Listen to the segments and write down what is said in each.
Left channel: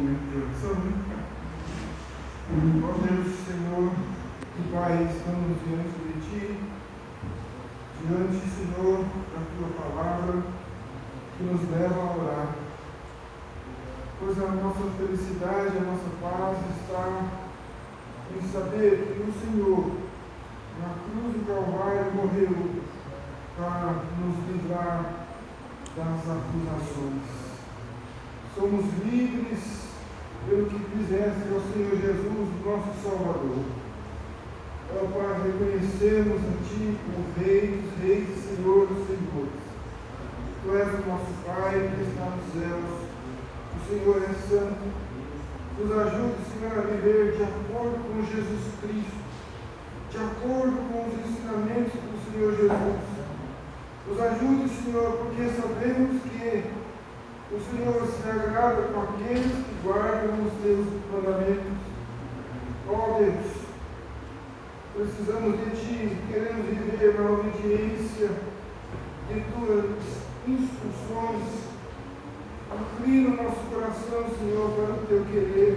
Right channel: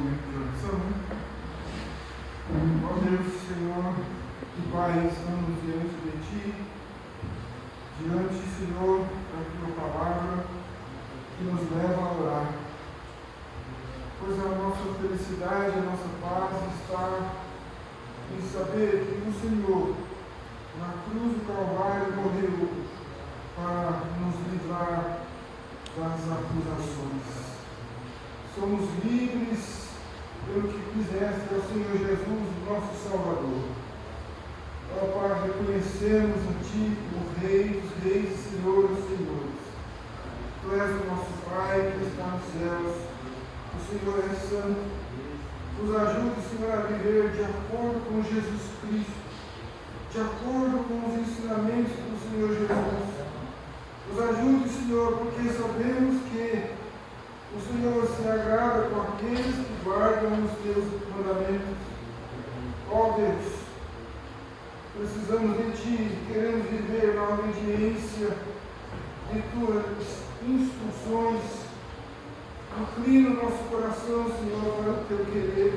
momento de oração, né? Ó Deus, Senhor e Pai, estamos diante de Ti, Senhor, da Tua palavra que nos leva a orar. Pois a nossa felicidade, a nossa paz está em saber que o Senhor, na cruz do Calvário, morreu para nos livrar das acusações. Somos livres pelo que fizeste ao Senhor Jesus, nosso Salvador. Ó Pai, reconhecemos a Ti como Rei dos Reis e Senhor dos Senhores. Tu és o nosso Pai que está nos céus. O Senhor é santo. Nos ajude, Senhor, a viver de acordo com Jesus Cristo, de acordo com os ensinamentos do Senhor Jesus. Nos ajude, Senhor, porque sabemos que o Senhor se agrada com aqueles que guardam os Teus mandamentos. Ó Deus, precisamos de Ti, queremos viver na obediência de Tuas instruções. Inclina o nosso coração, Senhor, para o Teu querer,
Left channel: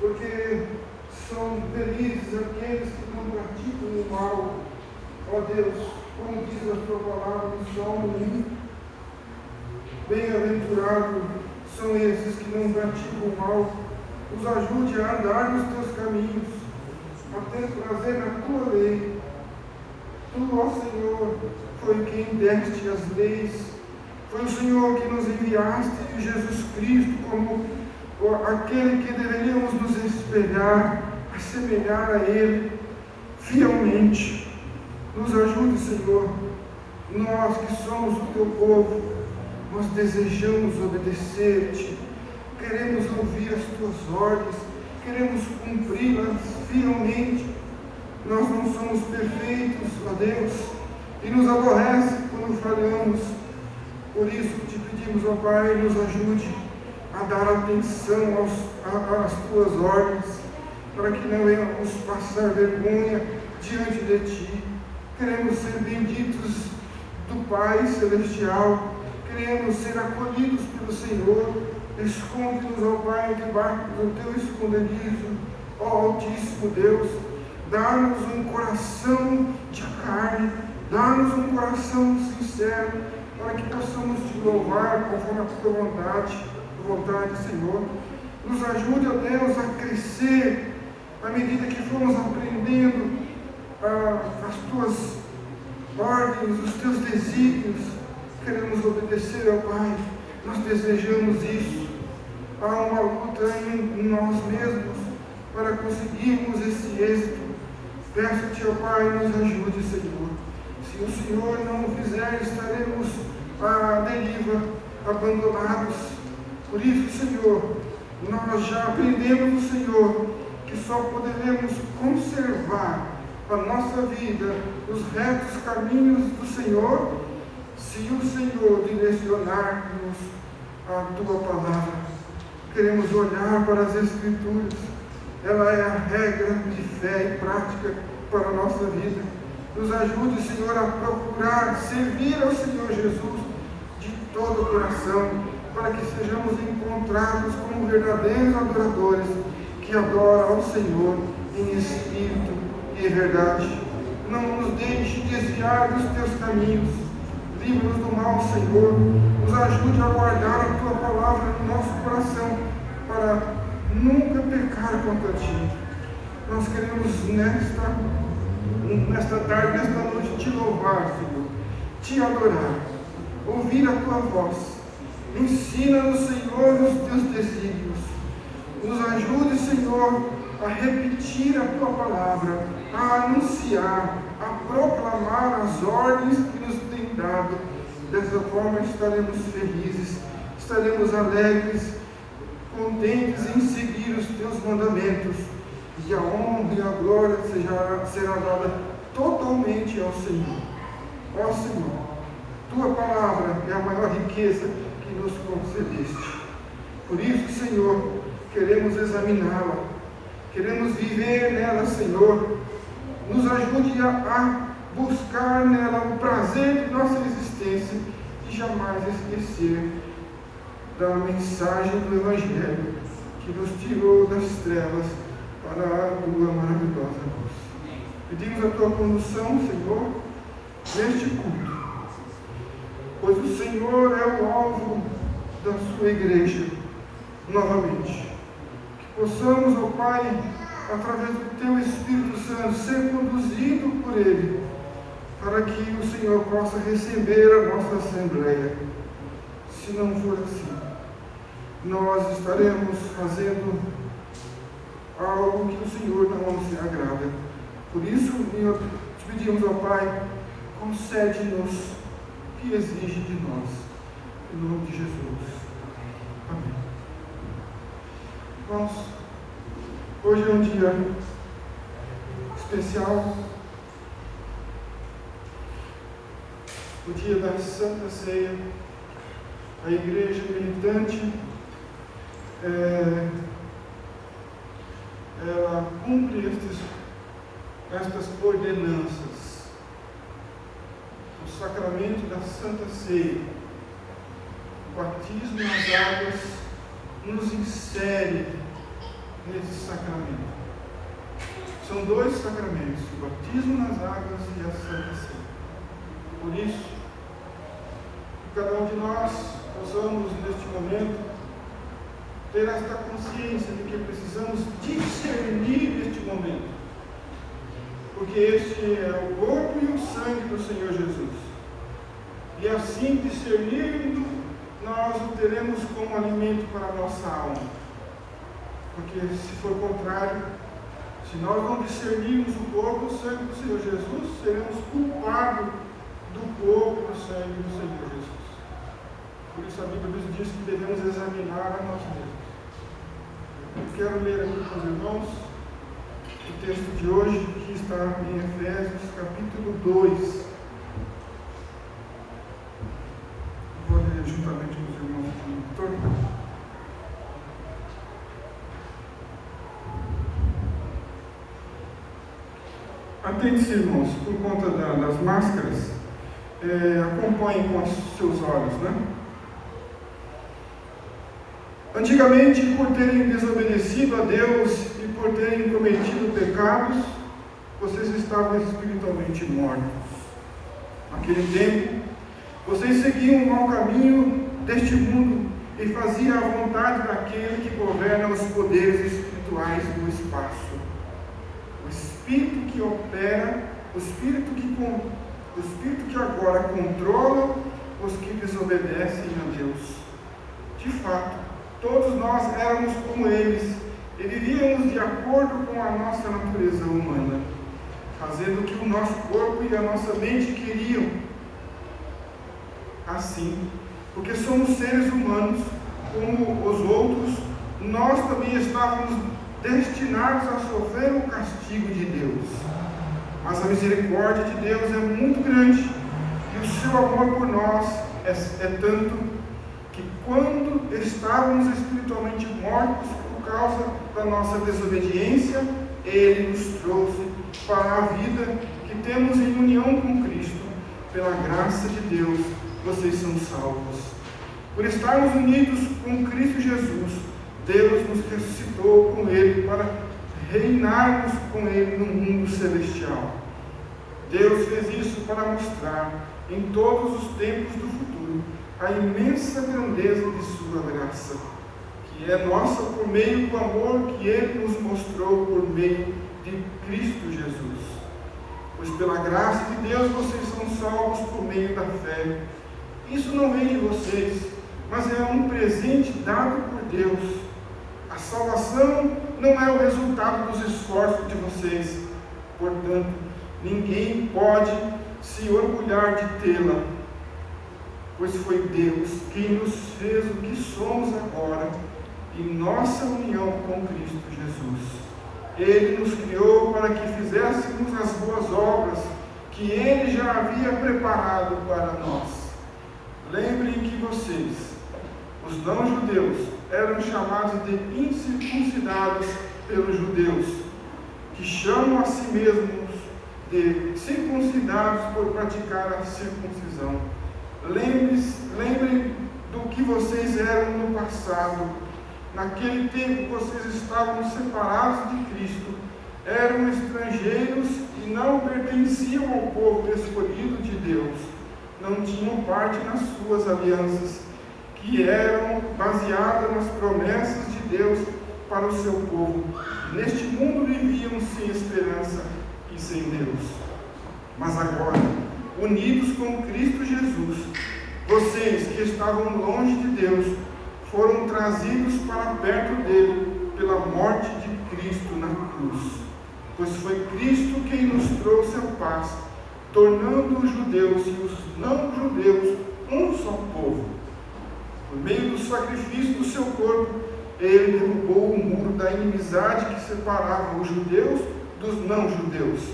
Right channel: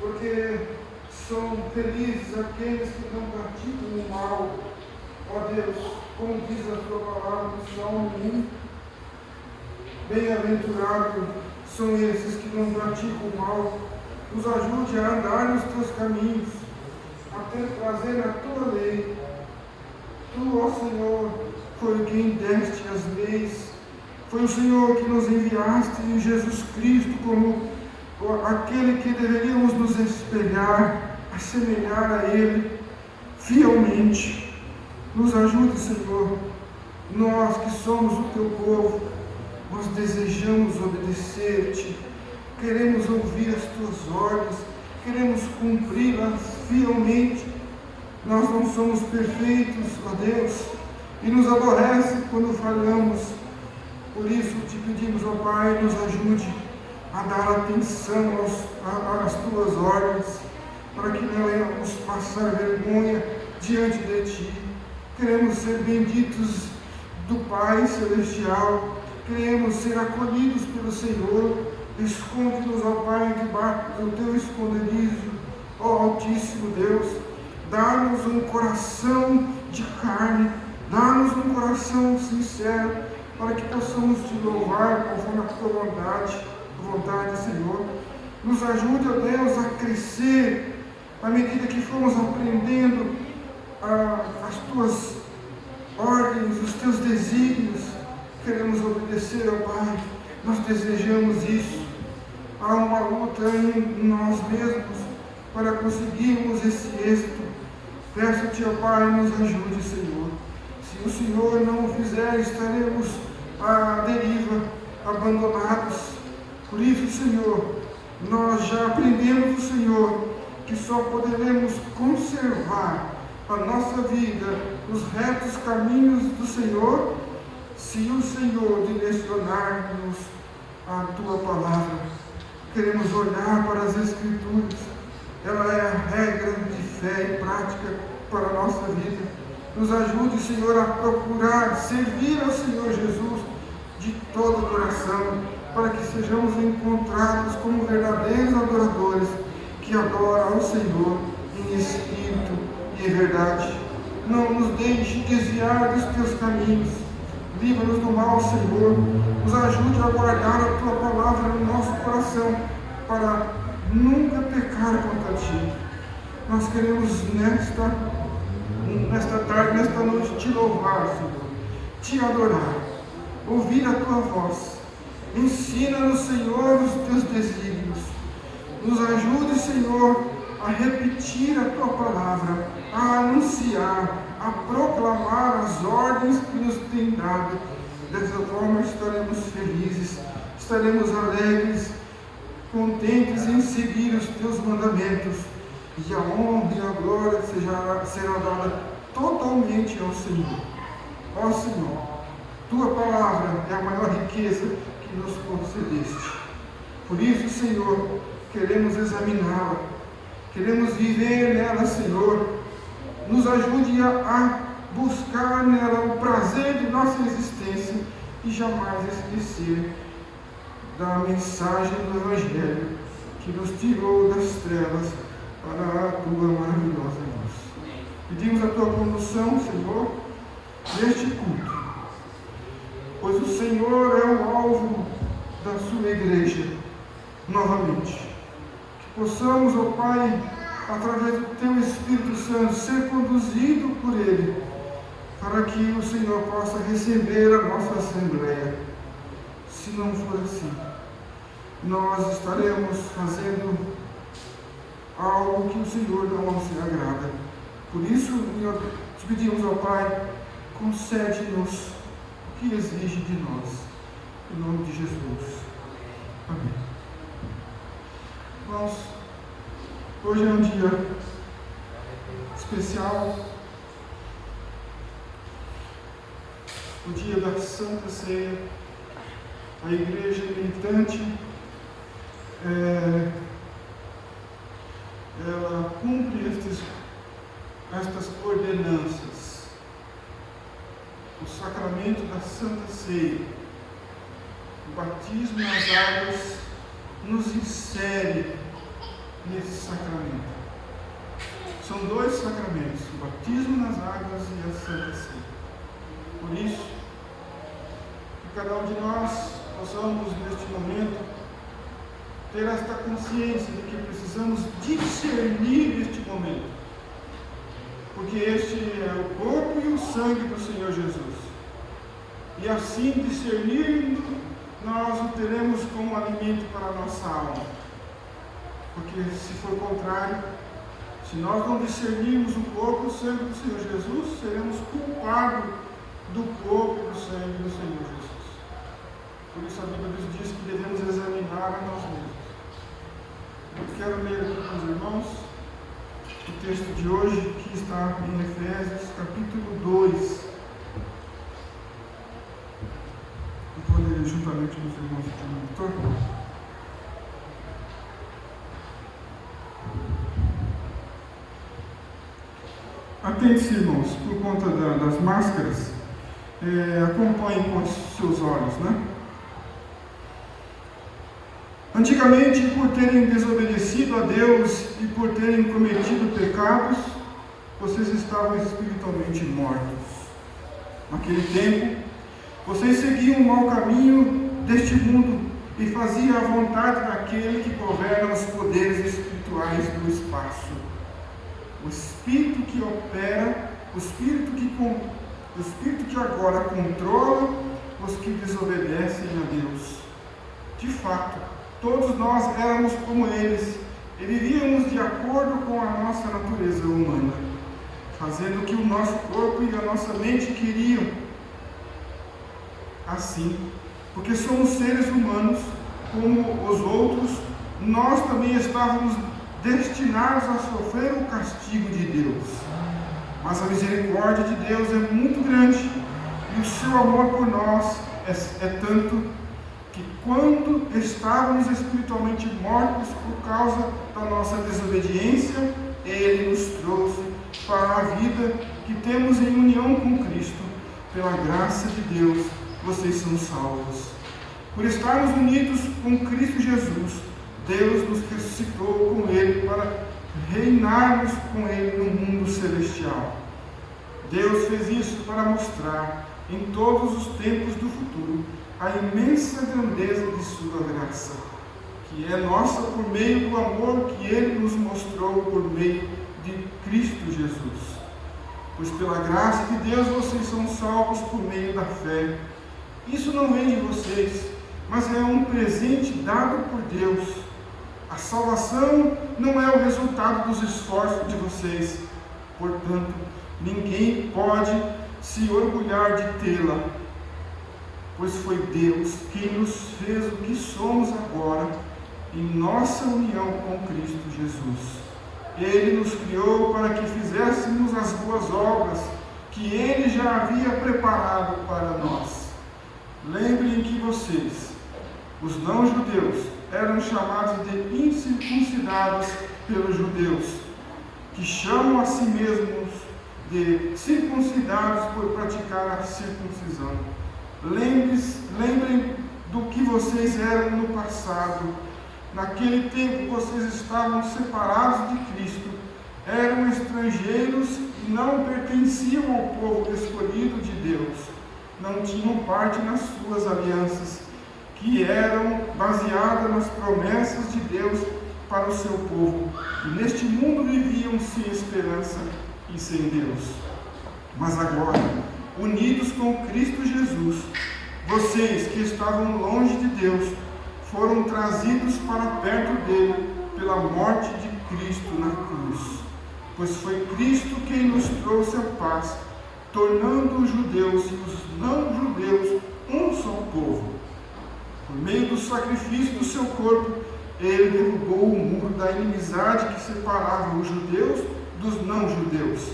porque são felizes aqueles que não praticam o mal. Ó Deus, como diz a Tua palavra no Salmo 1, bem-aventurados são esses que não praticam o mal. Nos ajude a andar nos Teus caminhos, a ter prazer na Tua lei. Tu, ó Senhor, foi quem deste as leis. Foi o Senhor que nos enviaste em Jesus Cristo como aquele que deveríamos nos espelhar, assemelhar a Ele fielmente. Nos ajude, Senhor, nós que somos o Teu povo, nós desejamos obedecer-te, queremos ouvir as Tuas ordens, queremos cumpri-las fielmente. Nós não somos perfeitos, ó Deus, e nos aborrece quando falhamos. Por isso te pedimos, ó Pai, nos ajude a dar atenção às Tuas ordens, para que não venhamos passar vergonha diante de Ti. Queremos ser benditos do Pai Celestial, queremos ser acolhidos pelo Senhor. Esconde-nos, ó Pai, debaixo do Teu esconderijo, ó Altíssimo Deus. Dá-nos um coração de carne, dá-nos um coração sincero, para que possamos Te louvar conforme a Tua vontade, Senhor. Nos ajude, ó Deus, a crescer, à medida que formos aprendendo as Tuas ordens, os Teus desígnios. Queremos obedecer, ó Pai, nós desejamos isso. Há uma luta em nós mesmos para conseguirmos esse êxito. Peço-te, ó Pai, nos ajude, Senhor. Se o Senhor não o fizer, estaremos à deriva, abandonados. Por isso, Senhor, nós já aprendemos, Senhor, que só poderemos conservar a nossa vida, os retos caminhos do Senhor, se o Senhor direcionar-nos a Tua palavra. Queremos olhar para as Escrituras. Ela é a regra de fé e prática para a nossa vida. Nos ajude, Senhor, a procurar servir ao Senhor Jesus de todo o coração, para que sejamos encontrados como verdadeiros adoradores que adoram ao Senhor em espírito e em verdade. Não nos deixe desviar dos Teus caminhos. Livra-nos do mal, Senhor. Nos ajude a guardar a Tua palavra no nosso coração, para nunca pecar contra Ti. Nós queremos nesta tarde, nesta noite, Te louvar, Senhor, Te adorar, ouvir a Tua voz. Ensina-nos, Senhor, os Teus desígnios. Nos ajude, Senhor, a repetir a Tua palavra, a anunciar, a proclamar as ordens que nos tem dado. Dessa forma estaremos felizes, estaremos alegres, contentes em seguir os Teus mandamentos, e a honra e a glória será dada totalmente ao Senhor. Ó Senhor, Tua palavra é a maior riqueza que nos concedeste. Por isso, Senhor, queremos examiná-la, queremos viver nela, Senhor. Nos ajude a buscar nela o prazer de nossa existência e jamais esquecer da mensagem do Evangelho. que nos tirou das trevas para a tua maravilhosa luz. Pedimos a tua condução, Senhor, neste culto, pois o Senhor é o alvo da sua igreja, novamente. Que possamos, ó Pai, através do teu Espírito Santo, ser conduzido por ele, para que o Senhor possa receber a nossa assembleia. Se não for assim, nós estaremos fazendo algo que o Senhor não se agrada. Por isso, te pedimos, ó Pai, concede-nos o que exige de nós, em nome de Jesus. Amém. Irmãos, hoje é um dia especial, o dia da Santa Ceia. A igreja militante, ela cumpre estas ordenanças. O sacramento da Santa Ceia, o batismo nas águas, nos insere nesse sacramento. São dois sacramentos, o batismo nas águas e a Santa Ceia. Por isso, que cada um de nós possamos, neste momento, ter esta consciência de que precisamos discernir este momento, porque este é o corpo e o sangue do Senhor Jesus, e assim discernindo, nós o teremos como alimento para a nossa alma, porque se for o contrário, se nós não discernirmos o corpo e o sangue do Senhor Jesus, seremos culpados do corpo e do sangue do Senhor Jesus. Por isso a Bíblia nos diz que devemos examinar a nós mesmos. Eu quero ler aqui com os irmãos o texto de hoje, que está em Efésios, capítulo 2. Eu vou ler juntamente com os irmãos aqui no monitor. Atente-se, irmãos, por conta das máscaras, acompanhe com os seus olhos, né? Antigamente, por terem desobedecido a Deus e por terem cometido pecados, vocês estavam espiritualmente mortos. Naquele tempo, vocês seguiam o mau caminho deste mundo e faziam a vontade daquele que governa os poderes espirituais do espaço. O Espírito que opera, o Espírito que agora controla os que desobedecem a Deus. De fato, todos nós éramos como eles e vivíamos de acordo com a nossa natureza humana, fazendo o que o nosso corpo e a nossa mente queriam. Assim, porque somos seres humanos como os outros, nós também estávamos destinados a sofrer o castigo de Deus. Mas a misericórdia de Deus é muito grande e o seu amor por nós é tanto que quando estávamos espiritualmente mortos por causa da nossa desobediência, Ele nos trouxe para a vida que temos em união com Cristo. Pela graça de Deus, vocês são salvos. Por estarmos unidos com Cristo Jesus, Deus nos ressuscitou com Ele para reinarmos com Ele no mundo celestial. Deus fez isso para mostrar em todos os tempos do futuro a imensa grandeza de sua graça, que é nossa por meio do amor que Ele nos mostrou por meio de Cristo Jesus. Pois pela graça de Deus vocês são salvos por meio da fé. Isso não vem de vocês, mas é um presente dado por Deus. A salvação não é o resultado dos esforços de vocês, portanto, ninguém pode se orgulhar de tê-la, pois foi Deus quem nos fez o que somos agora em nossa união com Cristo Jesus. Ele nos criou para que fizéssemos as boas obras que Ele já havia preparado para nós. Lembrem que vocês, os não-judeus, eram chamados de incircuncidados pelos judeus, que chamam a si mesmos de circuncidados por praticar a circuncisão. Lembrem do que vocês eram no passado. Naquele tempo vocês estavam separados de Cristo, eram estrangeiros e não pertenciam ao povo escolhido de Deus, não tinham parte nas suas alianças, que eram baseadas nas promessas de Deus para o seu povo, e neste mundo viviam sem esperança e sem Deus. Mas agora, unidos com Cristo Jesus, vocês que estavam longe de Deus, foram trazidos para perto dele pela morte de Cristo na cruz. Pois foi Cristo quem nos trouxe a paz, tornando os judeus e os não-judeus um só povo. Por meio do sacrifício do seu corpo, ele derrubou o muro da inimizade que separava os judeus dos não-judeus.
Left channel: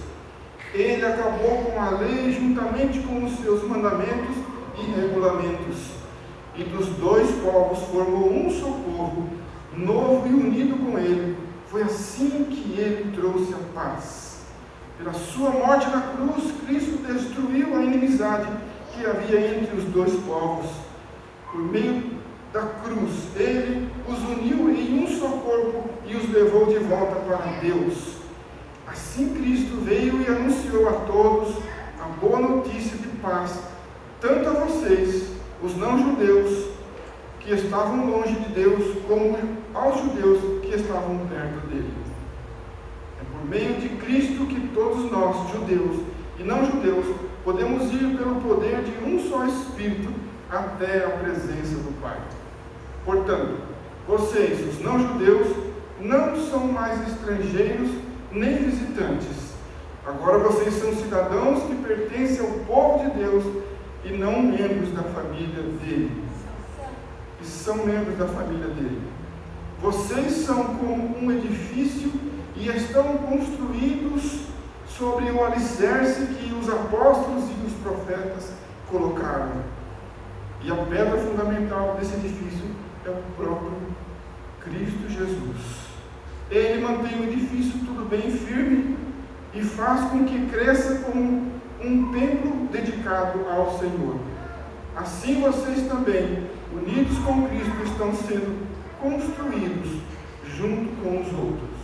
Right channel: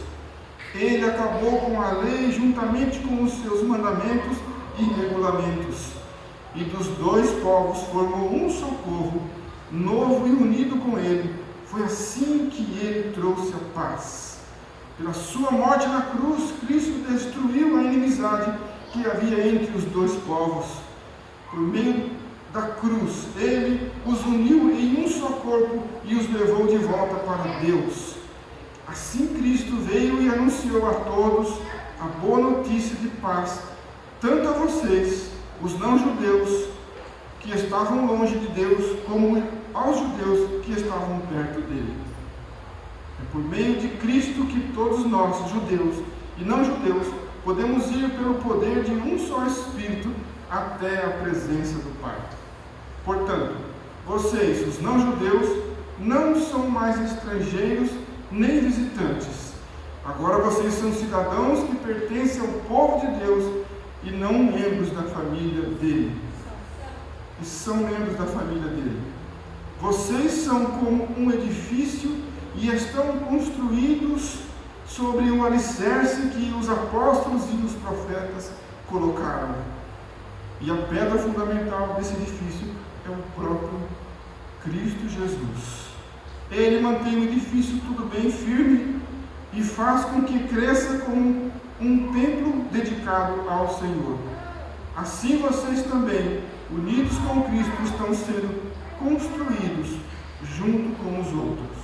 Ele acabou com a lei juntamente com os seus mandamentos e regulamentos. E dos dois povos formou um só povo, novo e unido com ele. Foi assim que ele trouxe a paz. Pela sua morte na cruz, Cristo destruiu a inimizade que havia entre os dois povos. Por meio da cruz, ele os uniu em um só corpo e os levou de volta para Deus. Assim Cristo veio e anunciou a todos a boa notícia de paz, tanto a vocês, os não-judeus, que estavam longe de Deus, como aos judeus que estavam perto dele. É por meio de Cristo que todos nós, judeus e não-judeus, podemos ir pelo poder de um só Espírito até a presença do Pai. Portanto, vocês, os não-judeus, não são mais estrangeiros nem visitantes. Agora vocês são cidadãos que pertencem ao povo de Deus e não membros da família dele. E são membros da família dele. Vocês são como um edifício e estão construídos sobre o alicerce que os apóstolos e os profetas colocaram. E a pedra fundamental desse edifício é o próprio Cristo Jesus. Ele mantém o edifício tudo bem firme e faz com que cresça como um templo dedicado ao Senhor. Assim vocês também, unidos com Cristo, estão sendo construídos junto com os outros,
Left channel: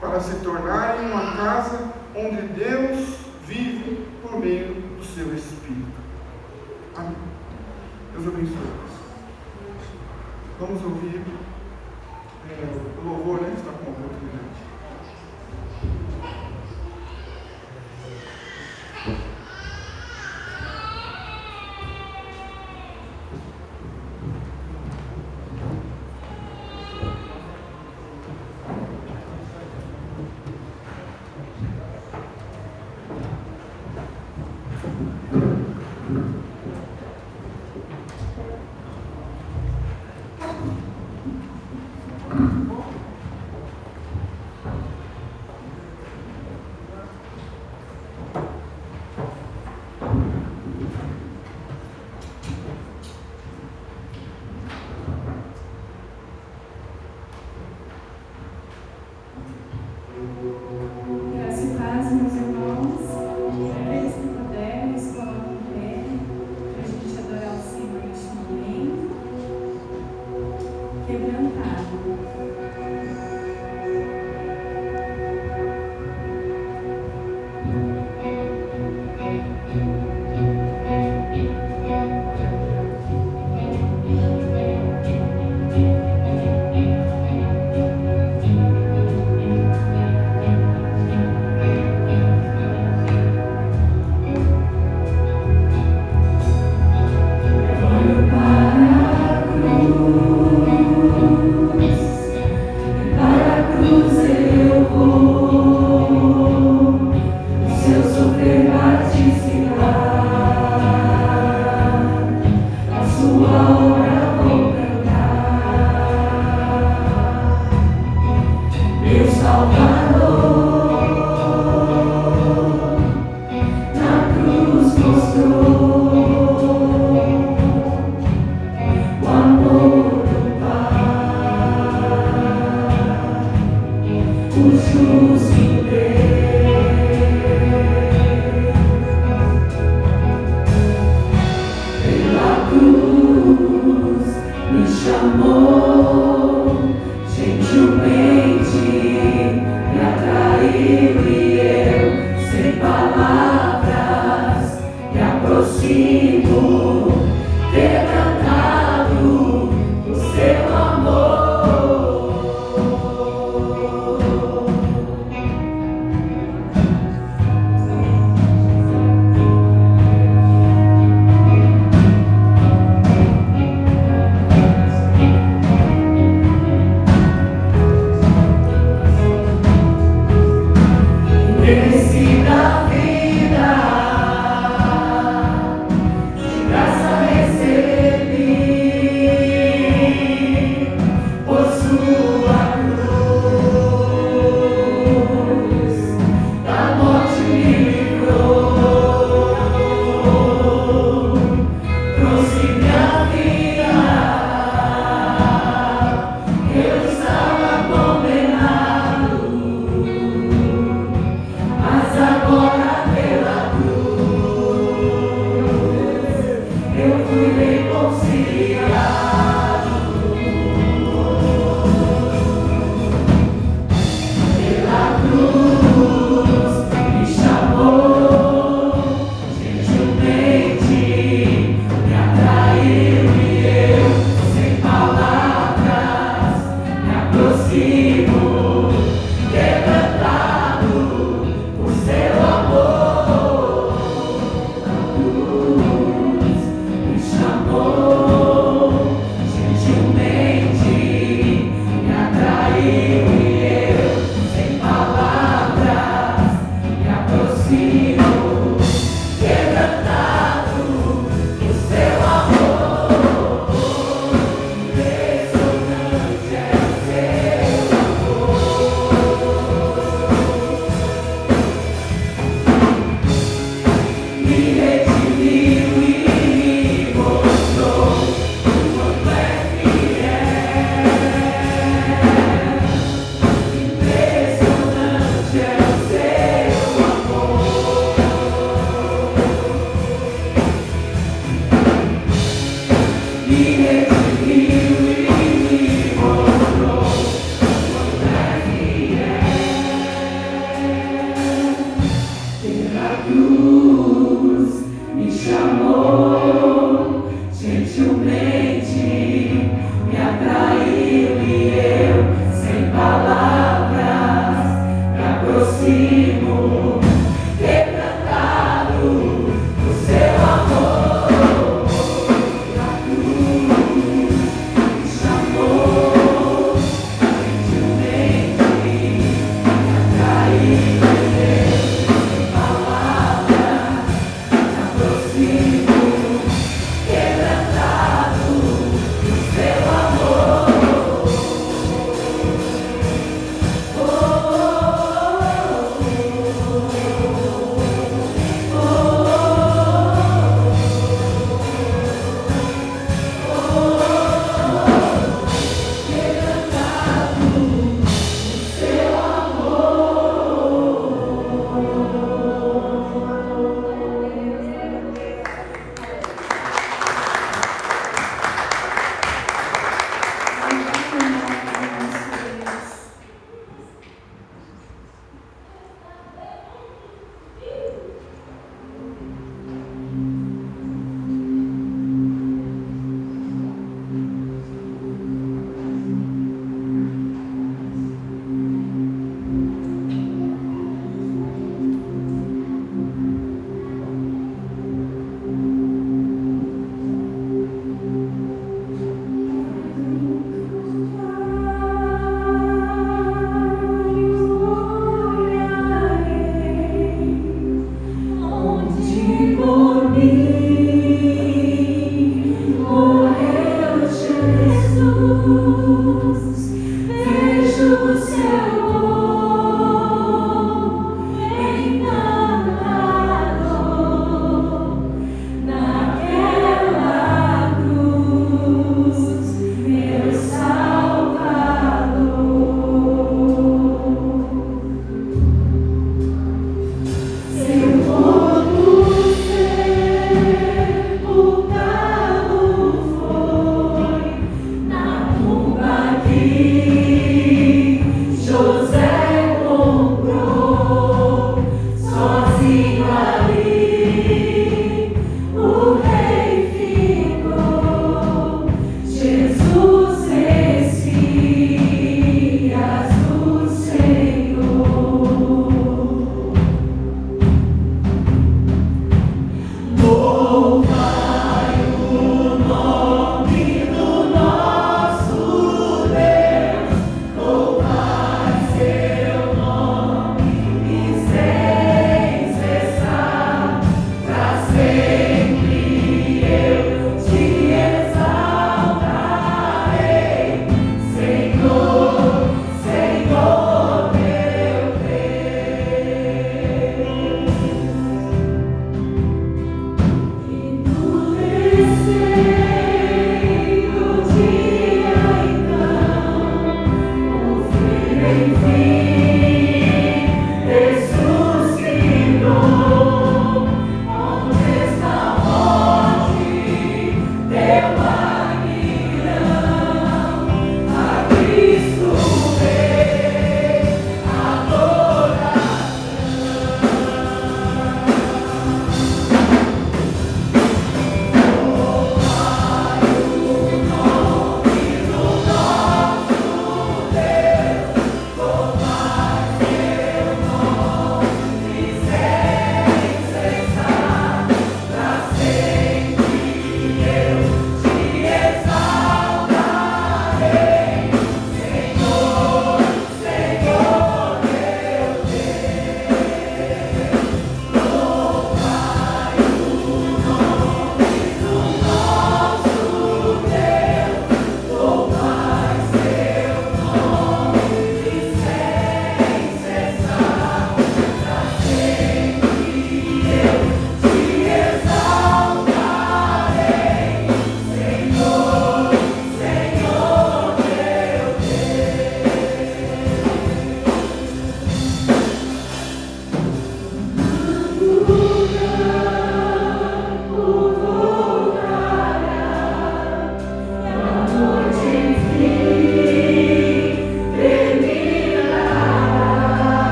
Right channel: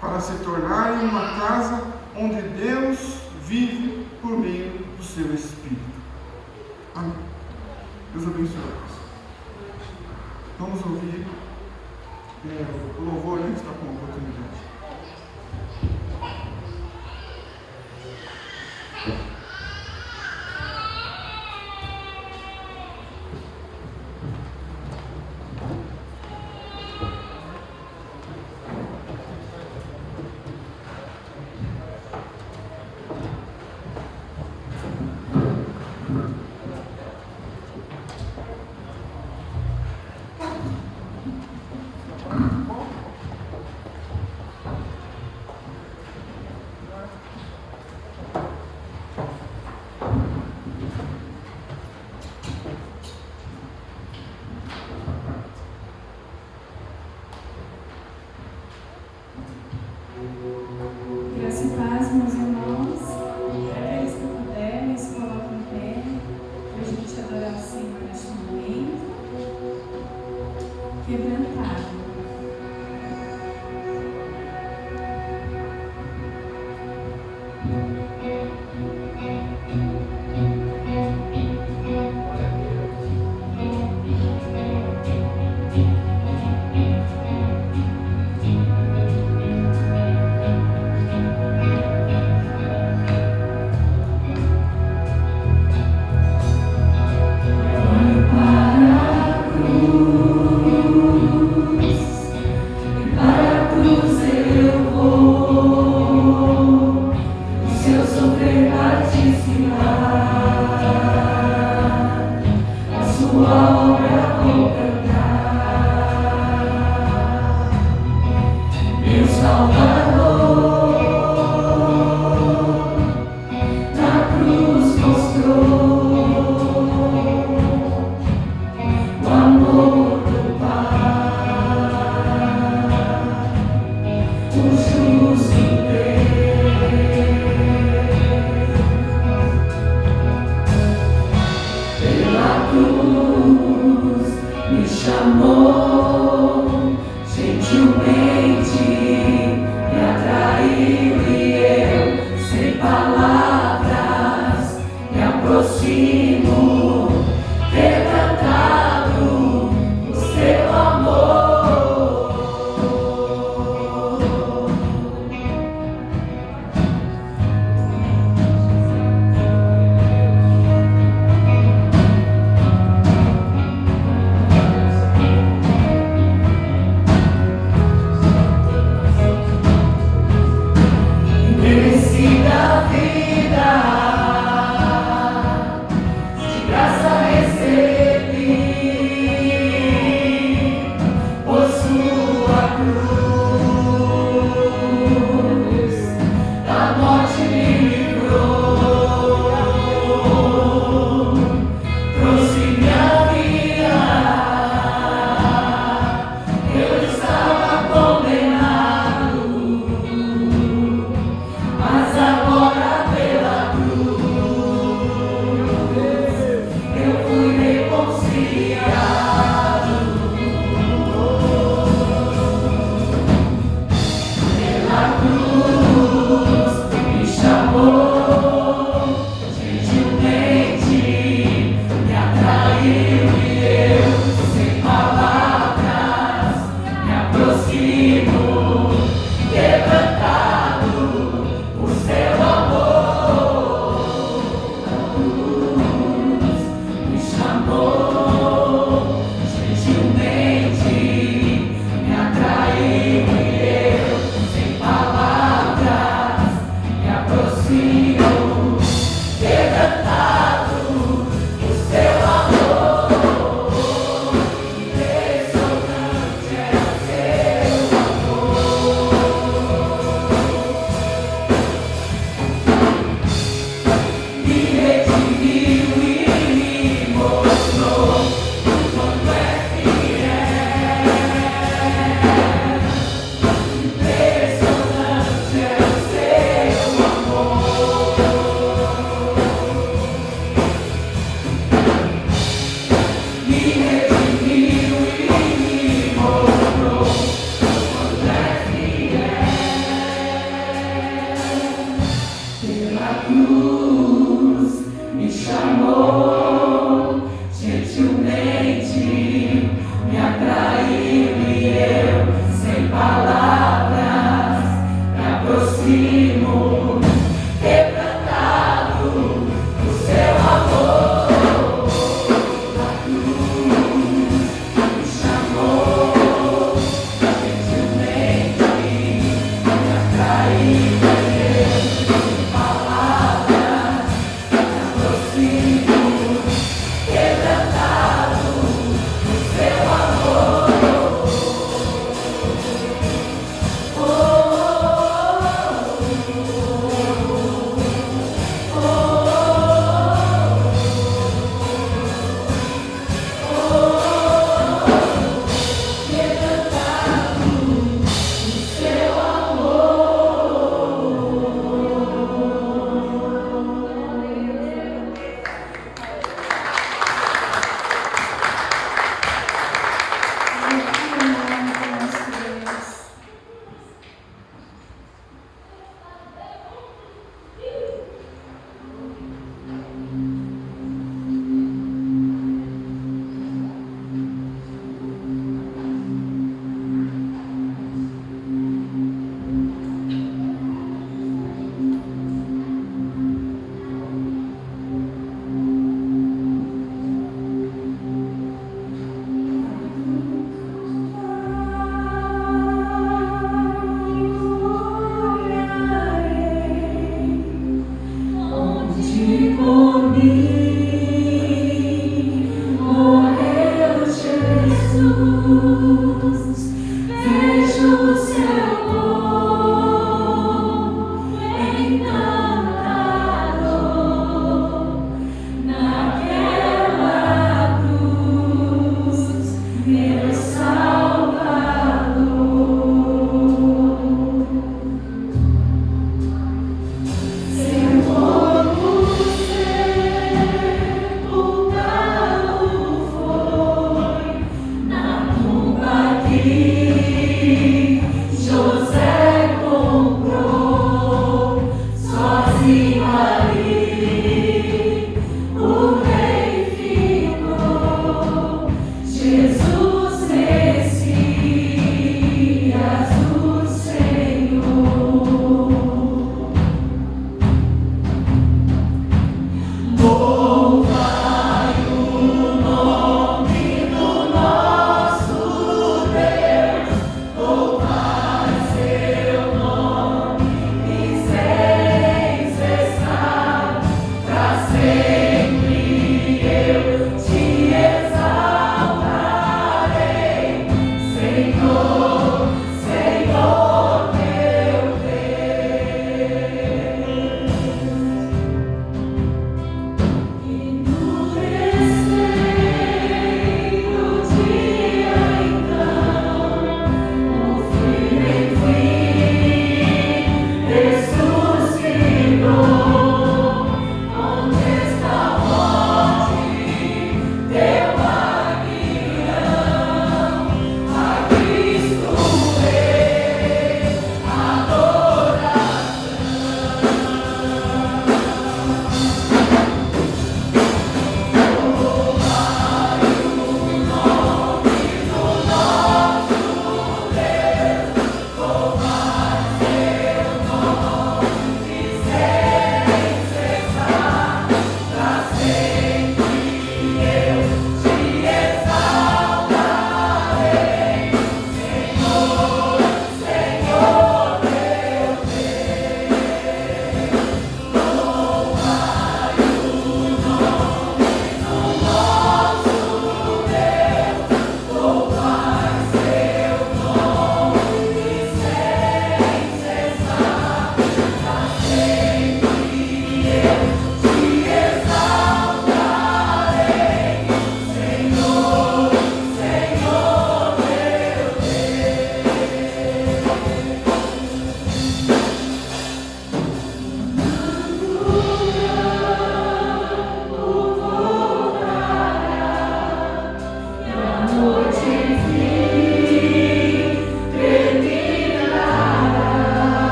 para se tornarem uma casa onde Deus vive por meio do seu Espírito. Amém. Deus abençoe. Vamos ouvir o louvor antes da oportunidade. Me chamou Me chamou.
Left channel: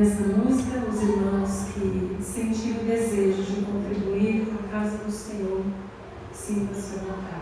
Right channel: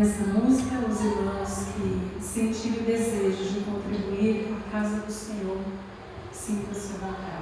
Nessa música, os irmãos que sentiram o desejo de contribuir com a casa do Senhor, sintam-se à vontade.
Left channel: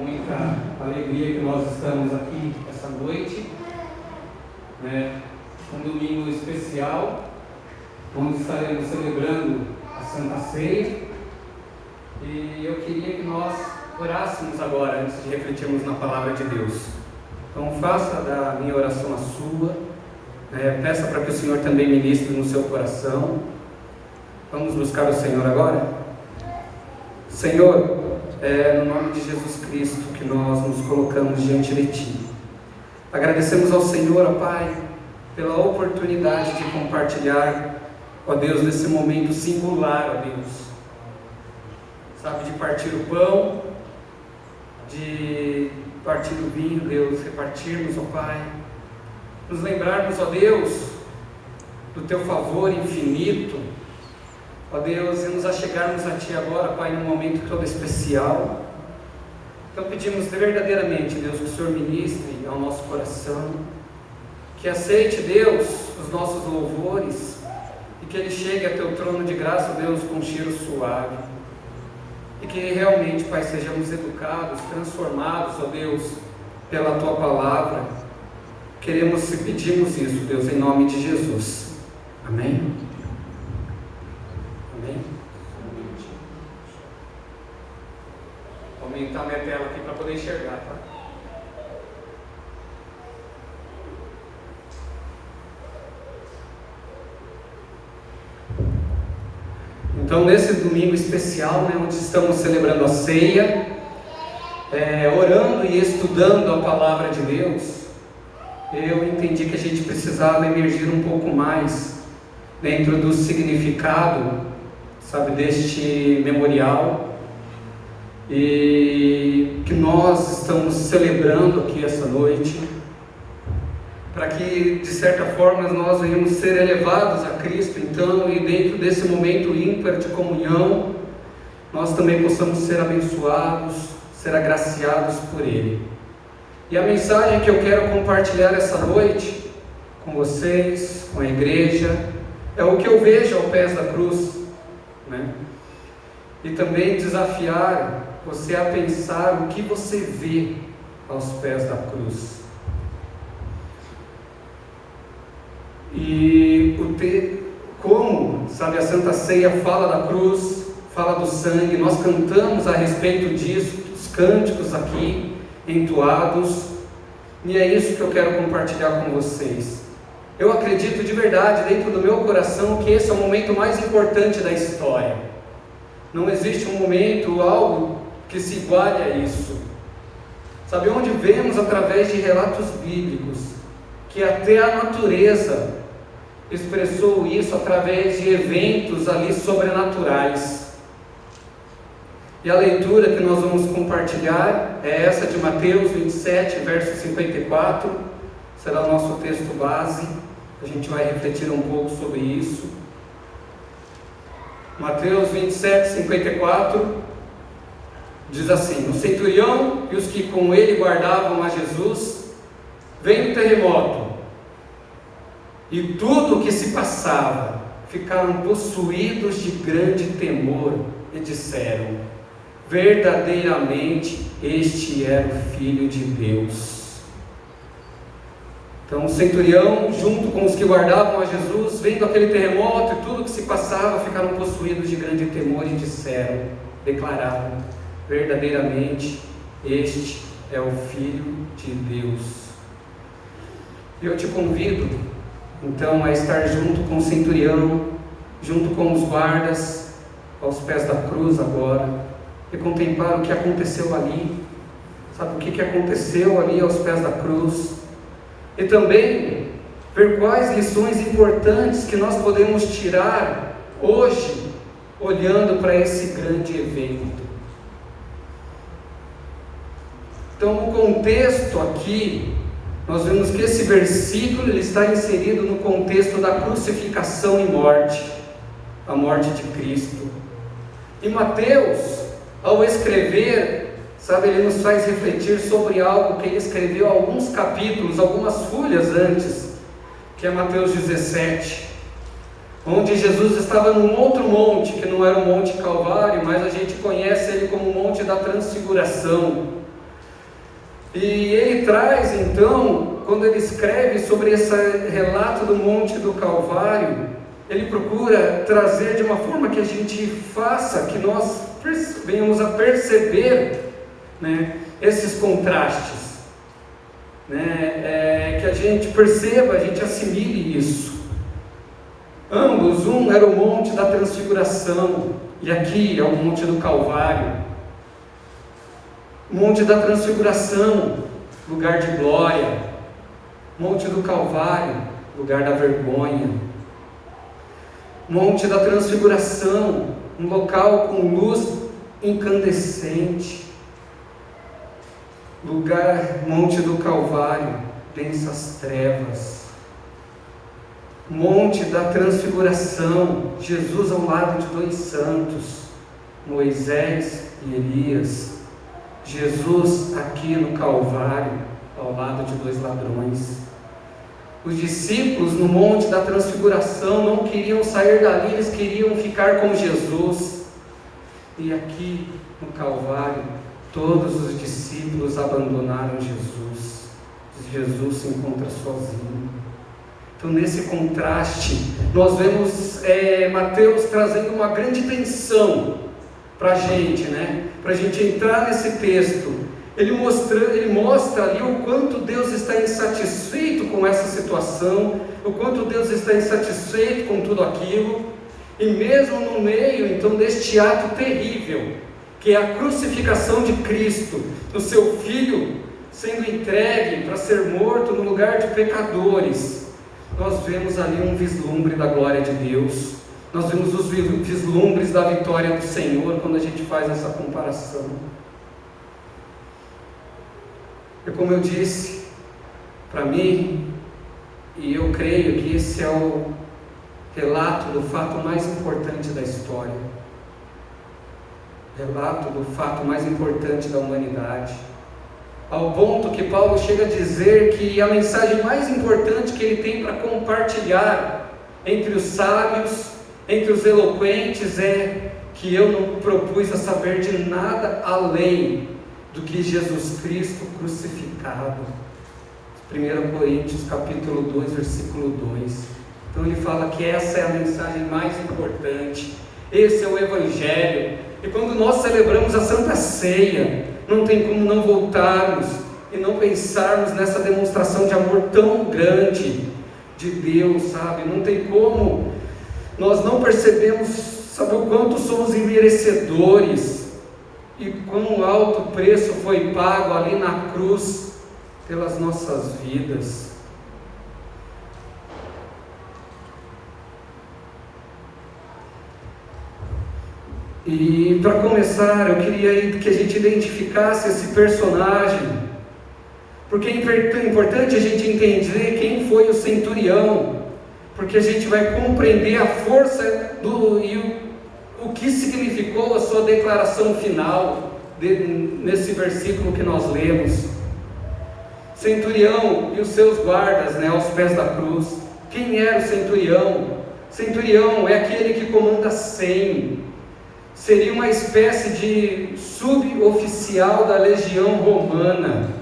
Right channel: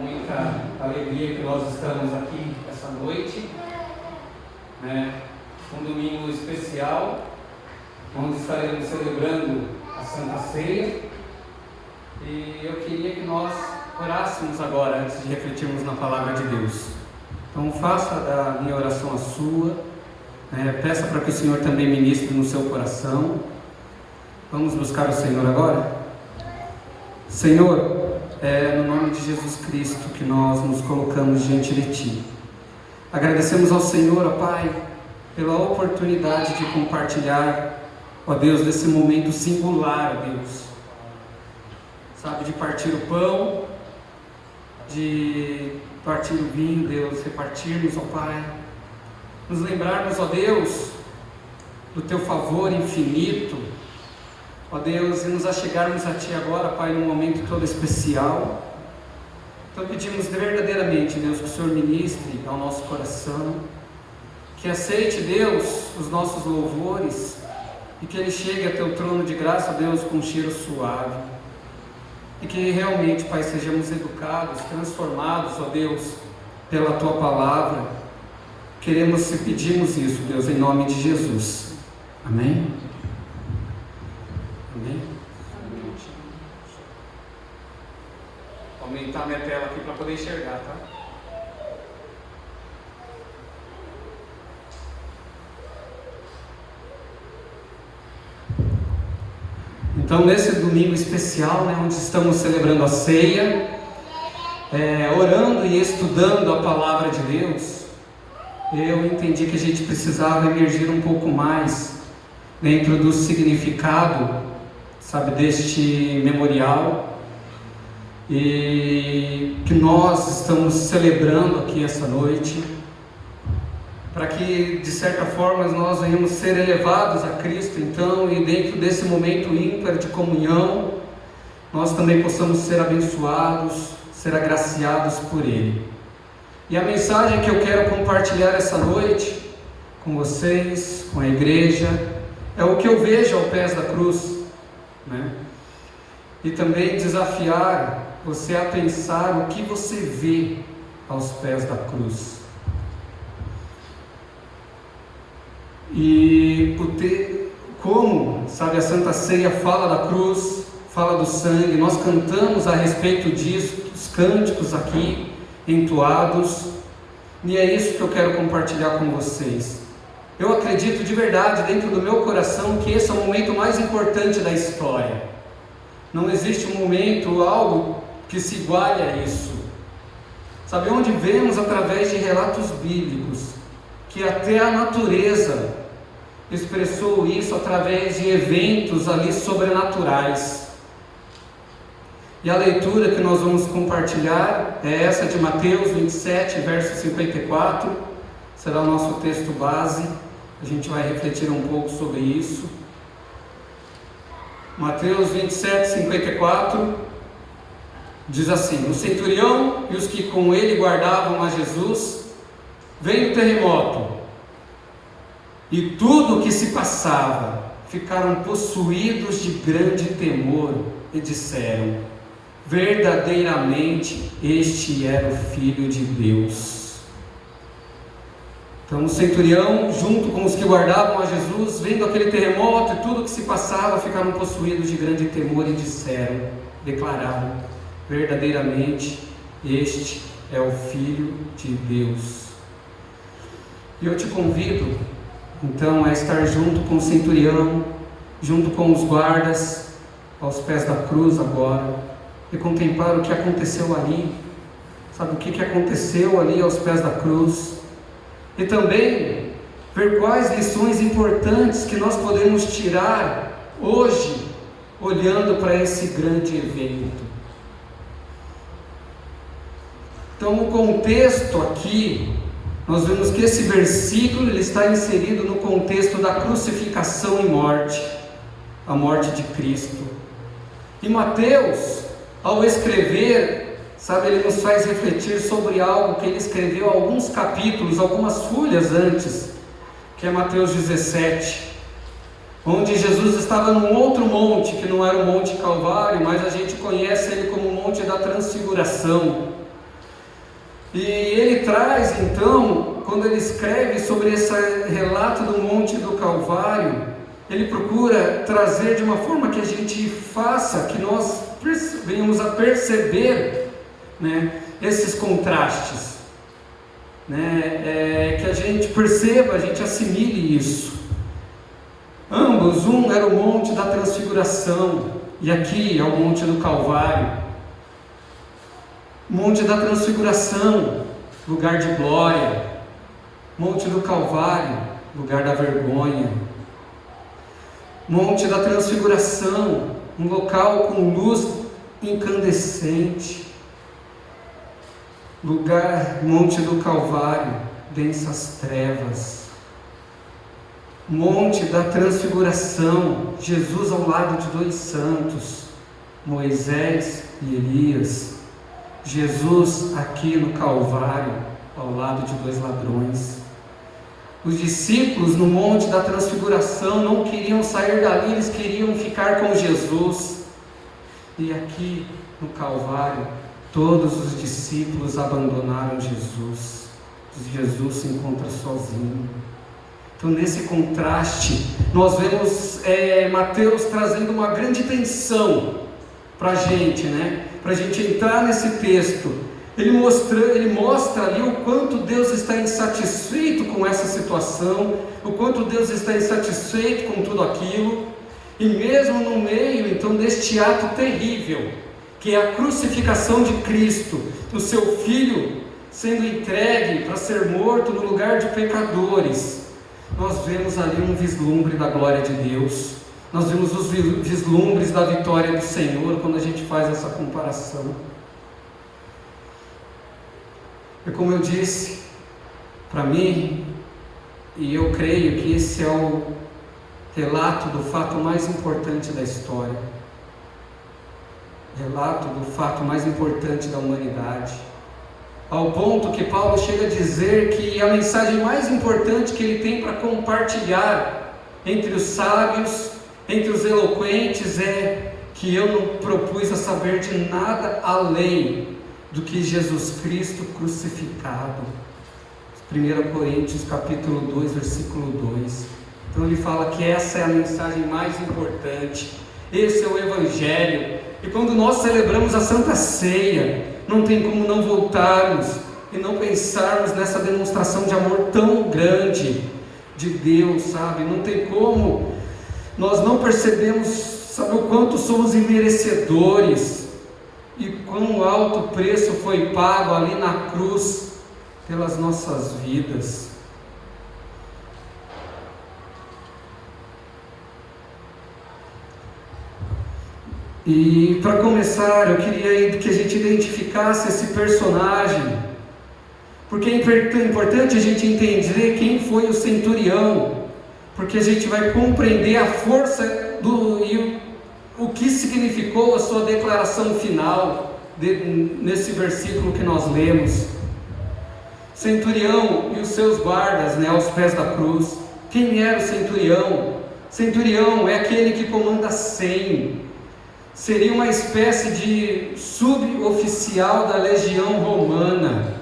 muita alegria que nós estamos aqui essa noite, né? Um domingo especial, onde estaremos celebrando a Santa Ceia. E eu queria que nós orássemos agora, antes de refletirmos na Palavra de Deus. Então faça da minha oração a sua, peça para que o Senhor também ministre no seu coração. Vamos buscar o Senhor agora? Senhor, é no nome de Jesus Cristo que nós nos colocamos diante de Ti. Agradecemos ao Senhor, ó Pai, pela oportunidade de compartilhar, ó Deus, desse momento singular, ó Deus. Sabe, de partir o pão, de partir o vinho, Deus, repartirmos, ó Pai. Nos lembrarmos, ó Deus, do Teu favor infinito, ó Deus, e nos achegarmos a Ti agora, Pai, num momento todo especial. Então pedimos verdadeiramente, Deus, que o Senhor ministre ao nosso coração, que aceite, Deus, os nossos louvores, e que ele chegue a Teu trono de graça, Deus, com um cheiro suave, e que realmente, Pai, sejamos educados, transformados, ó Deus, pela Tua palavra. Queremos e pedimos isso, Deus, em nome de Jesus. Amém? Amém? Vou aumentar minha tela aqui para poder enxergar, tá? Então, nesse domingo especial, né, onde estamos celebrando a ceia, orando e estudando a palavra de Deus, eu entendi que a gente precisava emergir um pouco mais dentro do significado, sabe, deste memorial, e que nós estamos celebrando aqui essa noite, para que, de certa forma, nós venhamos ser elevados a Cristo, então, e dentro desse momento ímpar de comunhão, nós também possamos ser abençoados, ser agraciados por Ele. E a mensagem que eu quero compartilhar essa noite com vocês, com a igreja, é o que eu vejo aos pés da cruz, né? E também desafiar você a pensar o que você vê aos pés da cruz. E como, sabe, a Santa Ceia fala da cruz, fala do sangue, nós cantamos a respeito disso, os cânticos aqui entoados, e é isso que eu quero compartilhar com vocês. Eu acredito de verdade, dentro do meu coração, que esse é o momento mais importante da história. Não existe um momento, algo que se iguale a isso. Sabe, onde vemos através de relatos bíblicos, que até a natureza expressou isso através de eventos ali sobrenaturais. E a leitura que nós vamos compartilhar é essa de Mateus 27, verso 54, será o nosso texto base, a gente vai refletir um pouco sobre isso. Mateus 27, 54, diz assim: o centurião e os que com ele guardavam a Jesus, vendo o terremoto e tudo o que se passava, ficaram possuídos de grande temor e disseram: verdadeiramente este era o Filho de Deus. Então o centurião, junto com os que guardavam a Jesus, vendo aquele terremoto e tudo o que se passava, ficaram possuídos de grande temor e disseram, declararam: verdadeiramente este é o Filho de Deus. E eu te convido, então, a estar junto com o centurião, junto com os guardas, aos pés da cruz agora, e contemplar o que aconteceu ali. Sabe o que aconteceu ali aos pés da cruz? E também ver quais lições importantes que nós podemos tirar hoje, olhando para esse grande evento. Então, o contexto aqui, nós vemos que esse versículo ele está inserido no contexto da crucificação e morte, a morte de Cristo. E Mateus, ao escrever, sabe, ele nos faz refletir sobre algo que ele escreveu alguns capítulos, algumas folhas antes, que é Mateus 17, onde Jesus estava num outro monte, que não era o Monte Calvário, mas a gente conhece ele como o Monte da Transfiguração. E ele traz então, quando ele escreve sobre esse relato do Monte do Calvário, ele procura trazer de uma forma que a gente faça, que nós venhamos a perceber, né, esses contrastes, né, que a gente perceba, a gente assimile isso. Ambos, um era o Monte da Transfiguração, e aqui é o Monte do Calvário. Monte da Transfiguração, lugar de glória. Monte do Calvário, lugar da vergonha. Monte da Transfiguração, um local com luz incandescente. Monte do Calvário, densas trevas. Monte da Transfiguração, Jesus ao lado de dois santos, Moisés e Elias. Jesus aqui no Calvário, ao lado de dois ladrões. Os discípulos no Monte da Transfiguração não queriam sair dali, eles queriam ficar com Jesus. E aqui no Calvário, todos os discípulos abandonaram Jesus. Jesus se encontra sozinho. Então, nesse contraste, nós vemos Mateus trazendo uma grande tensão para a gente, né? Para a gente entrar nesse texto. Ele mostra ali o quanto Deus está insatisfeito com essa situação, o quanto Deus está insatisfeito com tudo aquilo, e mesmo no meio, então, deste ato terrível, que é a crucificação de Cristo, do seu Filho sendo entregue para ser morto no lugar de pecadores, nós vemos ali um vislumbre da glória de Deus, nós vemos os vislumbres da vitória do Senhor quando a gente faz essa comparação. E como eu disse, para mim, e eu creio que esse é o relato do fato mais importante da história, relato do fato mais importante da humanidade, ao ponto que Paulo chega a dizer que a mensagem mais importante que ele tem para compartilhar entre os sábios, entre os eloquentes, é que eu não propus a saber de nada além do que Jesus Cristo crucificado. 1 Coríntios capítulo 2, versículo 2. Então ele fala que essa é a mensagem mais importante, esse é o Evangelho. E quando nós celebramos a Santa Ceia, não tem como não voltarmos e não pensarmos nessa demonstração de amor tão grande de Deus, sabe? Não tem como nós não percebemos, sabe, o quanto somos imerecedores e quão alto preço foi pago ali na cruz pelas nossas vidas. E para começar, eu queria que a gente identificasse esse personagem, porque é importante a gente entender quem foi o centurião, porque a gente vai compreender a força e o que significou a sua declaração final nesse versículo que nós lemos. Centurião e os seus guardas, né, aos pés da cruz. Quem era o centurião? Centurião é aquele que comanda 100. Seria uma espécie de suboficial da legião romana.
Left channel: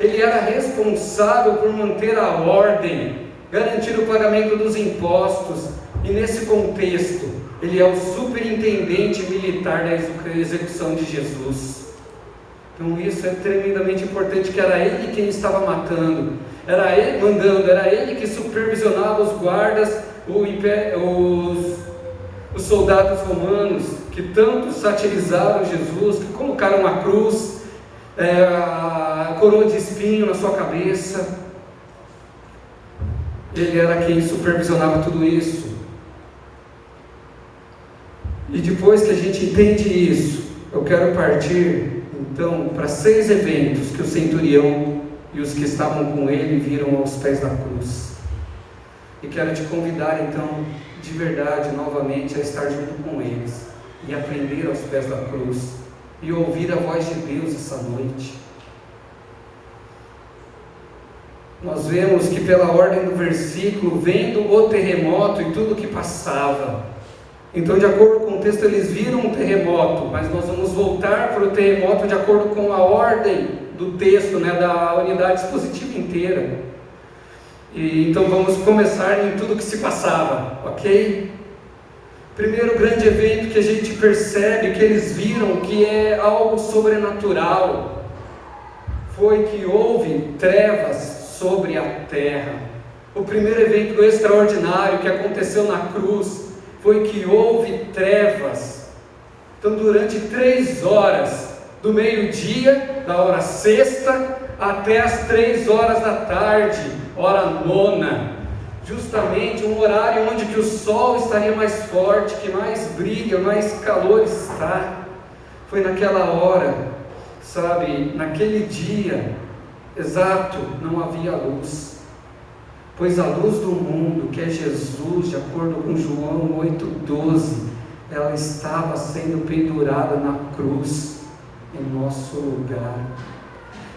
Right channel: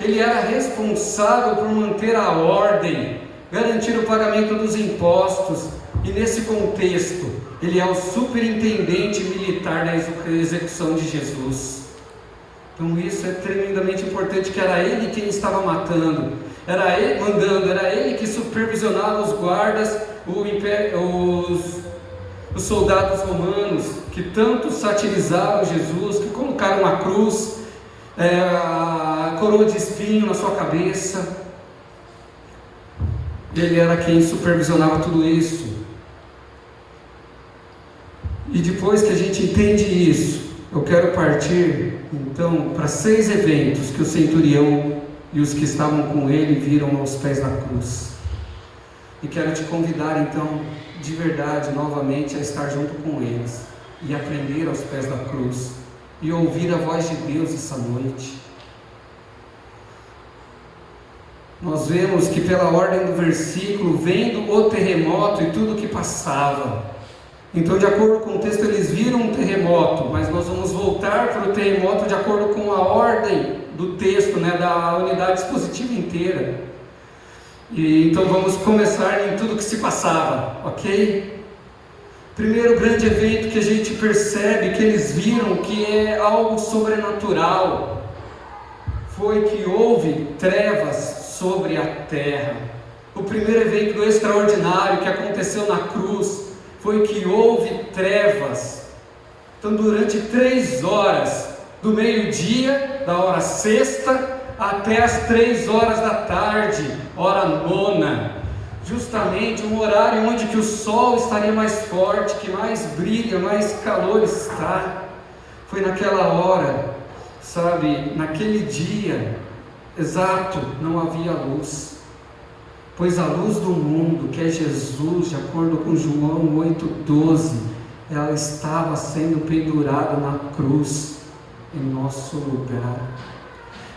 Ele era responsável por manter a ordem, garantir o pagamento dos impostos, e nesse contexto, ele é o superintendente militar da execução de Jesus. Então isso é tremendamente importante, que era ele quem estava matando, era ele mandando, era ele que supervisionava os guardas, os soldados romanos, que tanto satirizaram Jesus, que colocaram uma cruz, a coroa de espinho na sua cabeça. Ele era quem supervisionava tudo isso. E depois que a gente entende isso, eu quero partir então para 6 eventos que o centurião e os que estavam com ele viram aos pés da cruz. E quero te convidar então, de verdade, novamente, a estar junto com eles e aprender aos pés da cruz e ouvir a voz de Deus essa noite. Nós vemos que pela ordem do versículo, vendo o terremoto e tudo que passava, então, de acordo com o texto, eles viram um terremoto, mas nós vamos voltar para o terremoto de acordo com a ordem do texto, né, da unidade expositiva inteira. E então vamos começar em tudo que se passava, ok? Primeiro grande evento que a gente percebe, que eles viram que é algo sobrenatural, foi que houve trevas sobre a terra. O primeiro evento extraordinário que aconteceu na cruz foi que houve trevas. Então, durante 3 horas, do meio-dia, da hora sexta, até as 3 horas da tarde, hora nona, justamente um horário onde que o sol estaria mais forte, que mais brilha, mais calor está. Foi naquela hora, sabe, naquele dia exato, não havia luz, pois a luz do mundo, que é Jesus, de acordo com João 8,12, ela estava sendo pendurada na cruz, em nosso lugar.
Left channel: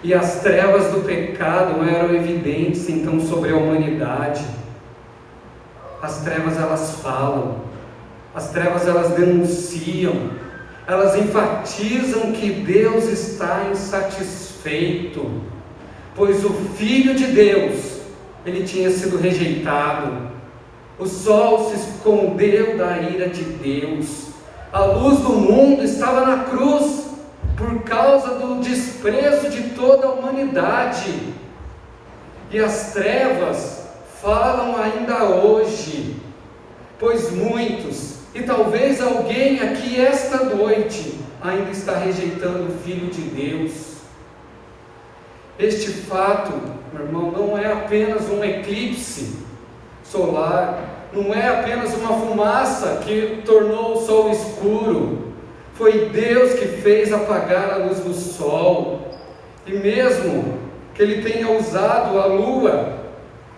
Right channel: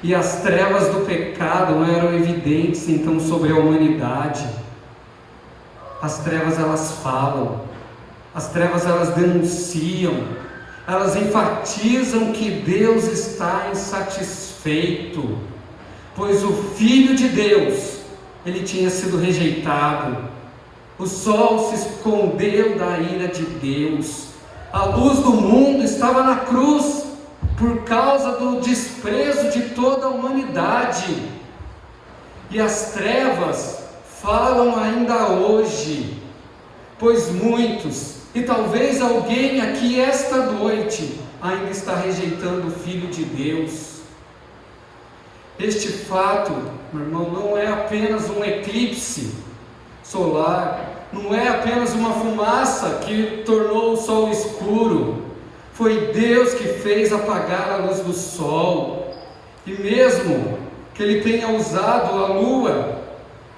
E as trevas do pecado não eram evidentes então sobre a humanidade. As trevas elas falam, as trevas elas denunciam, elas enfatizam que Deus está insatisfeito, pois o Filho de Deus, ele tinha sido rejeitado, o sol se escondeu da ira de Deus, a luz do mundo estava na cruz, por causa do desprezo de toda a humanidade, e as trevas falam ainda hoje, pois muitos, e talvez alguém aqui esta noite, ainda está rejeitando o Filho de Deus. Este fato, meu irmão, não é apenas um eclipse solar, não é apenas uma fumaça que tornou o sol escuro. Foi Deus que fez apagar a luz do sol, e mesmo que Ele tenha usado a lua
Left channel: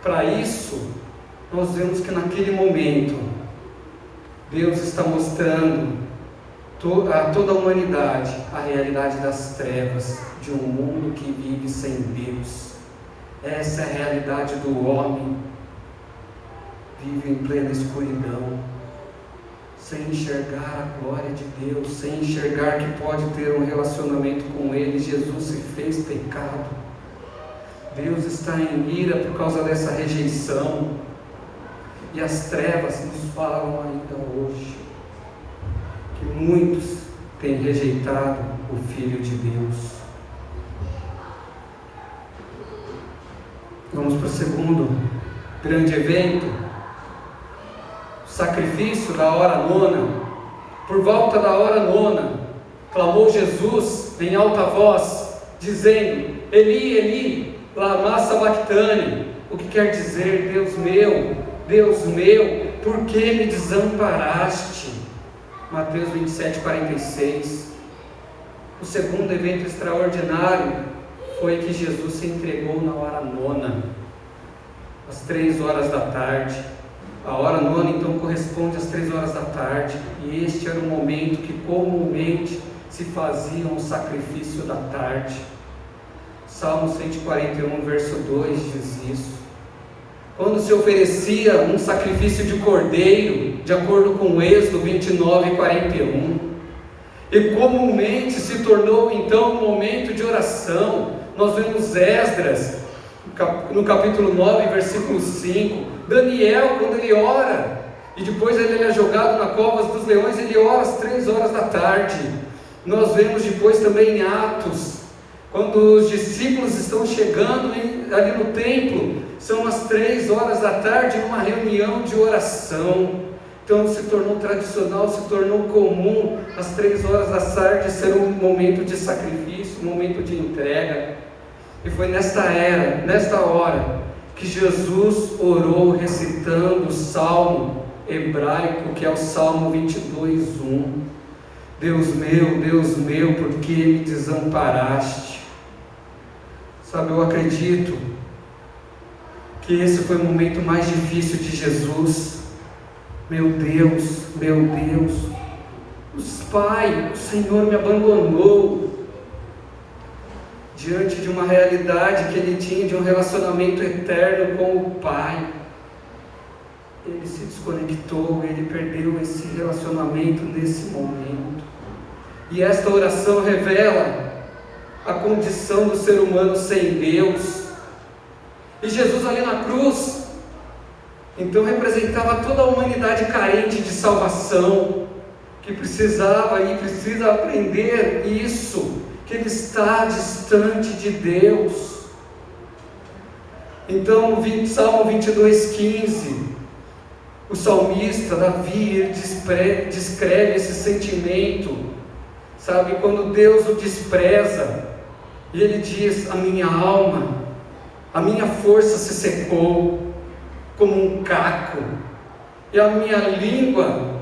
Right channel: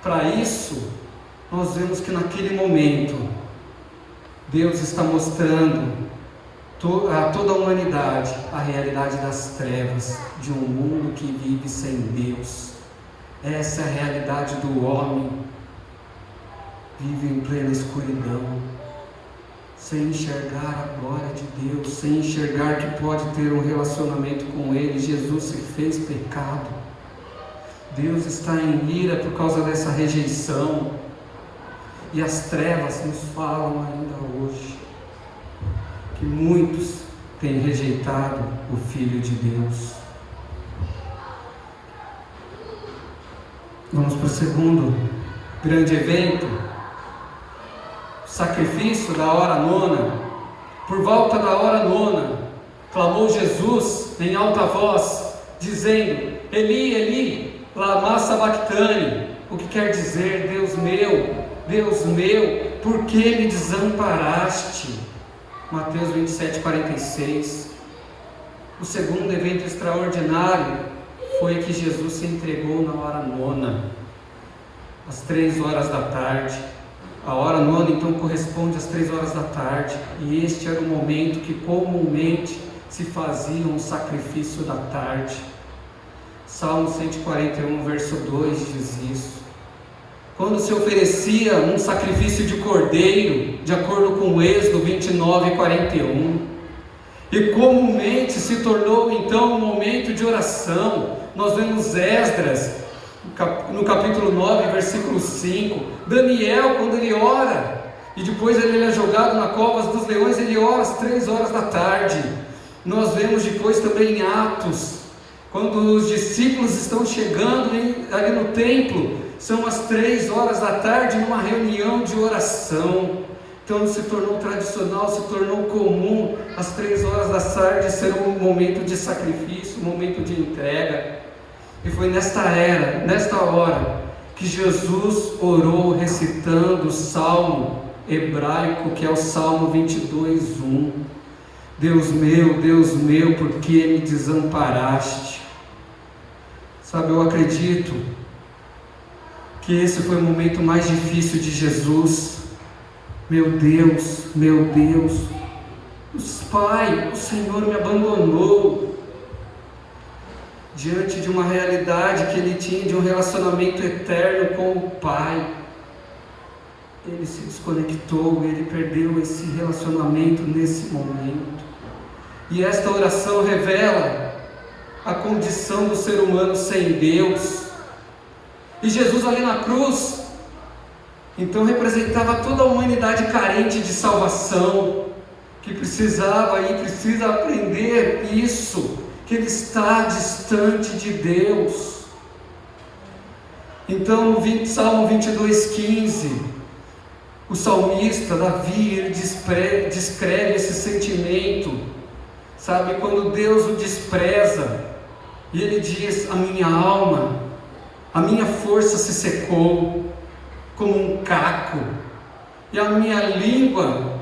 para isso, nós vemos que naquele momento, Deus está mostrando a toda a humanidade a realidade das trevas, de um mundo que vive sem Deus. Essa é a realidade do homem, vive em plena escuridão, sem enxergar a glória de Deus, sem enxergar que pode ter um relacionamento com Ele. Jesus se fez pecado, Deus está em ira por causa dessa rejeição, e as trevas nos falam ainda hoje, que muitos têm rejeitado o Filho de Deus. Vamos para o segundo grande evento, sacrifício da hora nona. Por volta da hora nona, clamou Jesus em alta voz, dizendo: Eli, Eli, lama sabachthani, o que quer dizer: Deus meu, por que me desamparaste? Mateus 27:46. O segundo evento extraordinário foi que Jesus se entregou na hora nona, às 3 horas da tarde. A hora nona então corresponde às 3 horas da tarde, e este era o momento que comumente se fazia um sacrifício da tarde. Salmo 141, verso 2 diz isso. Quando se oferecia um sacrifício de cordeiro, de acordo com Êxodo 29:41, e comumente se tornou então um momento de oração. Nós vemos Esdras, no capítulo 9, versículo 5, Daniel, quando ele ora, e depois ele é jogado na cova dos leões, ele ora às 3 horas da tarde. Nós vemos depois também em Atos, quando os discípulos estão chegando ali no templo, são as 3 horas da tarde, numa reunião de oração. Então se tornou tradicional, se tornou comum às 3 horas da tarde ser um momento de sacrifício, um momento de entrega. E foi nesta hora, que Jesus orou recitando o salmo hebraico, que é o Salmo 22:1. Deus meu, por que me desamparaste? Sabe, eu acredito que esse foi o momento mais difícil de Jesus. Meu Deus, Pai, o Senhor me abandonou. Diante de uma realidade que ele tinha de um relacionamento eterno com o Pai, ele se desconectou, ele perdeu esse relacionamento nesse momento. E esta oração revela a condição do ser humano sem Deus. E Jesus ali na cruz, então representava toda a humanidade carente de salvação, que precisava e precisa aprender isso, que ele está distante de Deus. Então, no Salmo 22:15, o salmista Davi, ele descreve esse sentimento, sabe, quando Deus o despreza, e ele diz: a minha alma, a minha força se secou como um caco, e a minha língua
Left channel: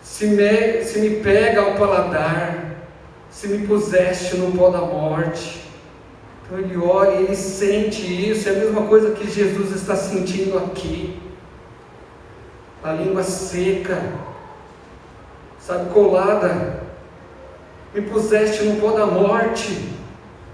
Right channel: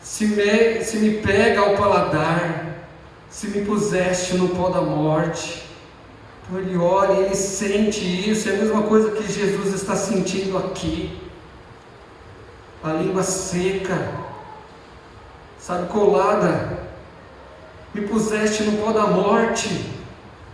se me pega ao paladar, se me puseste no pó da morte. Então ele olha e ele sente isso, é a mesma coisa que Jesus está sentindo aqui. A língua seca, sabe, colada, me puseste no pó da morte,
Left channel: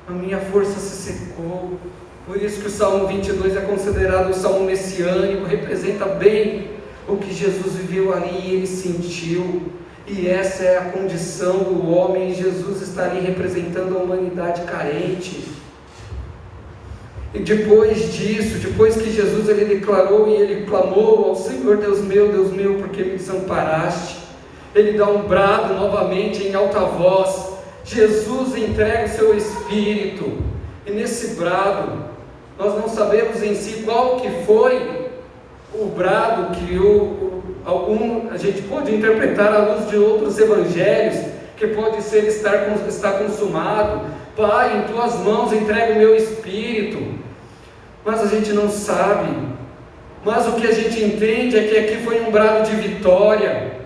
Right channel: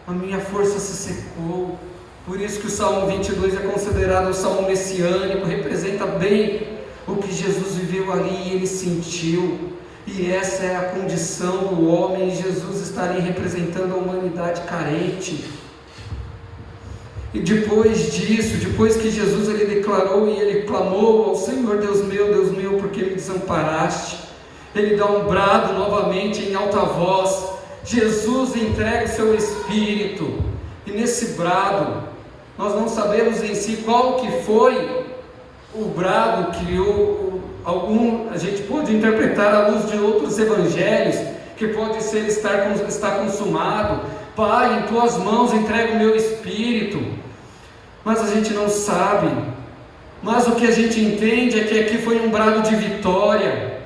a minha força se secou. Por isso que o Salmo 22 é considerado um salmo messiânico, representa bem o que Jesus viveu ali e ele sentiu. E essa é a condição do homem, e Jesus está ali representando a humanidade carente. E depois disso, depois que Jesus ele declarou e ele clamou ao Senhor: Deus meu, por que me desamparaste? Ele dá um brado novamente em alta voz. Jesus entrega o seu Espírito, e nesse brado, nós não sabemos em si qual que foi o brado que a gente pode interpretar à luz de outros evangelhos, que pode ser está consumado. Pai, em tuas mãos entrego o meu espírito. Mas a gente não sabe. Mas o que a gente entende é que aqui foi um brado de vitória,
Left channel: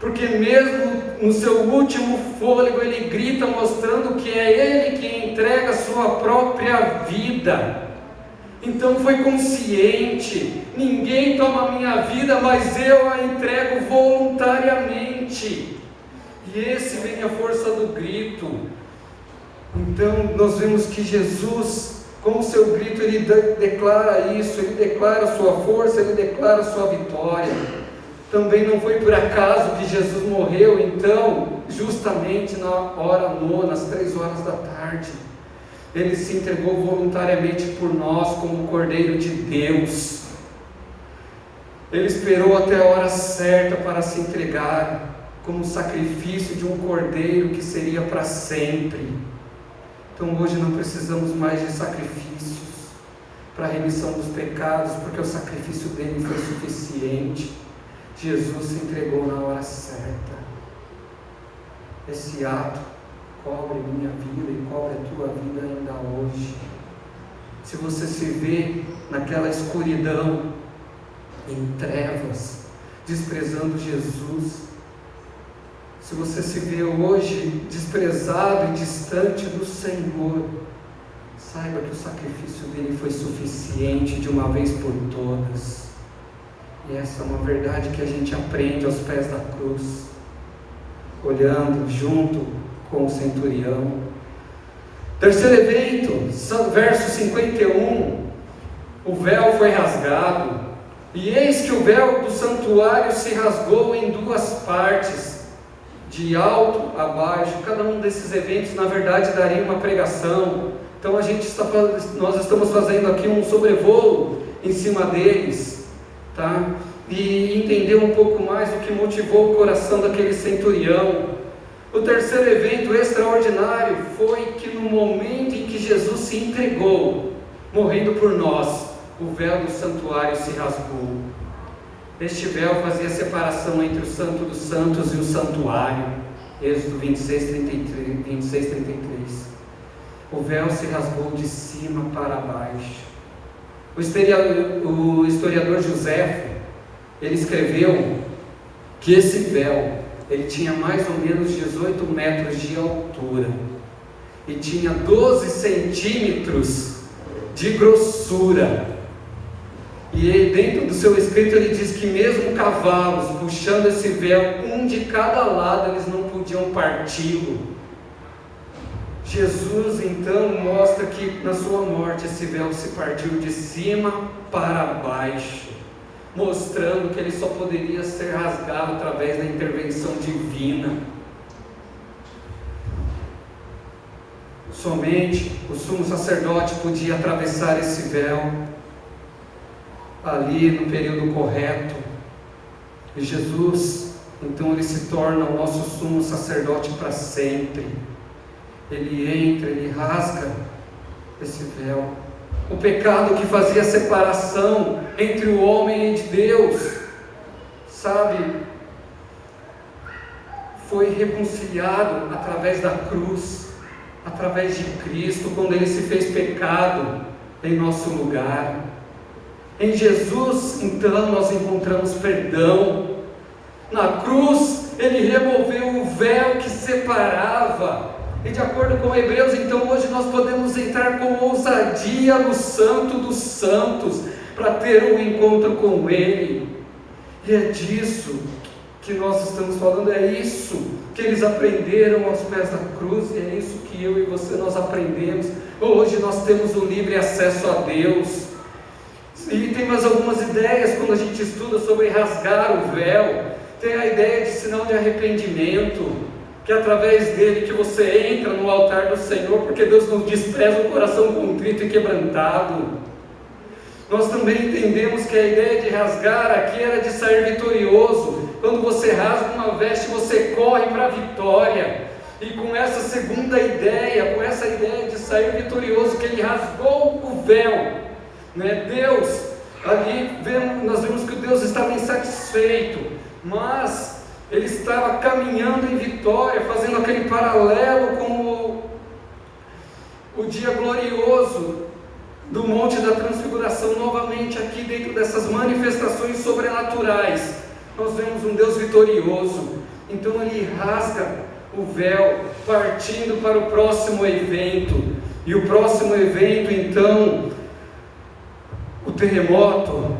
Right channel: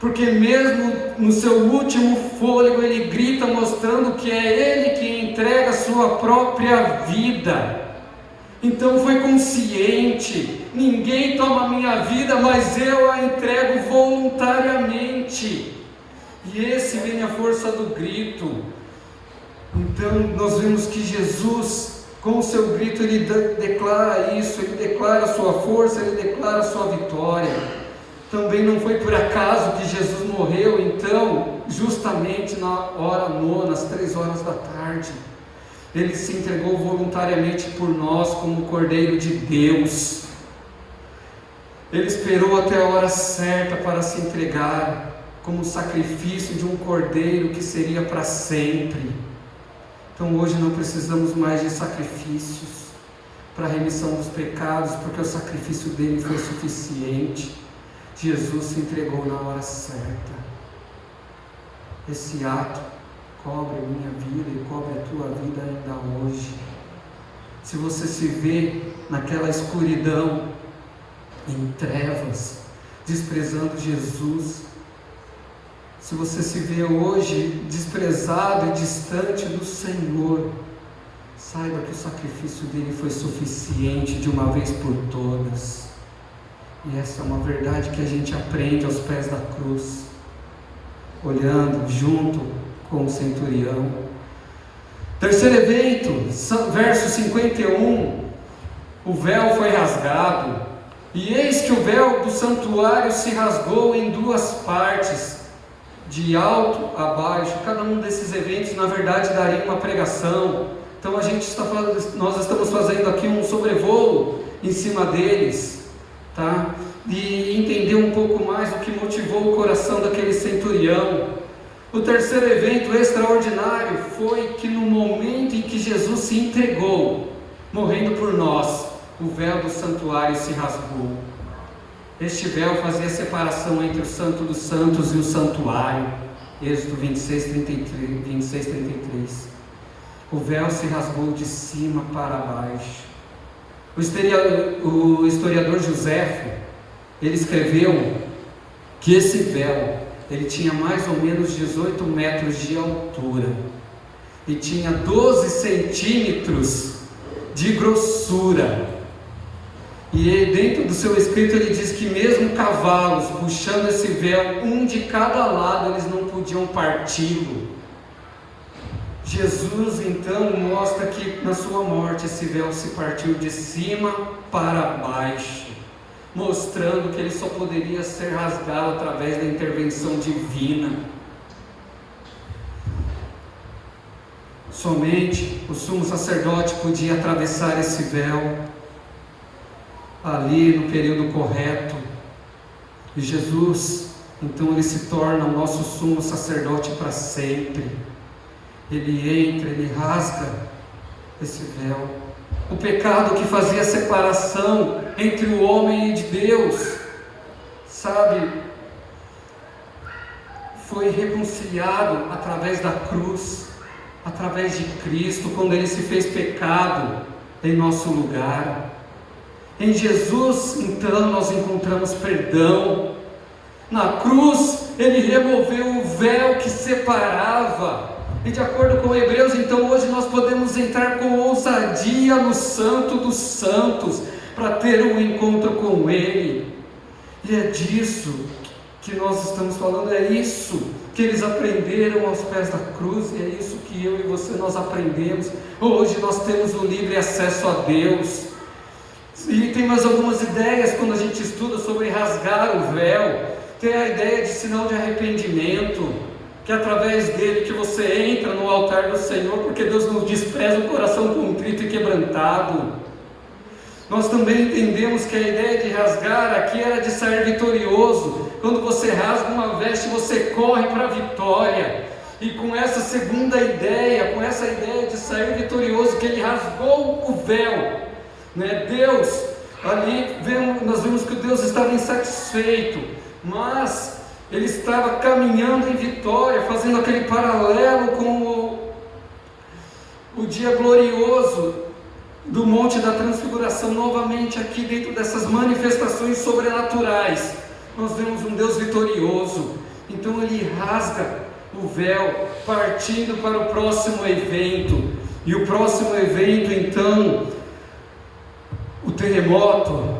porque mesmo no seu último fôlego ele grita, mostrando que é ele que entrega a sua própria vida. Então foi consciente: ninguém toma a minha vida, mas eu a entrego voluntariamente. E esse vem a força do grito. Então nós vemos que Jesus, com o seu grito, ele declara isso, ele declara a sua força, ele declara a sua vitória. Também não foi por acaso que Jesus morreu, então, justamente na hora nona, às 3h da tarde. Ele se entregou voluntariamente por nós como o Cordeiro de Deus. Ele esperou até a hora certa para se entregar como sacrifício de um cordeiro que seria para sempre. Então hoje não precisamos mais de sacrifícios para a remissão dos pecados, porque o sacrifício dele foi suficiente. Jesus se entregou na hora certa. Esse ato cobre minha vida e cobre a tua vida ainda hoje. Se você se vê naquela escuridão, em trevas, desprezando Jesus, se você se vê hoje desprezado e distante do Senhor, saiba que o sacrifício dele foi suficiente de uma vez por todas. E essa é uma verdade que a gente aprende aos pés da cruz, olhando junto com o centurião. Terceiro evento, verso 51, o véu foi rasgado, e eis que o véu do santuário se rasgou em duas partes, de alto a baixo. Cada um desses eventos, na verdade, daria uma pregação. Então nós estamos fazendo aqui um sobrevoo em cima deles, tá? E entender um pouco mais o que motivou o coração daquele centurião. O terceiro evento extraordinário foi que no momento em que Jesus se entregou, morrendo por nós, o véu do santuário se rasgou. Este véu fazia a separação entre o Santo dos Santos e o santuário. Êxodo 26:33. O véu se rasgou de cima para baixo. O historiador Joséfo, ele escreveu que esse véu, ele tinha mais ou menos 18 metros de altura e tinha 12 centímetros de grossura. E dentro do seu escrito ele diz que mesmo cavalos puxando esse véu, um de cada lado, eles não podiam parti-lo. Jesus então mostra que na sua morte esse véu se partiu de cima para baixo, mostrando que ele só poderia ser rasgado através da intervenção divina. somente o sumo sacerdote podia atravessar esse véu ali no período correto. E Jesus, então, ele se torna o nosso sumo sacerdote para sempre. Ele entra, ele rasga esse véu. O pecado que fazia separação entre o homem e Deus, sabe, foi reconciliado através da cruz, através de Cristo, quando ele se fez pecado em nosso lugar. Em Jesus, então, nós encontramos perdão. Na cruz, ele removeu o véu que separava. E de acordo com Hebreus, então, hoje nós podemos entrar com ousadia no Santo dos Santos, para ter um encontro com Ele. E é disso que nós estamos falando, é isso que eles aprenderam aos pés da cruz, e é isso que eu e você nós aprendemos. Hoje nós temos o livre acesso a Deus. E tem mais algumas ideias quando a gente estuda sobre rasgar o véu. Tem a ideia de sinal de arrependimento, que é através dele que você entra no altar do Senhor, porque Deus não despreza o coração contrito e quebrantado. Nós também entendemos que a ideia de rasgar aqui era de sair vitorioso. Quando você rasga uma veste, você corre para a vitória. E com essa segunda ideia, com essa ideia de sair vitorioso, que ele rasgou o véu, né? Deus, ali nós vimos que Deus estava insatisfeito, mas ele estava caminhando em vitória, fazendo aquele paralelo com o dia glorioso do Monte da Transfiguração. Novamente aqui dentro dessas manifestações sobrenaturais, nós vemos um Deus vitorioso. Então ele rasga o véu, partindo para o próximo evento. E o próximo evento, então, o terremoto,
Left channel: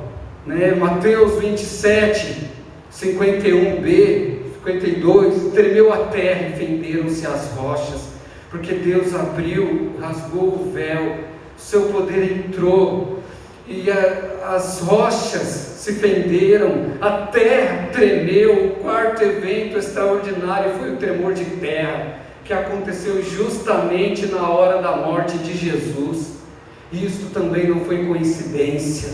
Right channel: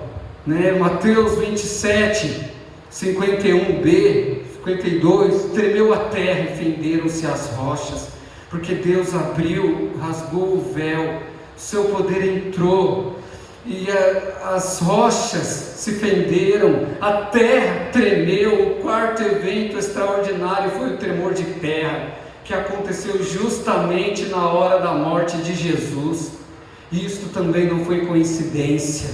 né? Mateus 27, 51b, 52, tremeu a terra e fenderam-se as rochas, porque Deus abriu, rasgou o véu, seu poder entrou, e as rochas se fenderam, a terra tremeu. O quarto evento extraordinário foi o tremor de terra, que aconteceu justamente na hora da morte de Jesus. E isto também não foi coincidência,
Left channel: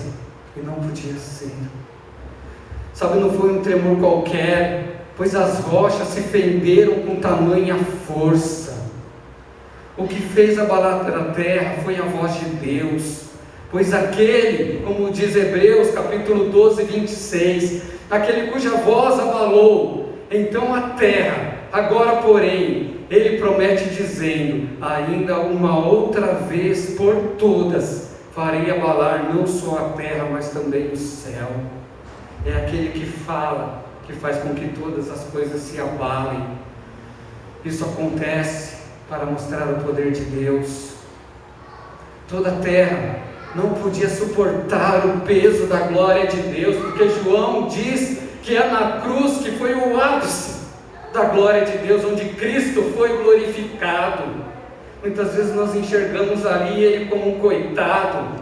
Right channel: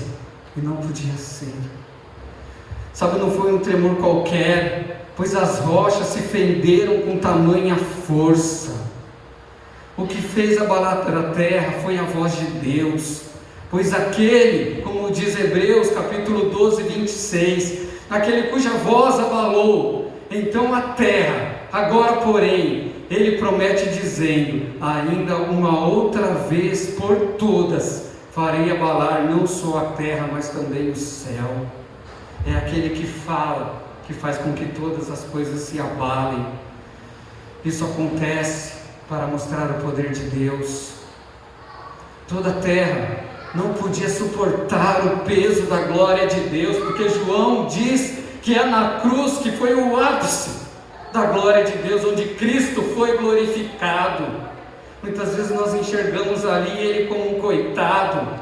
e não podia ser. Sabe, não foi um tremor qualquer, pois as rochas se fenderam com tamanha força. O que fez abalar a terra foi a voz de Deus, pois aquele, como diz Hebreus capítulo 12, 26, aquele cuja voz abalou, então a terra, agora porém, ele promete dizendo, ainda uma outra vez por todas, farei abalar não só a terra, mas também o céu. É aquele que fala, que faz com que todas as coisas se abalem. Isso acontece para mostrar o poder de Deus. Toda a terra não podia suportar o peso da glória de Deus, porque João diz que é na cruz que foi o ápice da glória de Deus, onde Cristo foi glorificado. Muitas vezes nós enxergamos ali ele como um coitado,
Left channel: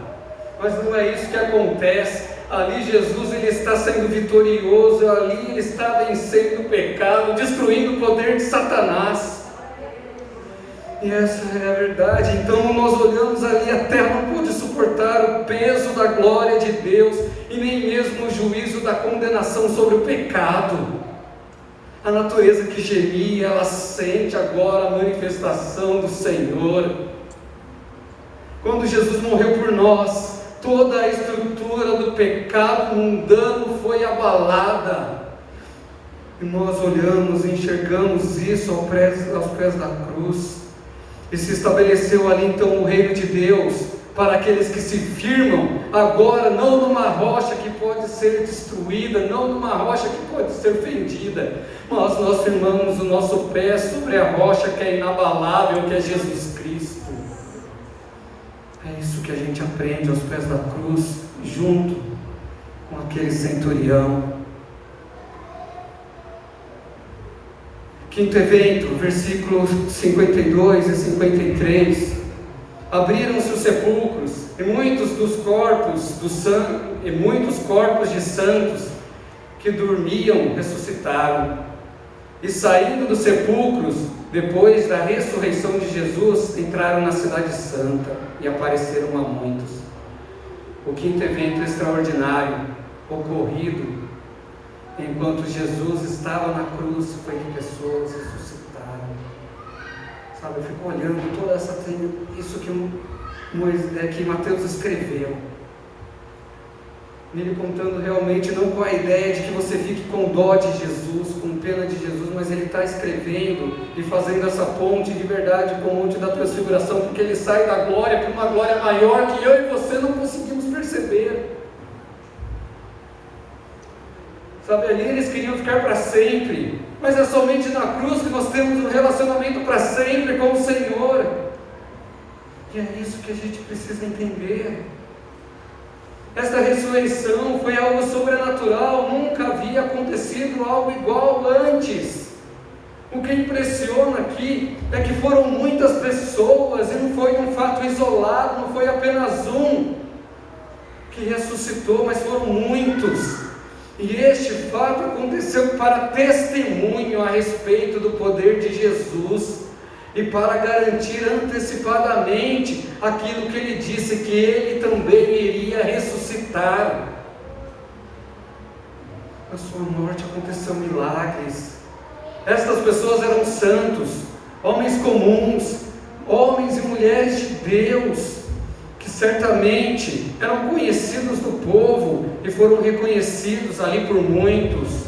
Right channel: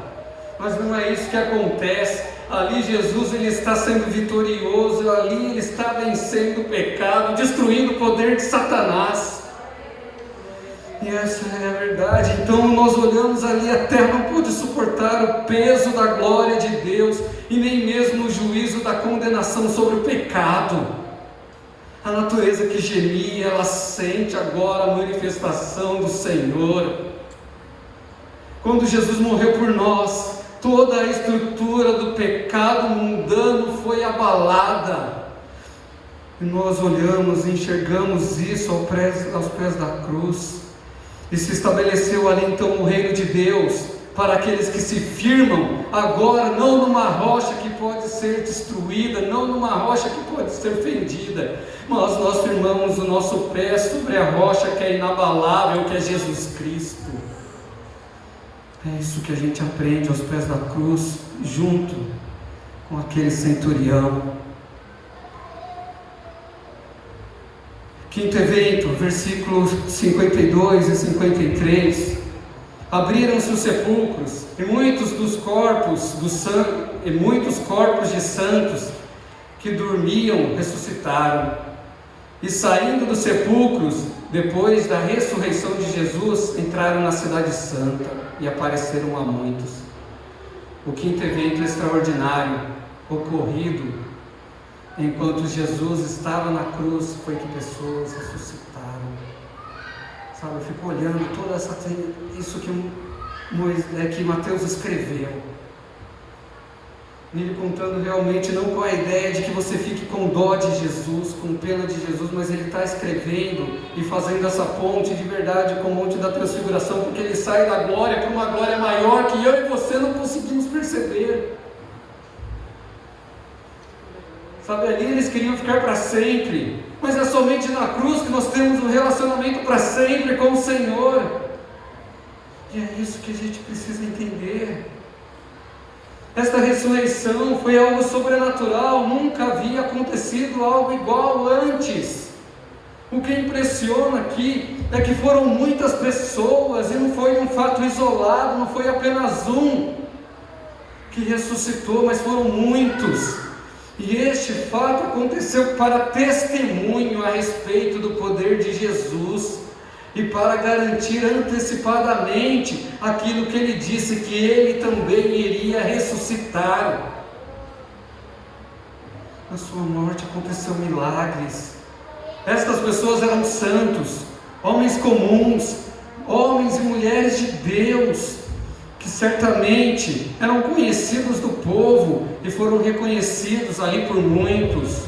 mas não é isso que acontece. Ali Jesus ele está sendo vitorioso, ali ele está vencendo o pecado, destruindo o poder de Satanás. E essa é a verdade. Então nós olhamos ali, a terra não pôde suportar o peso da glória de Deus, e nem mesmo o juízo da condenação sobre o pecado. A natureza que gemia, ela sente agora a manifestação do Senhor. Quando Jesus morreu por nós, toda a estrutura do pecado mundano foi abalada. E nós olhamos e enxergamos isso aos pés da cruz. E se estabeleceu ali então o reino de Deus, para aqueles que se firmam agora, não numa rocha que pode ser destruída, não numa rocha que pode ser fendida, mas nós firmamos o nosso pé sobre a rocha que é inabalável, que é Jesus Cristo. É isso que a gente aprende aos pés da cruz, junto com aquele centurião. Quinto evento, versículos 52 e 53. Abriram-se os sepulcros, e muitos corpos de santos que dormiam ressuscitaram. E saindo dos sepulcros, depois da ressurreição de Jesus, entraram na cidade santa e apareceram a muitos. O quinto evento extraordinário ocorrido enquanto Jesus estava na cruz foi que pessoas ressuscitaram. Sabe, eu fico olhando toda isso que Mateus escreveu. Ele contando realmente não com a ideia de que você fique com dó de Jesus, com pena de Jesus, mas ele está escrevendo e fazendo essa ponte de verdade com o Monte da Transfiguração, porque ele sai da glória para uma glória maior que eu e você não conseguimos perceber. Sabe, ali eles queriam ficar para sempre, mas é somente na cruz que nós temos um relacionamento para sempre com o Senhor. E é isso que a gente precisa entender. Esta ressurreição foi algo sobrenatural, nunca havia acontecido algo igual antes. O que impressiona aqui é que foram muitas pessoas, e não foi um fato isolado, não foi apenas um que ressuscitou, mas foram muitos. E este fato aconteceu para testemunho a respeito do poder de Jesus e para garantir antecipadamente aquilo que ele disse, que ele também iria ressuscitar. Na sua morte aconteceu milagres. Estas pessoas eram santos, homens comuns, homens e mulheres de Deus, que certamente eram conhecidos do povo e foram reconhecidos ali por muitos.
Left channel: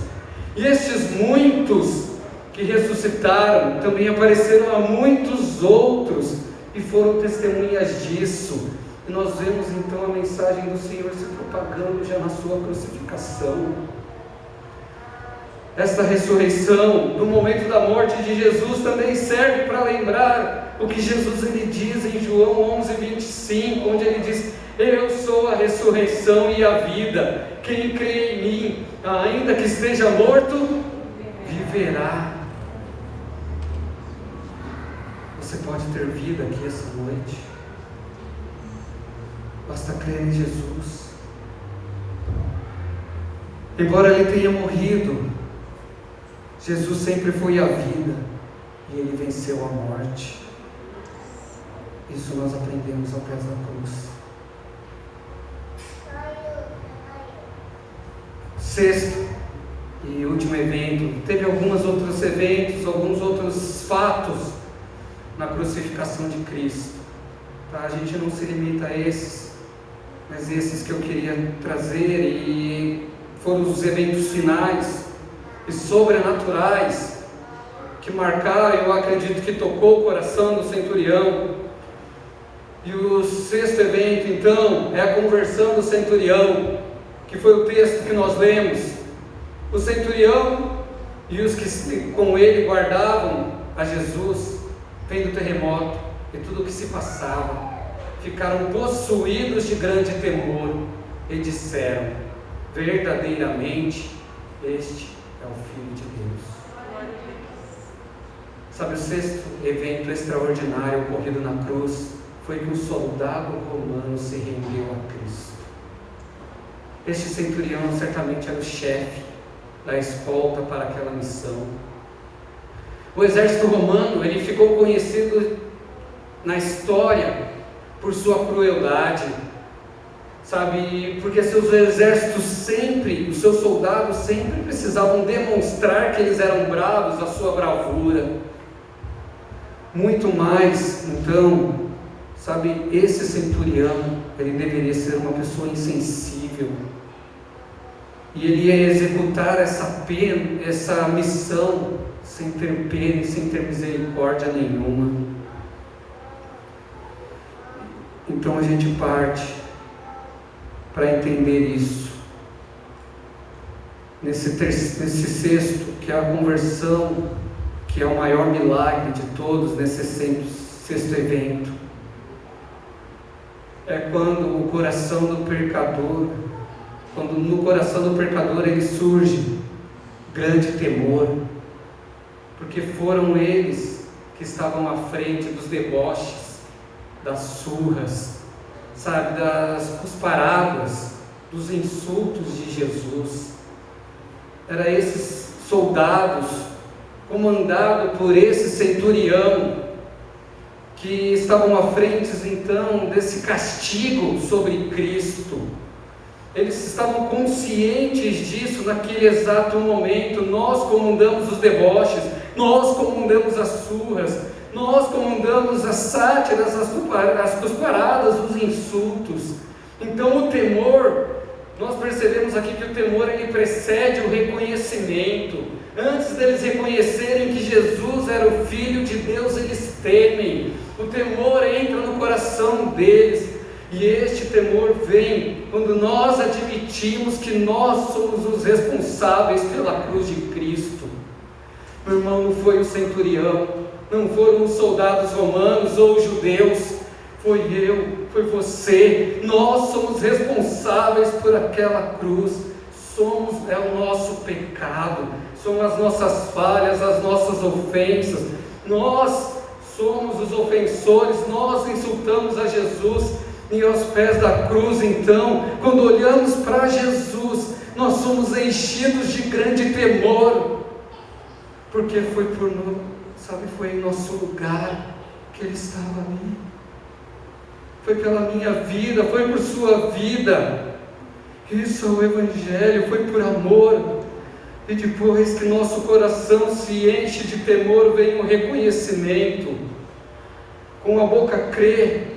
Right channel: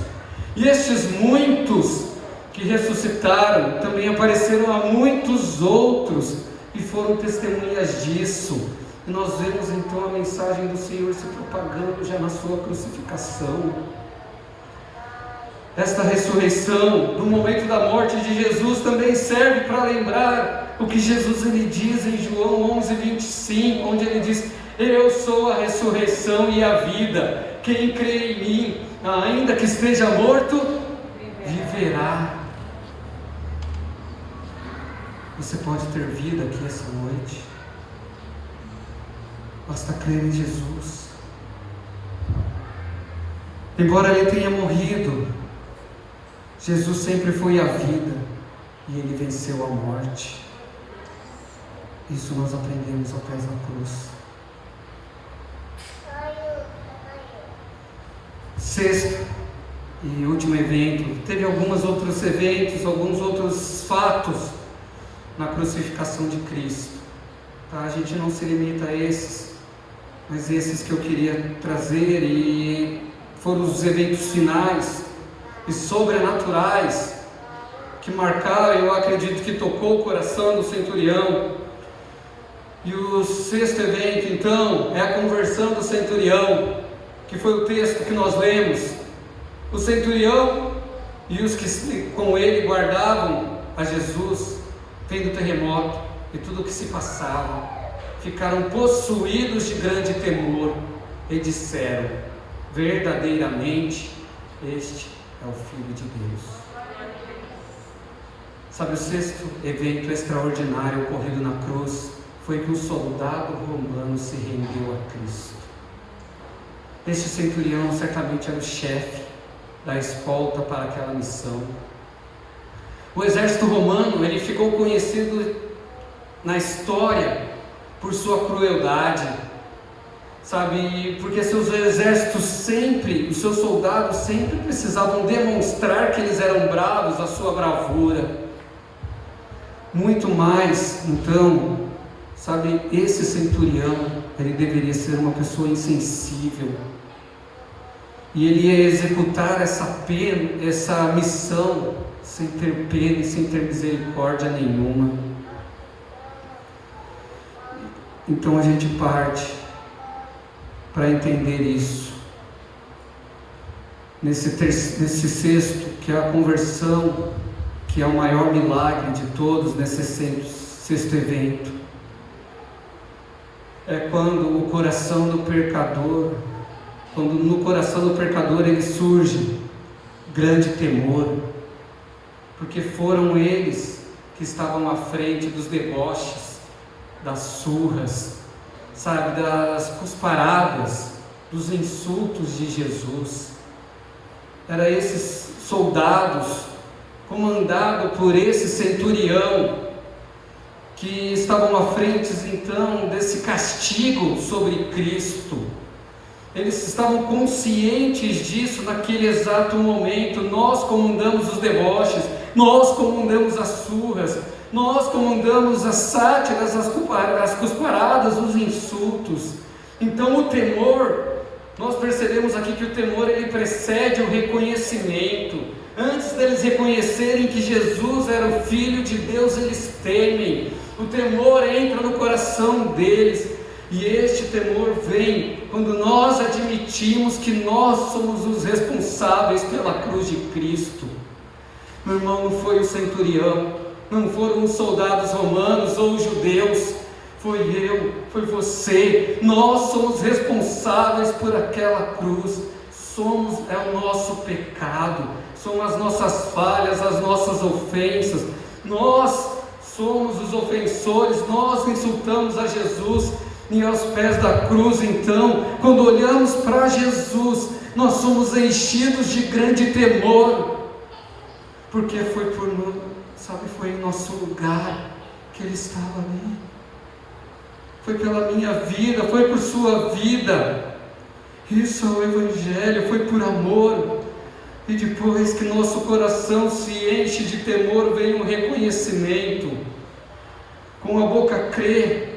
E estes muitos que ressuscitaram também apareceram a muitos outros e foram testemunhas disso. E nós vemos então a mensagem do Senhor se propagando já na sua crucificação. Esta ressurreição, no momento da morte de Jesus, também serve para lembrar o que Jesus ele diz em João 11:25, onde ele diz: eu sou a ressurreição e a vida, quem crê em mim, ainda que esteja morto, viverá. Você pode ter vida aqui essa noite, basta crer em Jesus. Embora ele tenha morrido, Jesus sempre foi a vida e ele venceu a morte. Isso nós aprendemos ao pés da cruz. Sexto e último evento, teve alguns outros eventos, alguns outros fatos na crucificação de Cristo. Tá? A gente não se limita a esses, mas esses que eu queria trazer, e foram os eventos finais e sobrenaturais que marcaram, eu acredito que tocou o coração do centurião. E o sexto evento então é a conversão do centurião, que foi o texto que nós lemos. O centurião e os que com ele guardavam a Jesus, tendo terremoto e tudo o que se passava, ficaram possuídos de grande temor e disseram: verdadeiramente este é o Filho de Deus. Sabe, o sexto evento extraordinário ocorrido na cruz foi que o soldado romano se rendeu a Cristo. Este centurião certamente era o chefe da escolta para aquela missão. O exército romano, ele ficou conhecido na história por sua crueldade, sabe, porque seus exércitos sempre, os seus soldados sempre precisavam demonstrar que eles eram bravos, a sua bravura. Muito mais, então, sabe, esse centurião, ele deveria ser uma pessoa insensível, e ele ia executar essa missão sem ter pena e sem ter misericórdia nenhuma. Então a gente parte para entender isso. Nesse sexto, que é a conversão, que é o maior milagre de todos, nesse sexto evento, é quando no coração do pecador ele surge grande temor, porque foram eles que estavam à frente dos deboches, das surras, sabe, das cusparadas, dos insultos de Jesus. Eram esses soldados comandado por esse centurião, que estavam à frente então desse castigo sobre Cristo. Eles estavam conscientes disso naquele exato momento. Nós comandamos os deboches, nós comandamos as surras, nós comandamos as sátiras, as cusparadas, os insultos. Então o temor, nós percebemos aqui que o temor ele precede o reconhecimento. Antes deles reconhecerem que Jesus era o Filho de Deus, eles temem. O temor entra no coração deles. E este temor vem quando nós admitimos que nós somos os responsáveis pela cruz de Cristo. Meu irmão, não foi o centurião, não foram os soldados romanos ou judeus, foi eu, foi você. Nós somos responsáveis por aquela cruz. É o nosso pecado, são as nossas falhas, as nossas ofensas. Nós somos os ofensores, nós insultamos a Jesus. E aos pés da cruz, então, quando olhamos para Jesus, nós somos enchidos de grande temor, porque foi em nosso lugar que Ele estava ali. Foi pela minha vida, foi por sua vida. Isso é o Evangelho, foi por amor. E depois que nosso coração se enche de temor, vem um reconhecimento. Com a boca crê,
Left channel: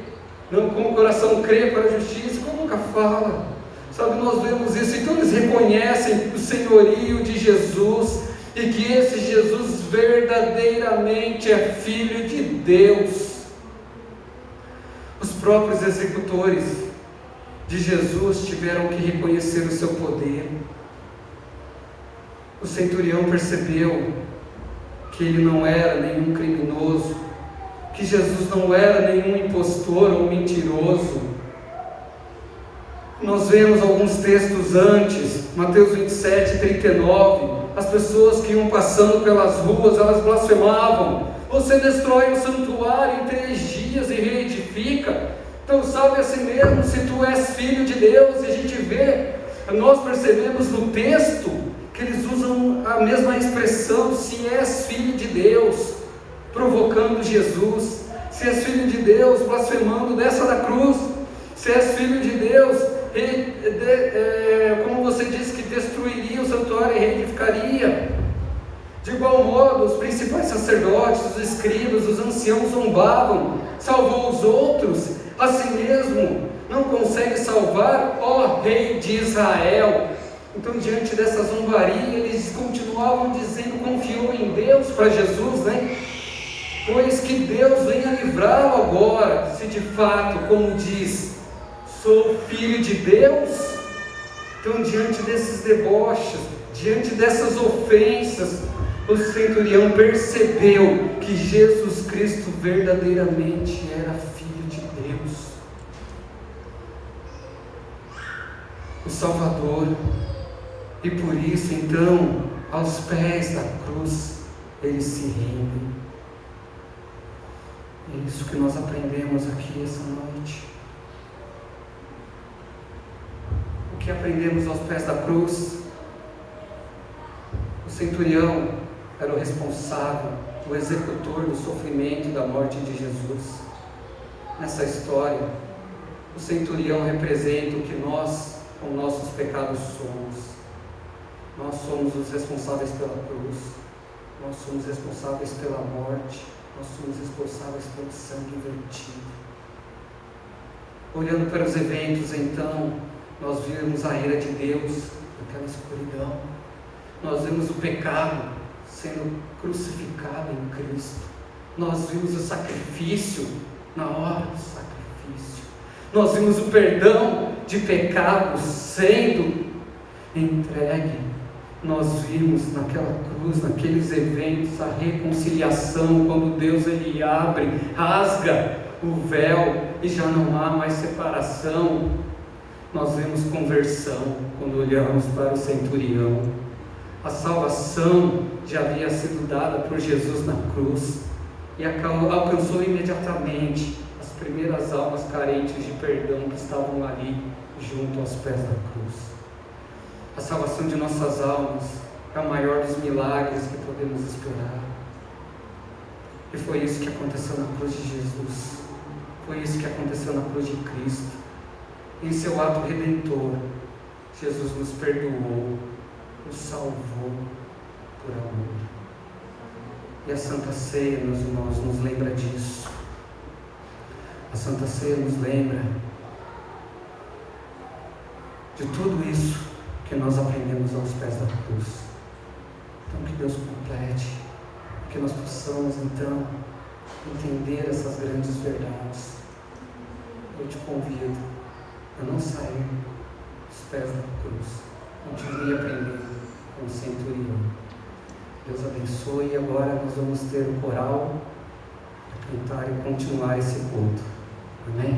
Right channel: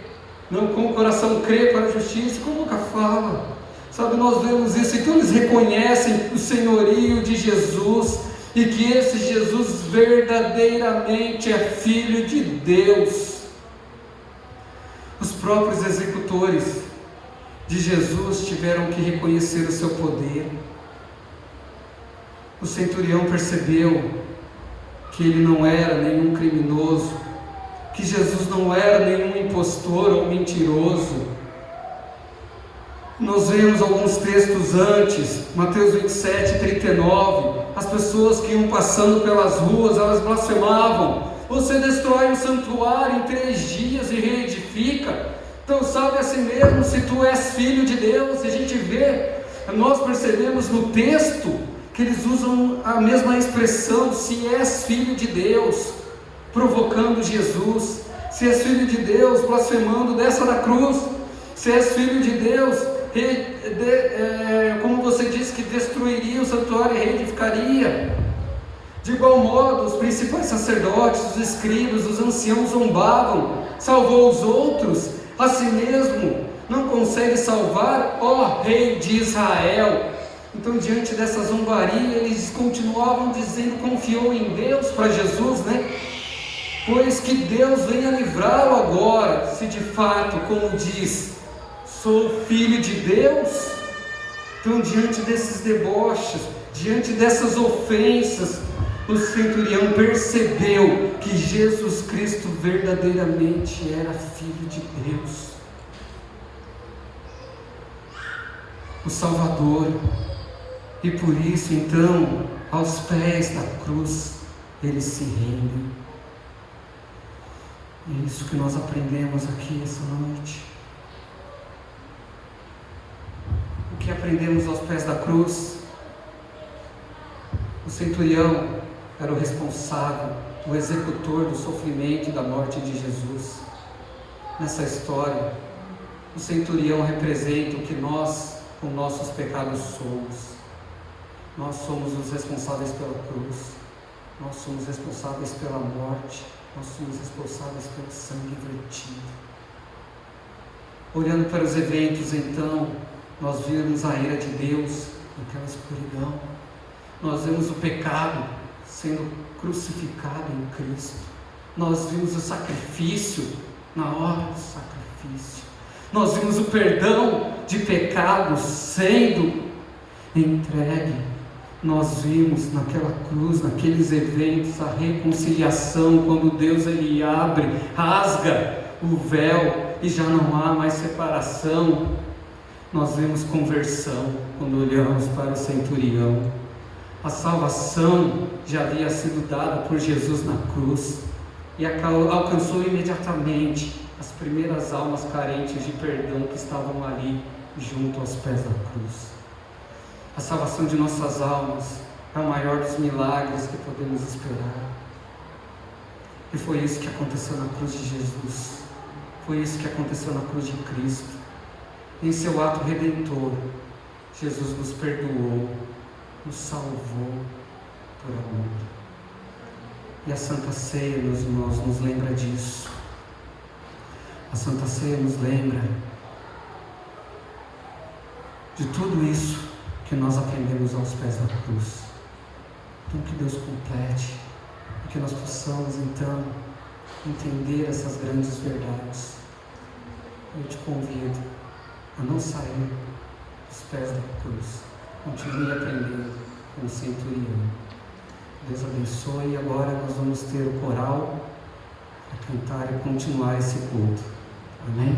não, com o coração crê para a justiça, com a boca fala. Sabe, nós vemos isso, então eles reconhecem o senhorio de Jesus, e que esse Jesus verdadeiramente é Filho de Deus. Os próprios executores de Jesus tiveram que reconhecer o seu poder. O centurião percebeu que ele não era nenhum criminoso, que Jesus não era nenhum impostor ou mentiroso. Nós vemos alguns textos antes, Mateus 27, 39, as pessoas que iam passando pelas ruas, elas blasfemavam: você destrói o santuário em 3 dias e reedifica, então salve a si mesmo se tu és Filho de Deus. E a gente vê, nós percebemos no texto que eles usam a mesma expressão, se és Filho de Deus, provocando Jesus. Se és Filho de Deus, blasfemando, desça da cruz. Se és Filho de Deus, como você disse que destruiria o santuário e reedificaria. De igual modo, os principais sacerdotes, os escribas, os anciãos zombavam: salvou os outros, a si mesmo não consegue salvar, ó Rei de Israel. Então, diante dessa zombaria, eles continuavam dizendo: confiou em Deus para Jesus, né? Pois que Deus venha livrá-lo agora, se de fato, como diz, sou Filho de Deus. Então, diante desses deboches, diante dessas ofensas, o centurião percebeu que Jesus Cristo verdadeiramente era Filho de Deus, o Salvador. E por isso, então, aos pés da cruz, ele se rende. É isso que nós aprendemos aqui essa noite. O que aprendemos aos pés da cruz? O centurião era o responsável, o executor do sofrimento e da morte de Jesus. Nessa história, o centurião representa o que nós, com nossos pecados, somos. Nós somos os responsáveis pela cruz, nós somos responsáveis pela morte, nós somos responsáveis pelo sangue vertido. Olhando para os eventos, então, nós vimos a ira de Deus naquela escuridão. Nós vimos o pecado sendo crucificado em Cristo. Nós vimos o sacrifício na hora do sacrifício. Nós vimos o perdão de pecados sendo entregue. Nós vimos naquela cruz, naqueles eventos, a reconciliação, quando Deus ele abre, rasga o véu e já não há mais separação. Nós vemos conversão quando olhamos para o centurião. A salvação já havia sido dada por Jesus na cruz e alcançou imediatamente as primeiras almas carentes de perdão que estavam ali junto aos pés da cruz. A salvação de nossas almas é o maior dos milagres que podemos esperar. E foi isso que aconteceu na cruz de Jesus. Foi isso que aconteceu na cruz de Cristo. Em seu ato redentor, Jesus nos perdoou, nos salvou por amor. E a Santa Ceia, meus irmãos, nos lembra disso. A Santa Ceia nos lembra de tudo isso que nós aprendemos aos pés da cruz. Então, que Deus complete, e que nós possamos, então, entender essas grandes verdades. Eu te convido a não sair dos pés da cruz. Continue aprendendo com o centurião. Deus abençoe. E agora nós vamos ter o coral para cantar e continuar esse culto. Amém?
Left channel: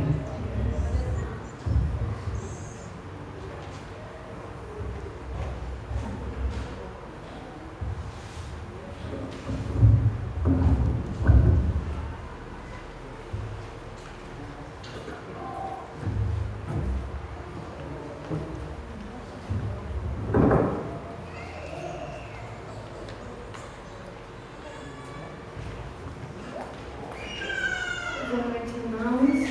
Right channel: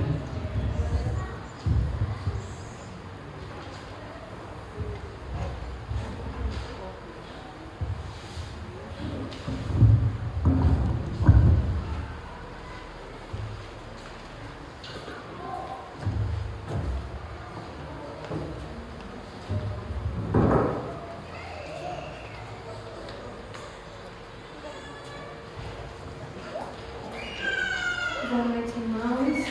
Boa noite, irmãos.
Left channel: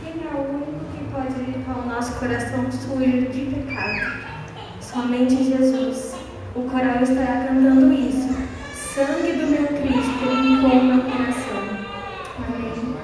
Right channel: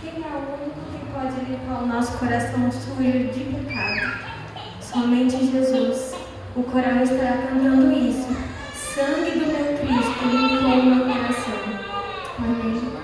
Quem é o único que pode limpar o nosso coração sujo de pecado? Somente Jesus. O coral estará cantando isso. Sangue do meu Cristo limpou o meu coração. Amém.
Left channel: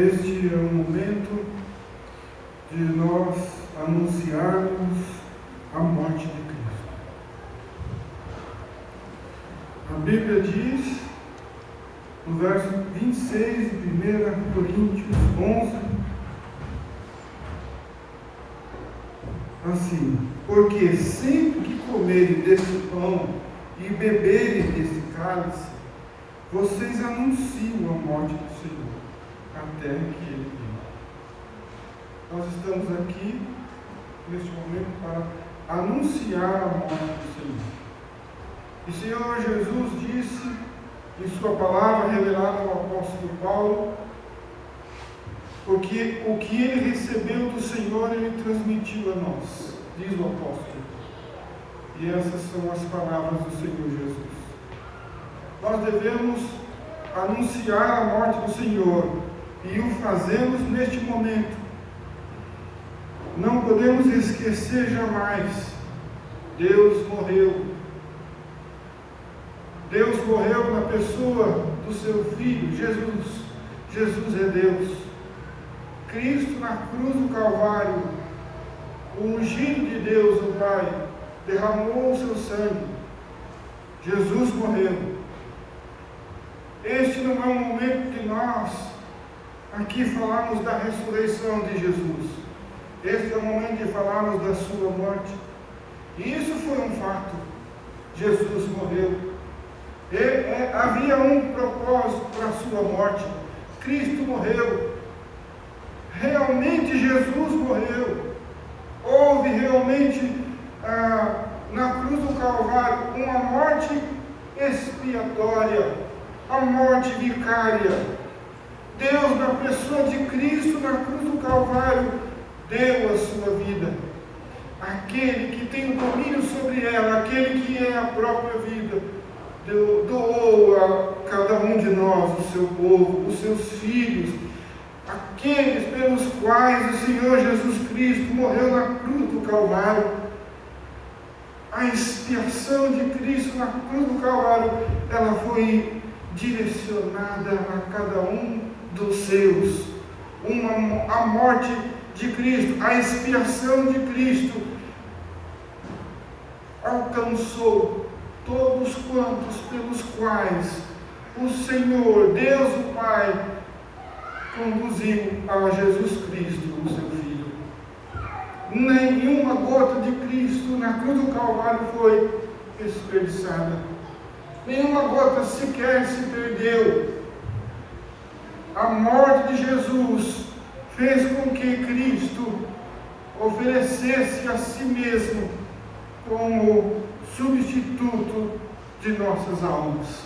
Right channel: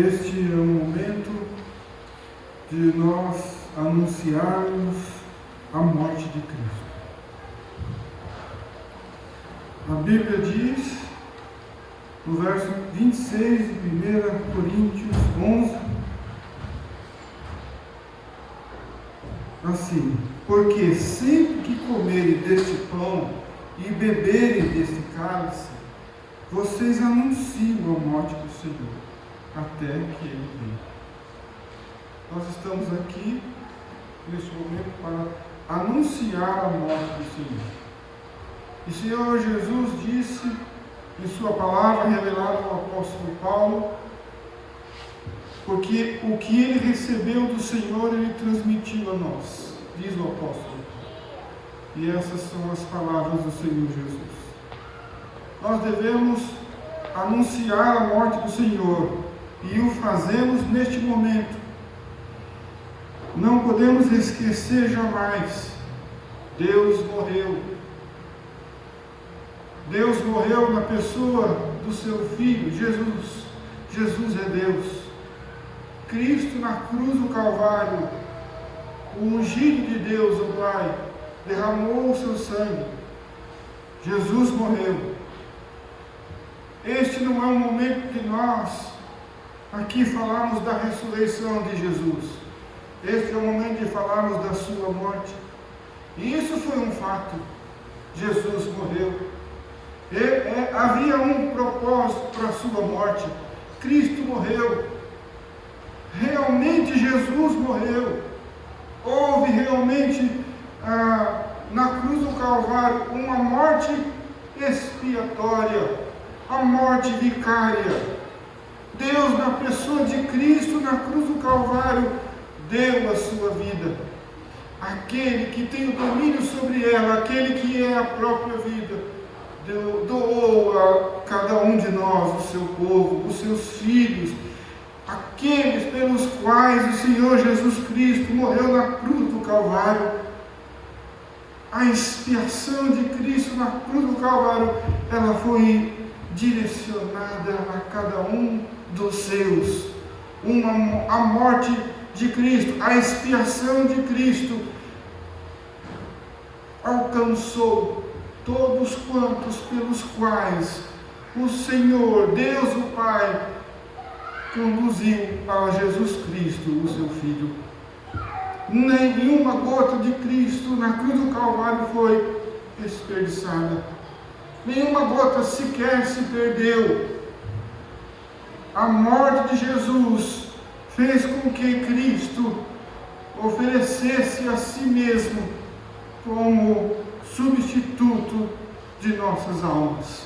Este é o momento de nós anunciarmos a morte de Cristo. A Bíblia diz, no verso 26 de 1 Coríntios 11, assim: porque sempre que comerem deste pão e beberem deste cálice, vocês anunciam a morte do Senhor, até que Ele venha. Nós estamos aqui, neste momento, para anunciar a morte do Senhor. E o Senhor Jesus disse, em sua palavra revelada ao apóstolo Paulo, porque o que ele recebeu do Senhor, ele transmitiu a nós, diz o apóstolo. E essas são as palavras do Senhor Jesus. Nós devemos anunciar a morte do Senhor, e o fazemos neste momento. Não podemos esquecer jamais, Deus morreu. Deus morreu na pessoa do seu Filho, Jesus. Jesus é Deus. Cristo na cruz do Calvário, o ungido de Deus, o Pai, derramou o seu sangue. Jesus morreu. Este não é um momento que nós aqui falamos da ressurreição de Jesus. Este é o momento de falarmos da sua morte. E isso foi um fato. Jesus morreu. Havia um propósito para a sua morte. Cristo morreu. Realmente Jesus morreu. Houve realmente na cruz do Calvário uma morte expiatória, a morte vicária. Deus, na pessoa de Cristo, na cruz do Calvário, deu a sua vida. Aquele que tem o domínio sobre ela, aquele que é a própria vida, doou a cada um de nós, o seu povo, os seus filhos, aqueles pelos quais o Senhor Jesus Cristo morreu na cruz do Calvário. A expiação de Cristo na cruz do Calvário, ela foi direcionada a cada um dos seus. A morte de Cristo, a expiação de Cristo alcançou todos quantos pelos quais o Senhor, Deus o Pai, conduziu a Jesus Cristo, o seu Filho. Nenhuma gota de Cristo na cruz do Calvário foi desperdiçada. Nenhuma gota sequer se perdeu. A morte de Jesus fez com que Cristo oferecesse a si mesmo como substituto de nossas almas.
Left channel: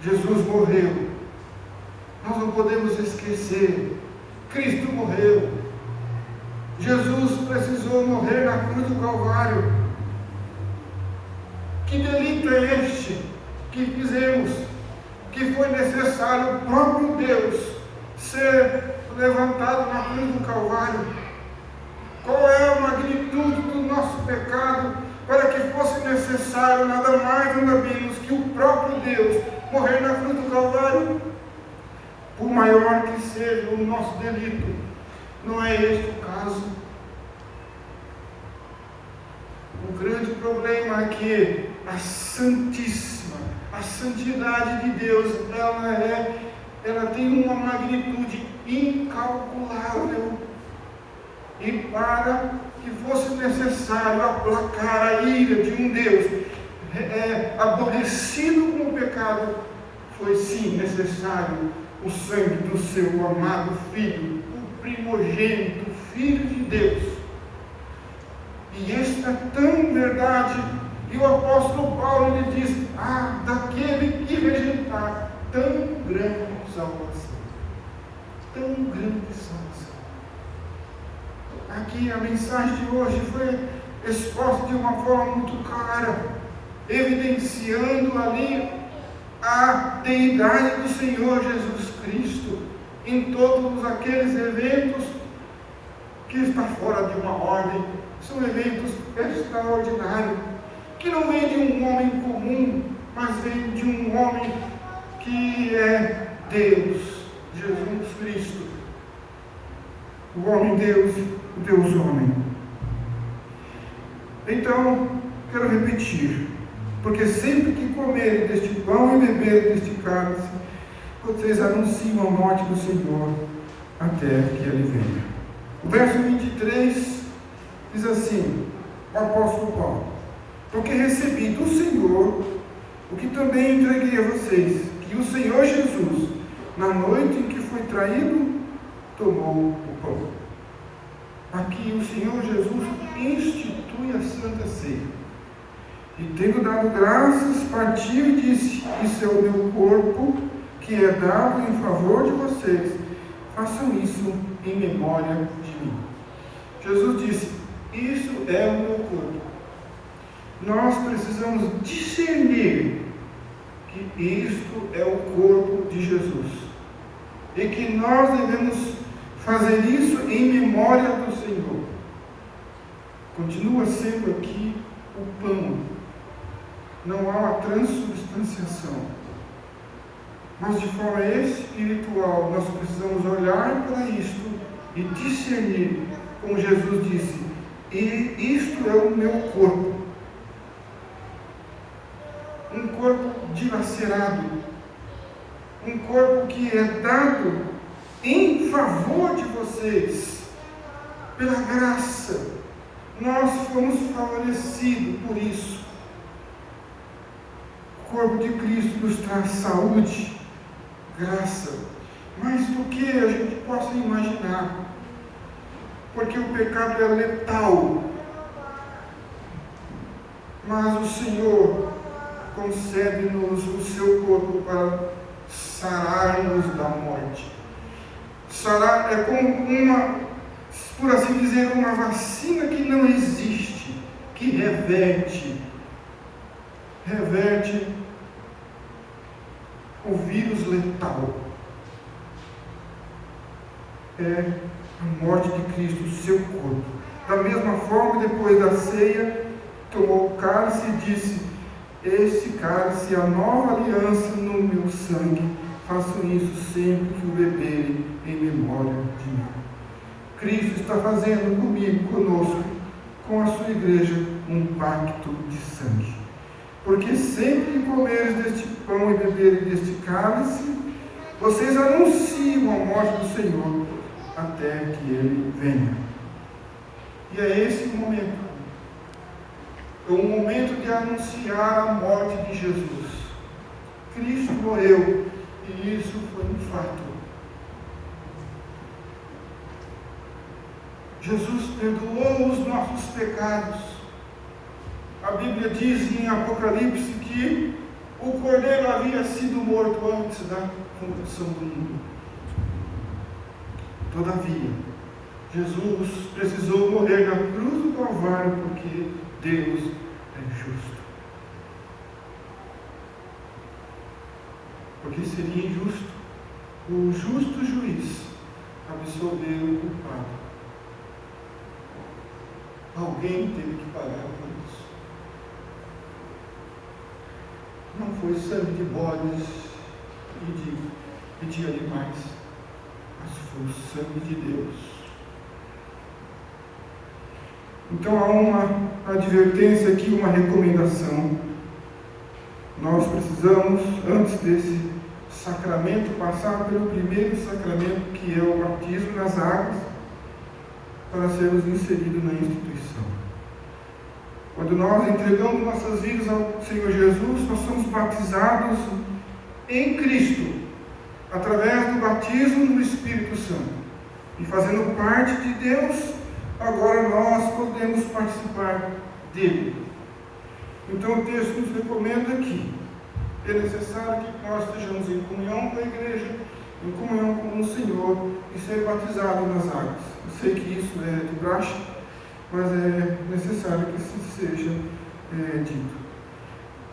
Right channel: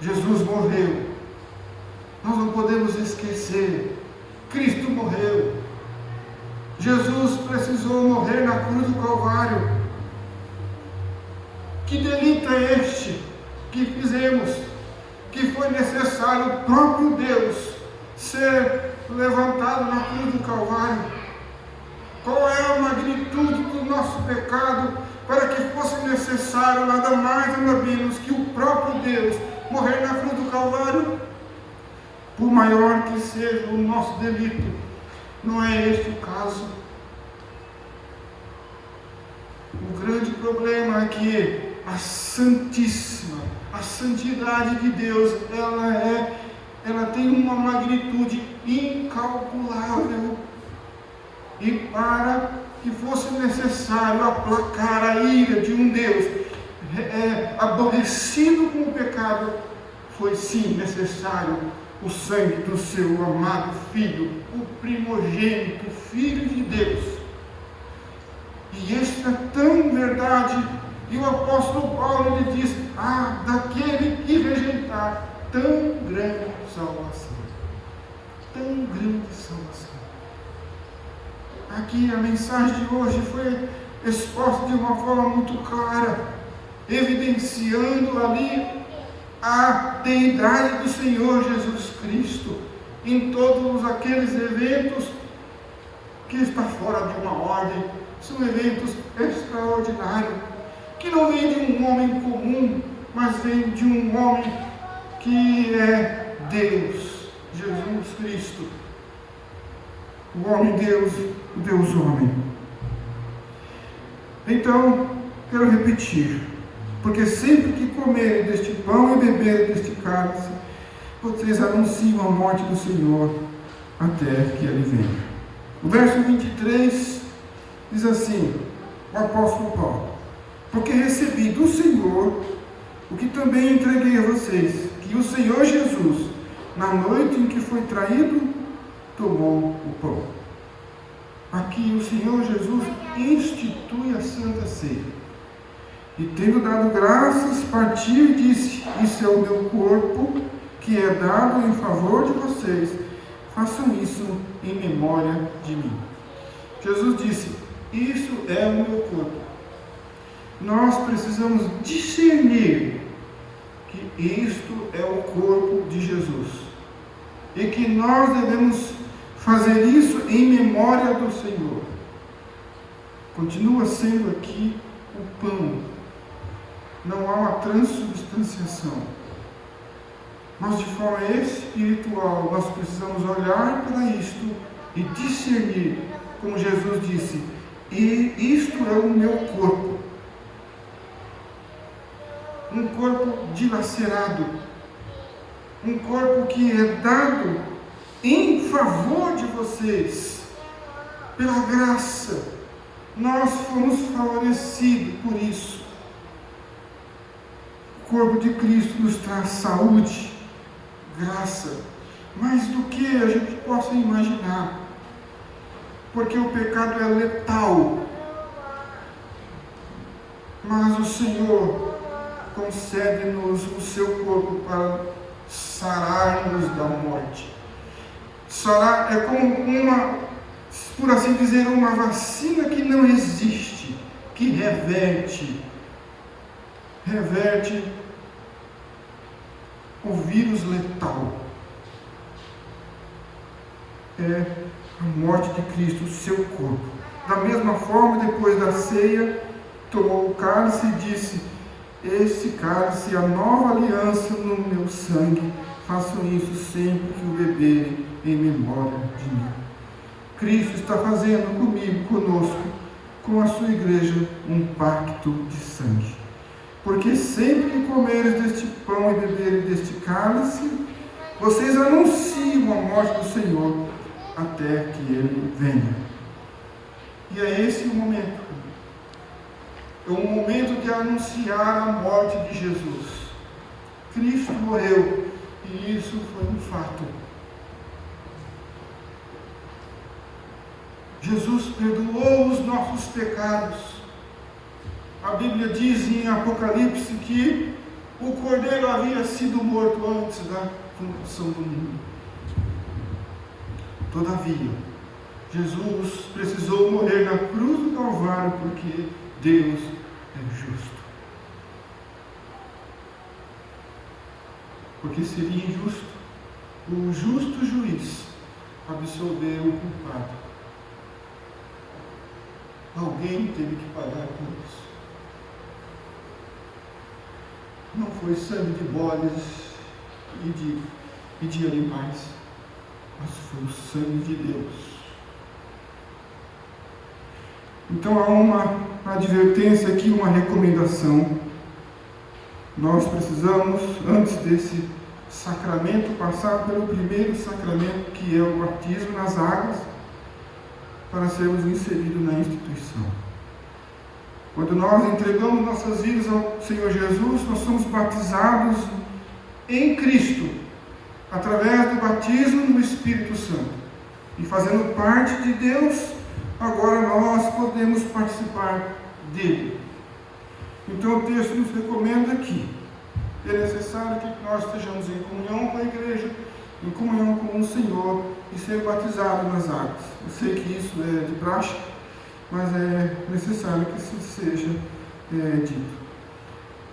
Jesus morreu. Nós não podemos esquecer. Cristo morreu. Jesus precisou morrer na cruz do Calvário. Que delito é este que fizemos? Que foi necessário o próprio Deus ser levantado na cruz do Calvário. Qual é a magnitude do nosso pecado para que fosse necessário nada mais nada menos que o próprio Deus morrer na cruz do Calvário? Por maior que seja o nosso delito, não é este o caso. O grande problema é que a santíssima, a santidade de Deus, ela tem uma magnitude incalculável. E para que fosse necessário aplacar a ira de um Deus aborrecido com o pecado, foi sim necessário o sangue do seu amado Filho, o primogênito, Filho de Deus. E isto é tão verdade, e o apóstolo Paulo lhe diz: daquele que rejeitar tão grande salvação. Tão grande salvação. Aqui a mensagem de hoje foi exposta de uma forma muito clara, evidenciando ali a deidade do Senhor Jesus Cristo em todos aqueles eventos que está fora de uma ordem, são eventos extraordinários, que não vem de um homem comum, mas vem de um homem que é Deus, Jesus Cristo, o homem-Deus, o Deus-homem. Então, quero repetir, porque sempre que comerem deste pão e beberem deste cálice, vocês anunciam a morte do Senhor até que Ele venha. O verso 23 diz assim, o apóstolo Paulo: porque recebi do Senhor o que também entreguei a vocês, que o Senhor Jesus, na noite em que foi traído, tomou o pão. Aqui o Senhor Jesus institui a Santa Ceia. E tendo dado graças, partiu e disse: isso é o meu corpo, que é dado em favor de vocês. Façam isso em memória de mim. Jesus disse: isso é o meu corpo. Nós precisamos discernir que isto é o corpo de Jesus. E que nós devemos fazer isso em memória do Senhor. Continua sendo aqui o pão. Não há uma transubstanciação. Mas de forma espiritual, nós precisamos olhar para isto e discernir, como Jesus disse: e isto é o meu corpo. Um corpo dilacerado, um corpo que é dado em favor de vocês, pela graça. Nós fomos favorecidos por isso. O corpo de Cristo nos traz saúde, graça, mais do que a gente possa imaginar, porque o pecado é letal, mas o Senhor concede-nos o seu corpo para sararmos da morte. Sarar é como uma, por assim dizer, uma vacina que não existe, que reverte o vírus letal. É a morte de Cristo, o seu corpo. Da mesma forma, depois da ceia, tomou o cálice e disse: esse cálice é a nova aliança no meu sangue. Façam isso sempre que o beberem em memória de mim. Cristo está fazendo comigo, conosco, com a sua igreja, um pacto de sangue. Porque sempre que comerem deste pão e beberem deste cálice, vocês anunciam a morte do Senhor até que Ele venha. E é esse o momento. É o momento de anunciar a morte de Jesus. Cristo morreu, e isso foi um fato. Jesus perdoou os nossos pecados. A Bíblia diz em Apocalipse que o Cordeiro havia sido morto antes da fundação do mundo. Todavia, Jesus precisou morrer na cruz do Calvário porque Deus é justo. Porque seria injusto o justo juiz absolver o culpado. Alguém teve que pagar por isso. Não foi sangue de bodes e de animais, mas foi o sangue de Deus. Então há uma advertência aqui, uma recomendação. Nós precisamos, antes desse sacramento, passar pelo primeiro sacramento, que é o batismo nas águas, para sermos inseridos na instituição. Quando nós entregamos nossas vidas ao Senhor Jesus, nós somos batizados em Cristo, através do batismo no Espírito Santo. E fazendo parte de Deus, agora nós podemos participar dele. Então o texto nos recomenda que é necessário que nós estejamos em comunhão com a igreja, em comunhão com o Senhor e ser batizado nas águas. Eu sei que isso é de praxe, mas é necessário que assim seja dito.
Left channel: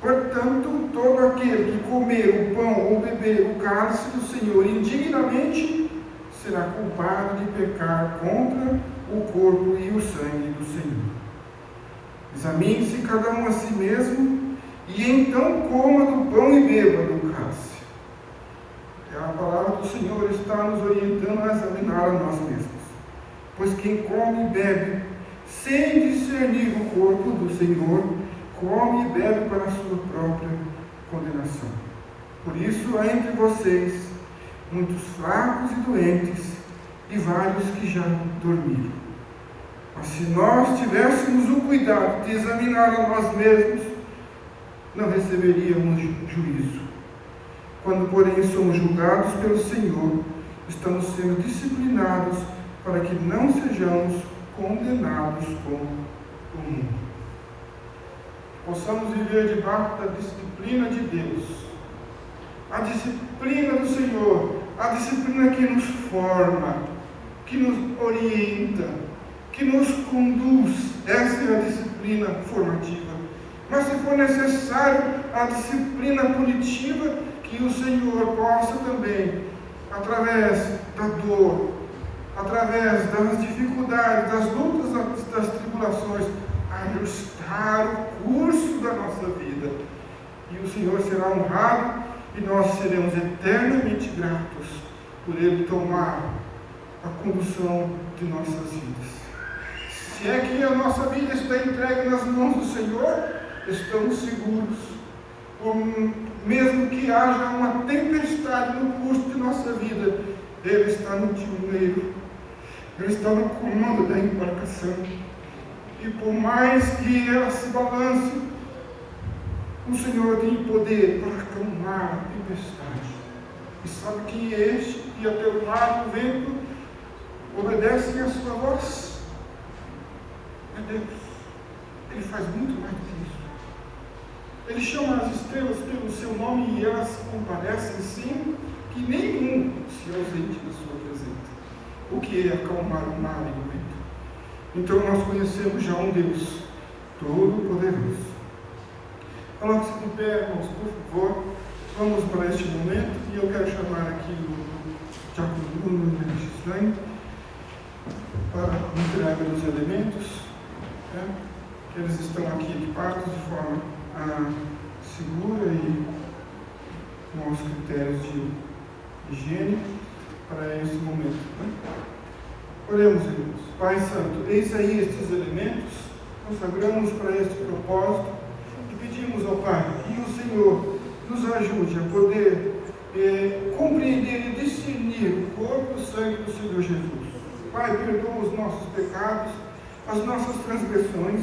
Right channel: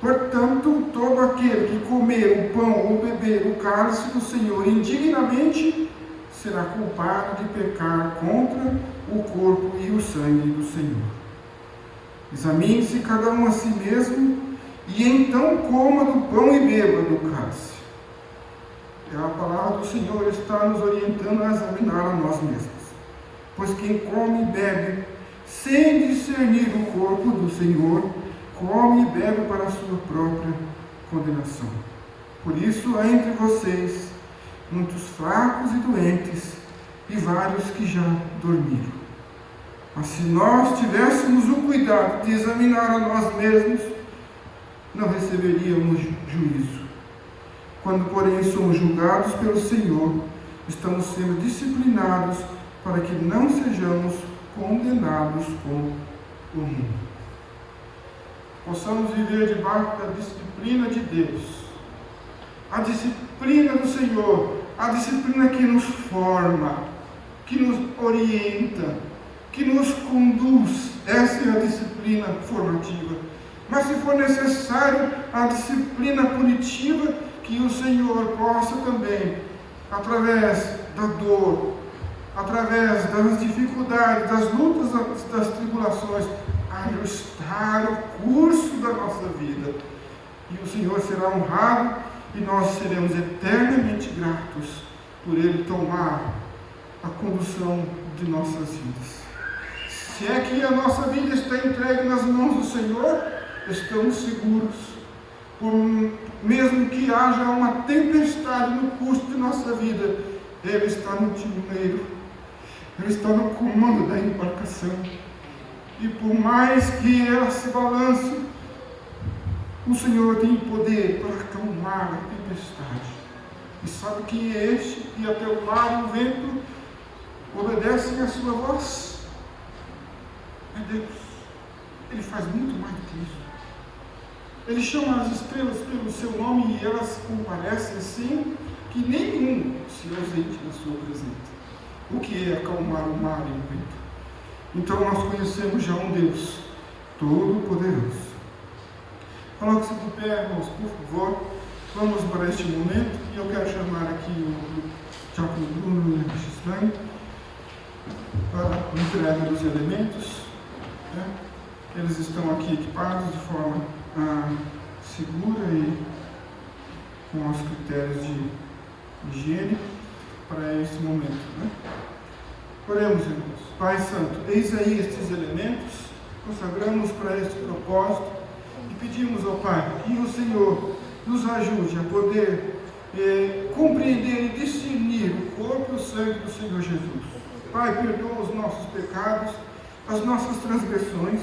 Portanto, todo aquele que comer o pão ou beber o cálice do Senhor indignamente será culpado de pecar contra o corpo e o sangue do Senhor. Examine-se cada um a si mesmo, e então coma do pão e beba do cálice. A palavra do Senhor está nos orientando a examinar a nós mesmos. Pois quem come e bebe, sem discernir o corpo do Senhor, come e bebe para a sua própria condenação. Por isso há entre vocês muitos fracos e doentes, e vários que já dormiram. Mas se nós tivéssemos o cuidado de examinar a nós mesmos, não receberíamos juízo. Quando, porém, somos julgados pelo Senhor, estamos sendo disciplinados para que não sejamos condenados com o mundo. Possamos viver debaixo da disciplina de Deus. A disciplina do Senhor, a disciplina que nos forma, que nos orienta, que nos conduz. Essa é a disciplina formativa. Mas se for necessário a disciplina punitiva, que o Senhor possa também, através da dor, através das dificuldades, das lutas, das tribulações, ajustar o curso da nossa vida. E o Senhor será honrado e nós seremos eternamente gratos por Ele tomar a condução de nossas vidas. Se é que a nossa vida está entregue nas mãos do Senhor, estamos seguros. Mesmo que haja uma tempestade no curso de nossa vida, Ele está no timoneiro, Ele está no comando da embarcação. E por mais que ela se balance, o Senhor tem poder para acalmar a tempestade. E sabe que este e até o mar e o vento obedecem a sua voz. É Deus. Ele faz muito mais do que isso. Ele chama as estrelas pelo seu nome e elas comparecem sem que nenhum se ausente de sua presença. O que é acalmar o mar e o vento? Então nós conhecemos já um Deus Todo-Poderoso. Coloque-se de pé, irmãos, por favor. Vamos para este momento e eu quero chamar aqui o Diácono Bruno e a Gislaine para a entrega dos elementos. Eles estão aqui equipados de forma segura e com os critérios de higiene para esse momento. Oremos, irmãos. Pai Santo, eis aí estes elementos, consagramos para este propósito e pedimos ao Pai que o Senhor nos ajude a poder compreender e discernir o corpo e o sangue do Senhor Jesus. Pai, perdoa os nossos pecados, as nossas transgressões,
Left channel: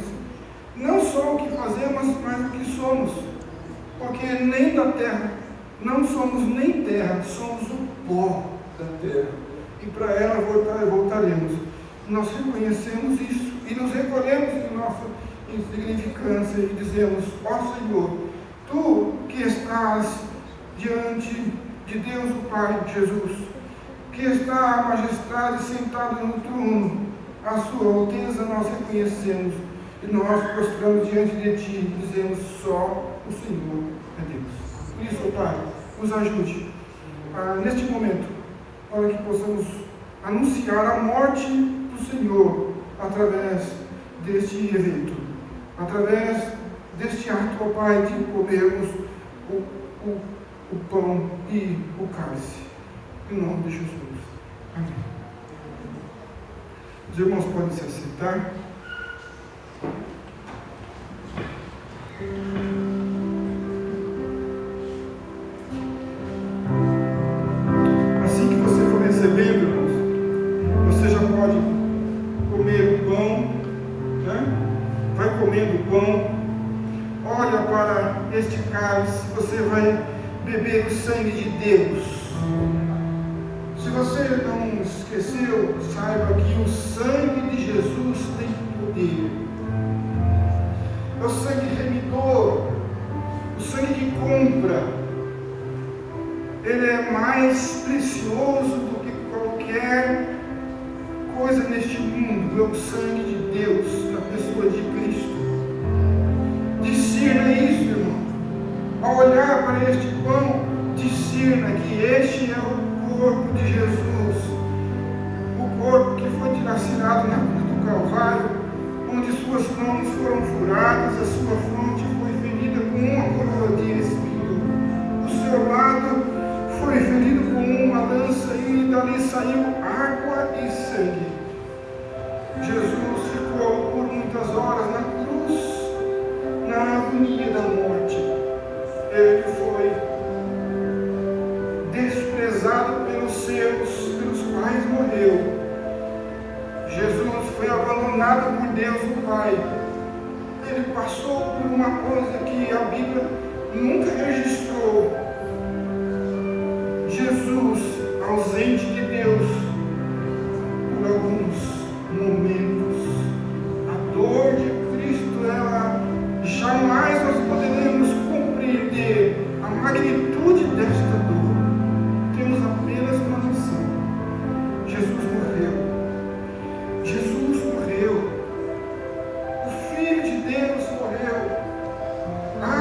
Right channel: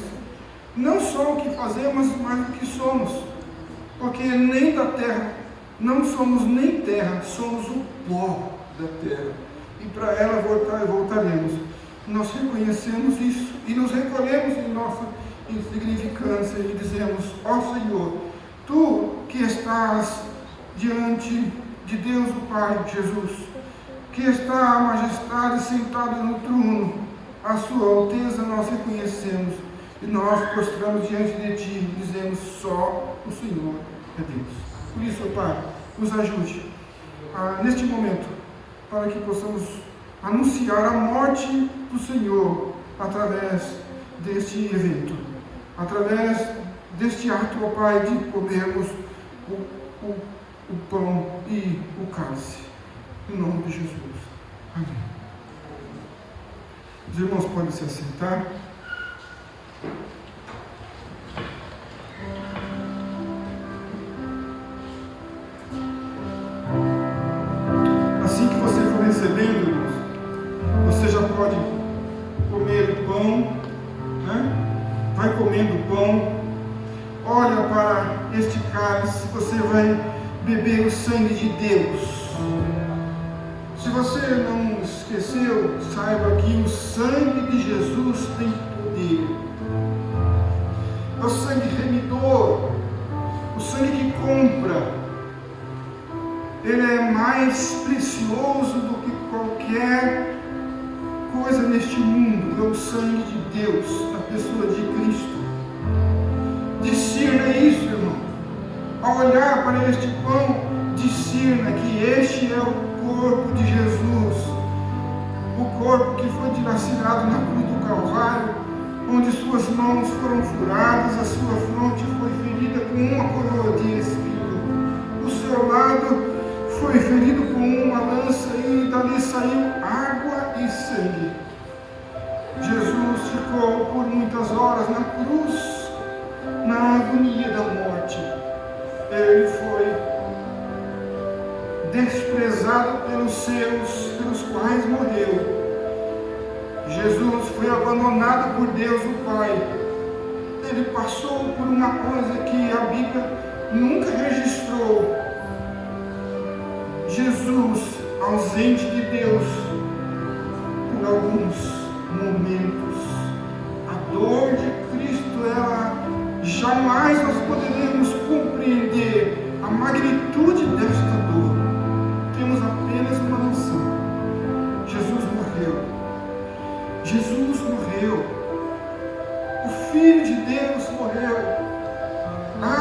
não só o que fazemos, mas o que somos, porque nem da terra, não somos nem terra, somos o pó da terra, e para ela voltaremos. Nós reconhecemos isso e nos recolhemos em nossa insignificância e dizemos: ó Senhor, Tu que estás diante de Deus o Pai, Jesus, que está a majestade sentado no trono, a sua alteza nós reconhecemos e nós prostramos diante de Ti e dizemos: só o Senhor é Deus. Por isso, Pai, nos ajude neste momento, para que possamos anunciar a morte do Senhor através deste evento, através deste ato, ó Pai, de comermos o pão e o cálice. Em nome de Jesus. Amém. Os irmãos podem se assentar. Assim que você for recebendo, irmãos, você já pode comer o pão, né? Vai comendo o pão, olha para este cálice, você vai beber o sangue de Deus. Se você não esqueceu, saiba que o sangue de Jesus tem poder. É o sangue remidor, o sangue que compra. Ele é mais precioso do que qualquer coisa neste mundo. É o sangue de Deus, na pessoa de Cristo. Discirna isso, irmão. Ao olhar para este pão, discirna que este é o corpo de Jesus, o corpo que foi dilacerado na cruz do Calvário, onde suas mãos foram furadas, a sua fronte foi ferida com uma coroa de espinho, o seu lado foi ferido com uma lança e dali saiu água e sangue. Jesus ficou por muitas horas na cruz, na agonia da morte. Ele foi desprezado pelos seus, pelos quais morreu. Jesus foi abandonado por Deus o Pai. Ele passou por uma coisa que a Bíblia nunca registrou. Jesus, ausente de Deus por alguns momentos. A dor de Cristo, ela jamais nós poderemos compreender a magnitude desta dor. Temos apenas uma noção. Jesus morreu. Jesus morreu. O Filho de Deus morreu.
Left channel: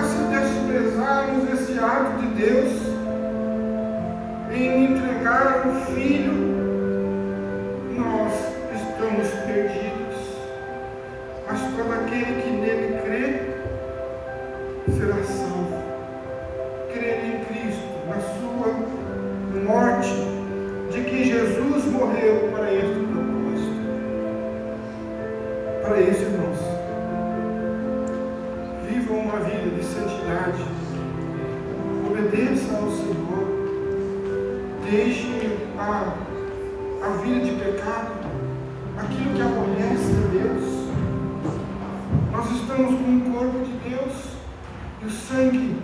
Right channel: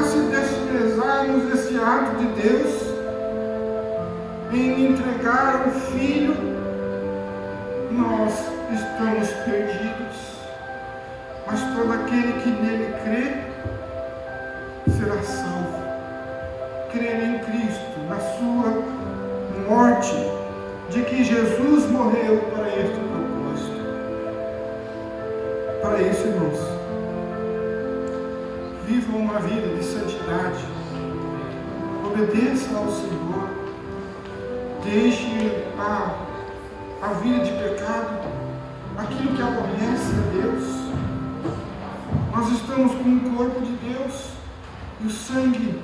Se desprezarmos esse ato de Deus em entregar o Filho, nós estamos perdidos. Mas todo aquele que nele crê será salvo. Crer em Cristo, na sua morte, de que Jesus morreu para este propósito. Para esse irmãos, vivam uma vida de santidade, obedeçam ao Senhor, deixem a vida de pecado, aquilo que aborrece a Deus. Nós estamos com o corpo de Deus e o sangue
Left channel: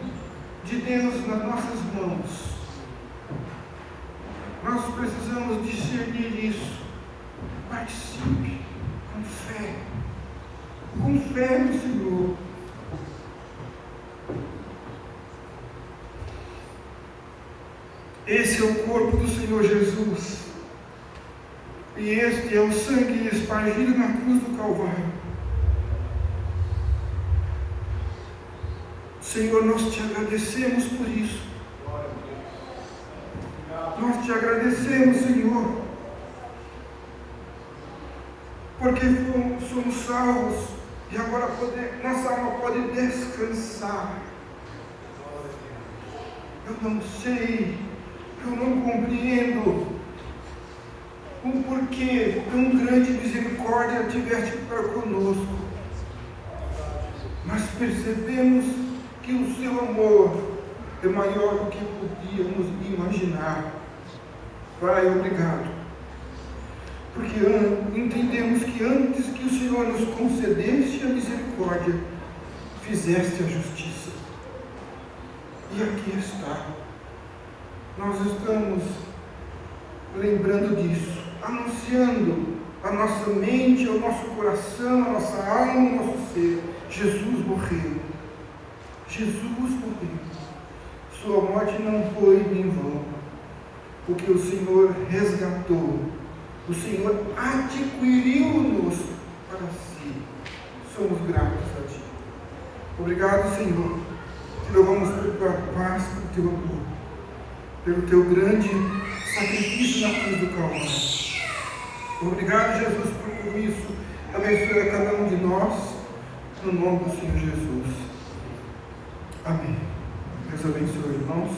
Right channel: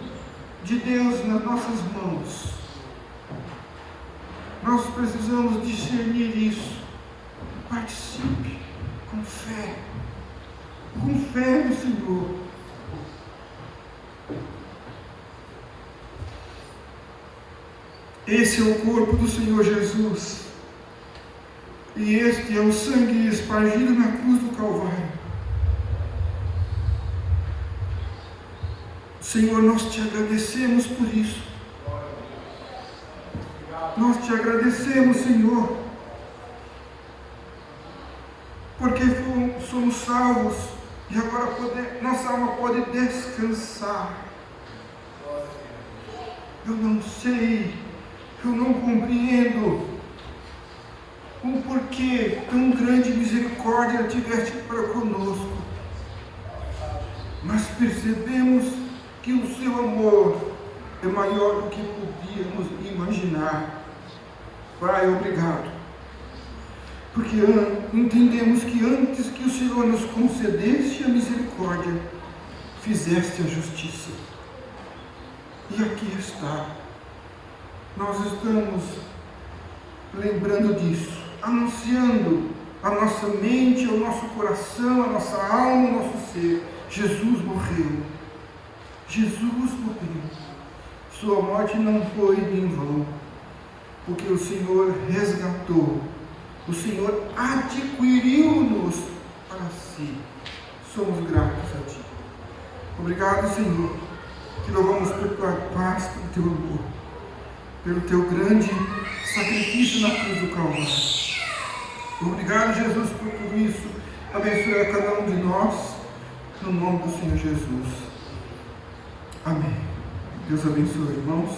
de Deus nas nossas mãos. Nós precisamos discernir isso. Participe com fé no Senhor. Esse é o corpo do Senhor Jesus. E este é o sangue espargido na cruz do Calvário. Senhor, nós te agradecemos por isso. Nós te agradecemos, Senhor, porque somos salvos e agora nossa alma pode descansar. Eu não sei, eu não compreendo o porquê tão grande misericórdia tiveste para conosco, mas percebemos que o seu amor é maior do que podíamos imaginar. Pai, obrigado, porque entendemos que antes que o Senhor nos concedesse a misericórdia, fizeste a justiça. E aqui está. Nós estamos lembrando disso, anunciando a nossa mente, ao nosso coração, a nossa alma, ao nosso ser. Jesus morreu. Jesus morreu. Sua morte não foi em vão, porque o Senhor resgatou, o Senhor adquiriu-nos para si. Somos gratos a Ti. Obrigado, Senhor. Louvamos por Tua paz, pelo Teu amor, pelo Teu grande sacrifício na cruz do Calvário. Obrigado, Jesus, por tudo isso. Abençoe a cada um de nós, no nome do Senhor Jesus. Amém. Deus abençoe, irmãos.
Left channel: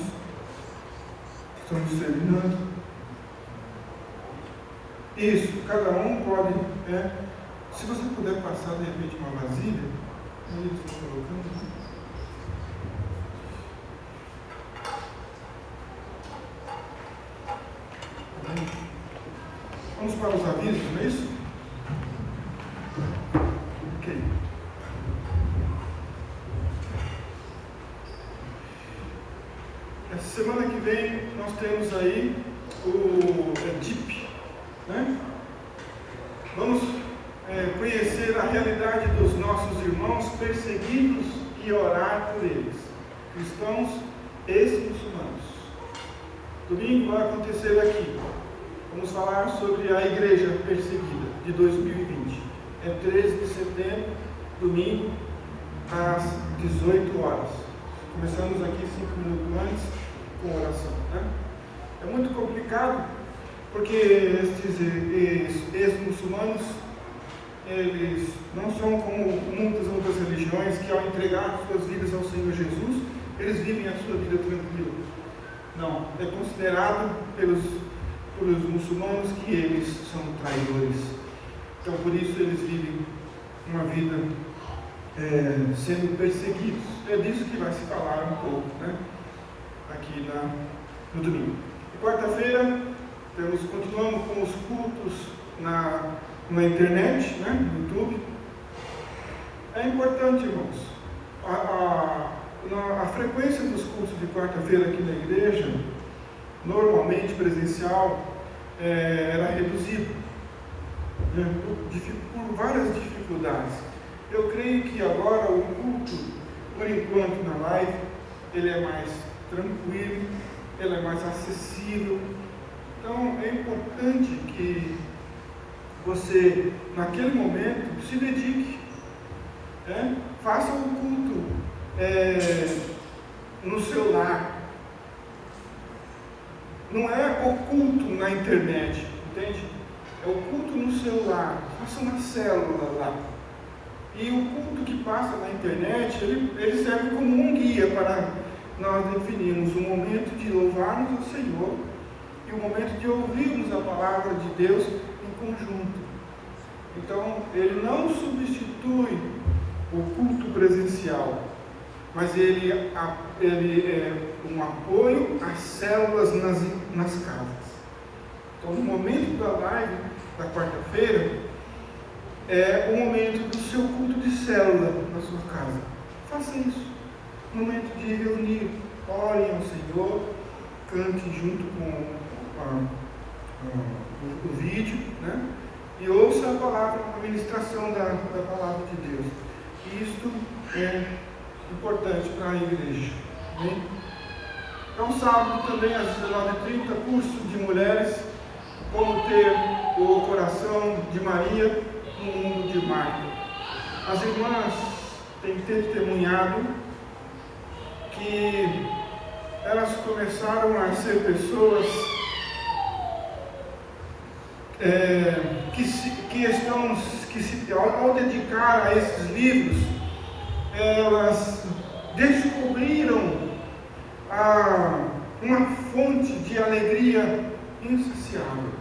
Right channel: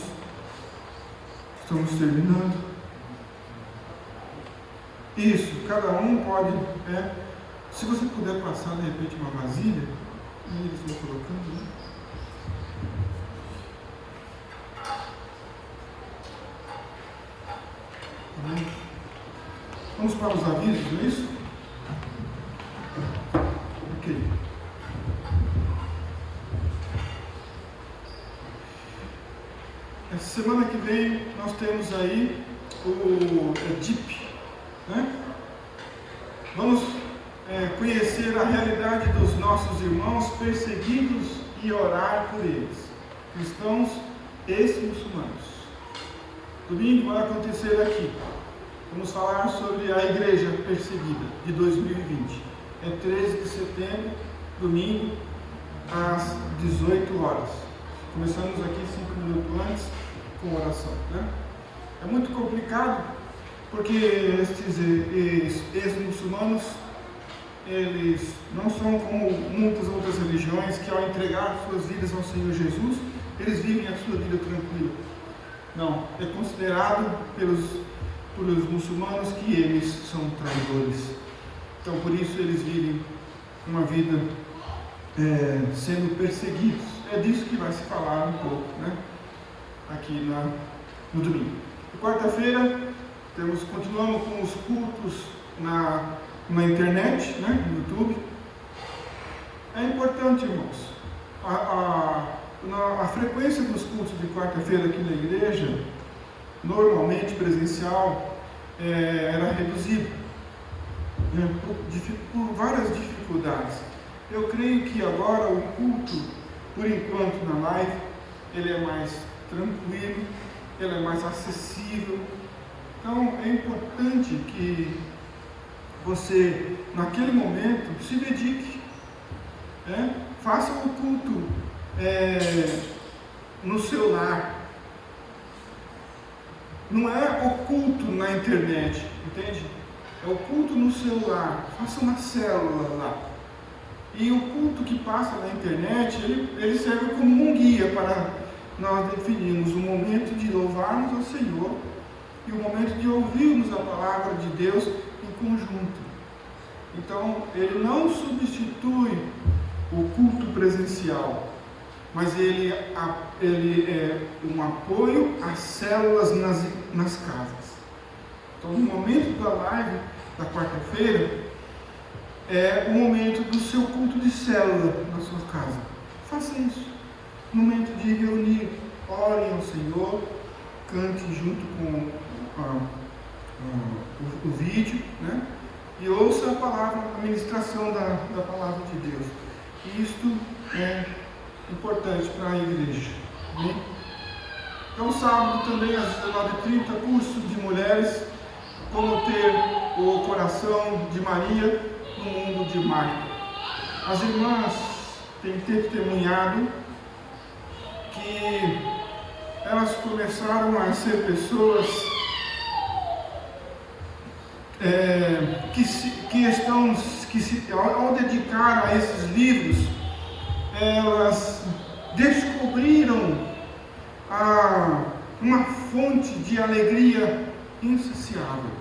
Estamos terminando. Isso, cada um pode, se você puder passar de repente uma vasilha, eles vão colocando, né? Vamos para os avisos, não é isso? Ok. Essa semana que vem nós temos aí o DIP, né? Vamos conhecer a realidade dos nossos irmãos perseguidos e orar por eles, cristãos e muçulmanos. Domingo vai acontecer aqui. Vamos falar sobre a igreja perseguida de 2020. É 13 de setembro, domingo, às 18 horas. Começamos aqui 5 minutos antes com oração, né? É muito complicado, porque estes ex-muçulmanos, eles não são como muitas outras religiões que, ao entregar suas vidas ao Senhor Jesus, eles vivem a sua vida tranquila. Não, é considerado pelos muçulmanos que eles são traidores. Então, por isso eles vivem uma vida sendo perseguidos. É disso que vai se falar um pouco, né? Aqui no domingo. Quarta-feira, continuamos com os cultos na internet, né? No YouTube. É importante, irmãos, a frequência dos cultos de quarta-feira aqui na igreja, normalmente presencial, era reduzida, né, por várias dificuldades. Eu creio que agora o culto, por enquanto na live, ele é mais tranquilo, ele é mais acessível. Então é importante que você, naquele momento, se dedique, faça o culto no seu lar. Não é o culto na internet, entende? É o culto no seu lar. Faça uma célula lá. E o culto que passa na internet, ele serve como um guia para nós definirmos o momento de louvarmos ao Senhor e o momento de ouvirmos a palavra de Deus em conjunto. Então, ele não substitui o culto presencial, mas ele é um apoio às células nas casas. Então, no momento da live da quarta-feira, é o momento do seu culto de célula na sua casa. Faça isso. Momento de reunir, orem ao Senhor, cante junto com o vídeo, né? E ouça a palavra, a ministração da palavra de Deus. Isto é importante para a igreja, né? Então, sábado também às 19h30, curso de mulheres, como ter o coração de Maria no mundo de Marta. As irmãs têm testemunhado que elas começaram a ser pessoas ao dedicar a esses livros, elas descobriram uma fonte de alegria insaciável.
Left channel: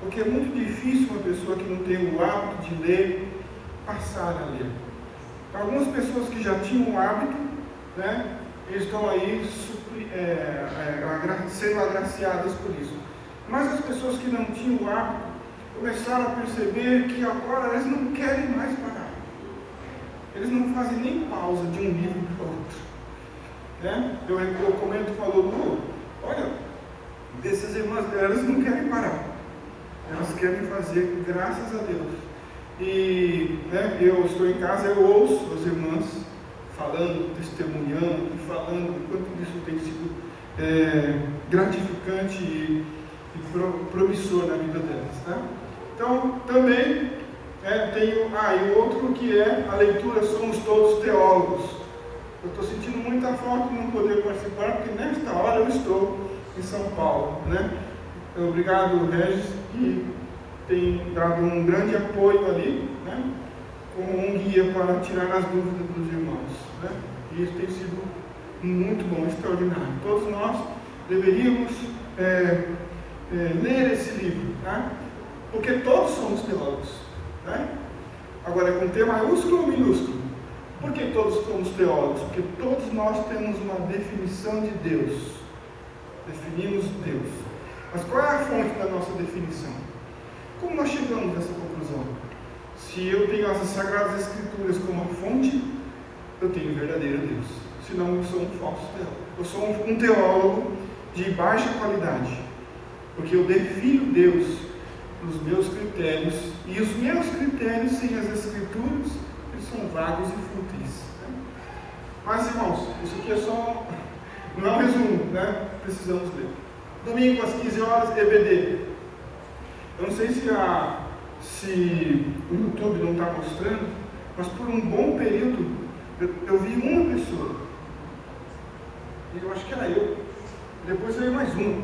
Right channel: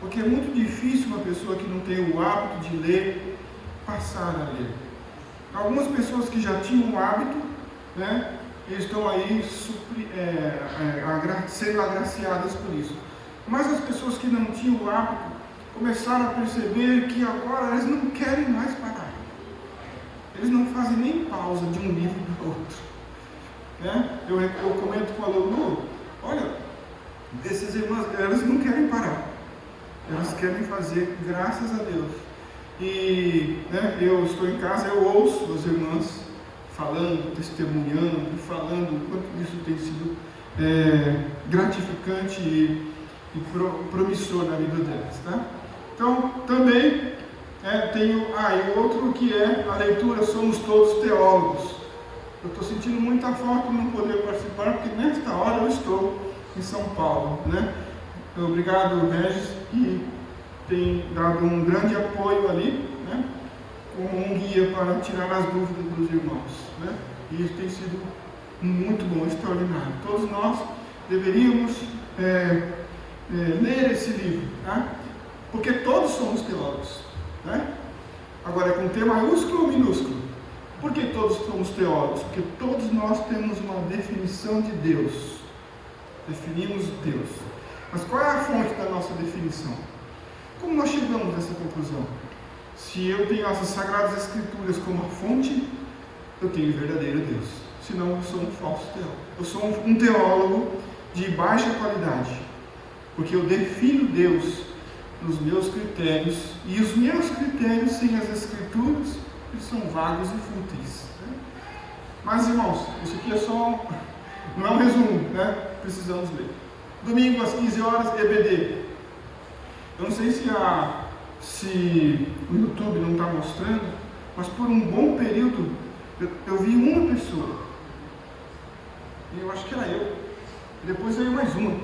Porque é muito difícil uma pessoa que não tem o hábito de ler passar a ler. Algumas pessoas que já tinham o hábito, né, estão aí sendo agraciadas por isso. Mas as pessoas que não tinham o hábito começaram a perceber que agora elas não querem mais parar. Eles não fazem nem pausa de um livro para o outro. Né? Eu comento com a Lulu, olha, essas irmãs, elas não querem parar. Elas querem fazer, graças a Deus. E eu estou em casa, eu ouço as irmãs falando, testemunhando, falando quanto isso tem sido gratificante e promissor na vida delas. Tá? Então, também tenho e outro que é a leitura Somos Todos Teólogos. Eu estou sentindo muita falta de não poder participar, porque nesta hora eu estou em São Paulo, né? Obrigado, Regis, que tem dado um grande apoio ali, né? Como um guia para tirar as dúvidas dos irmãos, né? E isso tem sido muito bom, extraordinário. Todos nós deveríamos ler esse livro, tá? Porque todos somos teólogos, né? Agora, é com T maiúsculo ou minúsculo? Por que todos somos teólogos? Porque todos nós temos uma definição de Deus. Definimos Deus. Mas qual é a fonte da nossa definição? Como nós chegamos a essa conclusão? Se eu tenho as Sagradas Escrituras como a fonte, eu tenho o verdadeiro Deus. Senão eu sou um falso teólogo. Eu sou um teólogo de baixa qualidade. Porque eu defino Deus nos meus critérios, e os meus critérios sem as Escrituras, eles são vagos e fúteis. Né? Mas, irmãos, isso aqui é só um resumo, né? Precisamos ler. Domingo às 15 horas, EBD. Eu não sei se o YouTube não está mostrando, mas por um bom período eu vi uma pessoa. E eu acho que era eu. Depois veio mais uma.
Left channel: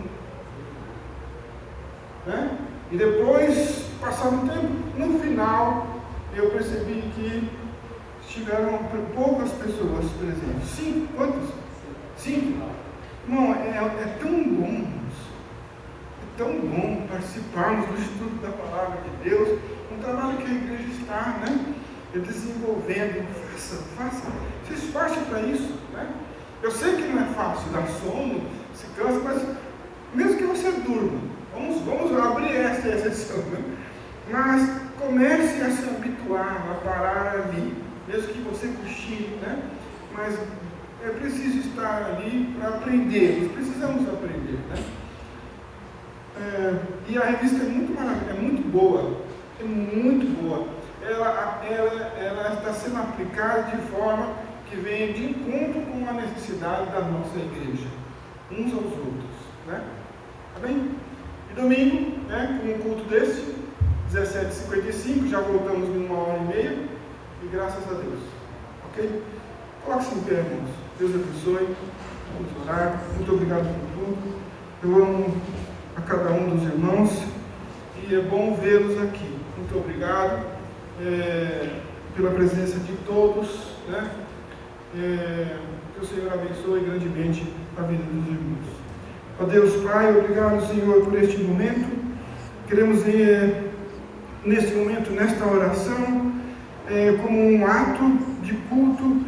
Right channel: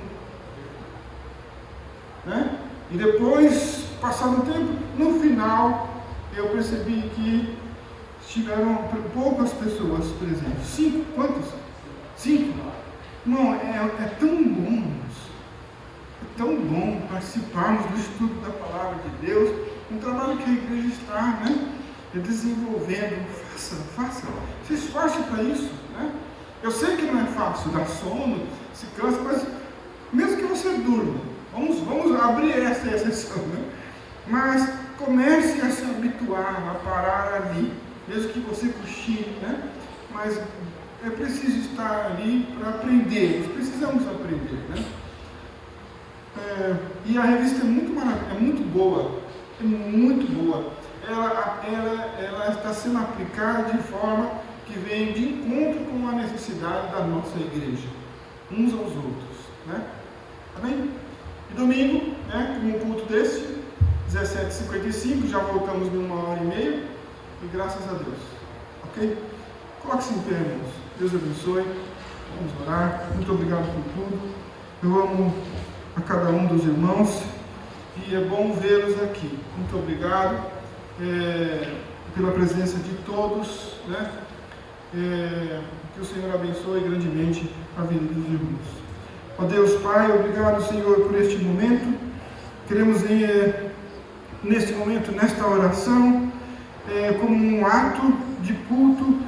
Né? E depois, passado um tempo, no final, eu percebi que tiveram poucas pessoas presentes. 5? Quantos? 5? Irmão, é tão bom, irmãos. É tão bom participarmos do estudo da palavra de Deus, um trabalho que a igreja está, né, desenvolvendo. Faça, se esforce para isso, né? Eu sei que não é fácil, dá sono, se cansa, mas mesmo que você durma, vamos abrir essa exceção, né? Mas comece a se habituar a parar ali, mesmo que você cochile, né? Mas é preciso estar ali para aprender, precisamos aprender, né? E a revista é muito boa, é muito boa. Ela está sendo aplicada de forma que vem de encontro com a necessidade da nossa igreja, uns aos outros, né? Tá bem? E domingo, né, com um culto desse, 17h55, já voltamos em 1h30, e graças a Deus, ok? Coloque-se em pé, irmãos. Deus abençoe. Vamos orar. Muito obrigado por tudo. Eu amo a cada um dos irmãos e é bom vê-los aqui. Muito obrigado pela presença de todos, né? Que o Senhor abençoe grandemente a vida dos irmãos. Ó Deus Pai, obrigado, Senhor, por este momento. Queremos neste momento, nesta oração, como um ato de culto,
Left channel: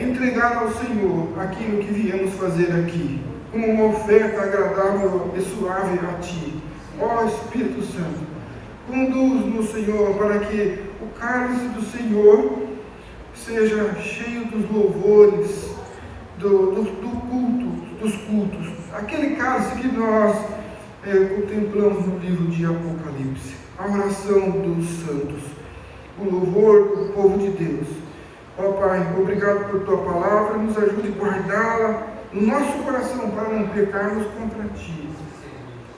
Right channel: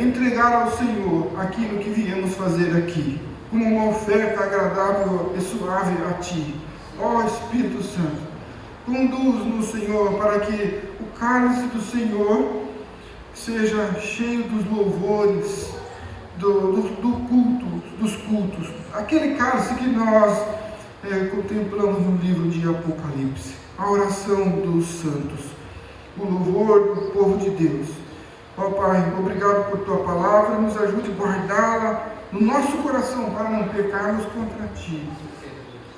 entregar ao Senhor aquilo que viemos fazer aqui, como uma oferta agradável e suave a Ti. Ó Espírito Santo, conduz-nos, Senhor, para que o cálice do Senhor seja cheio dos louvores, dos cultos, aquele cálice que nós contemplamos no livro de Apocalipse, a oração dos santos, o louvor do povo de Deus. Ó Pai, obrigado por Tua palavra, nos ajude a guardá-la no nosso coração para não pecarmos contra Ti.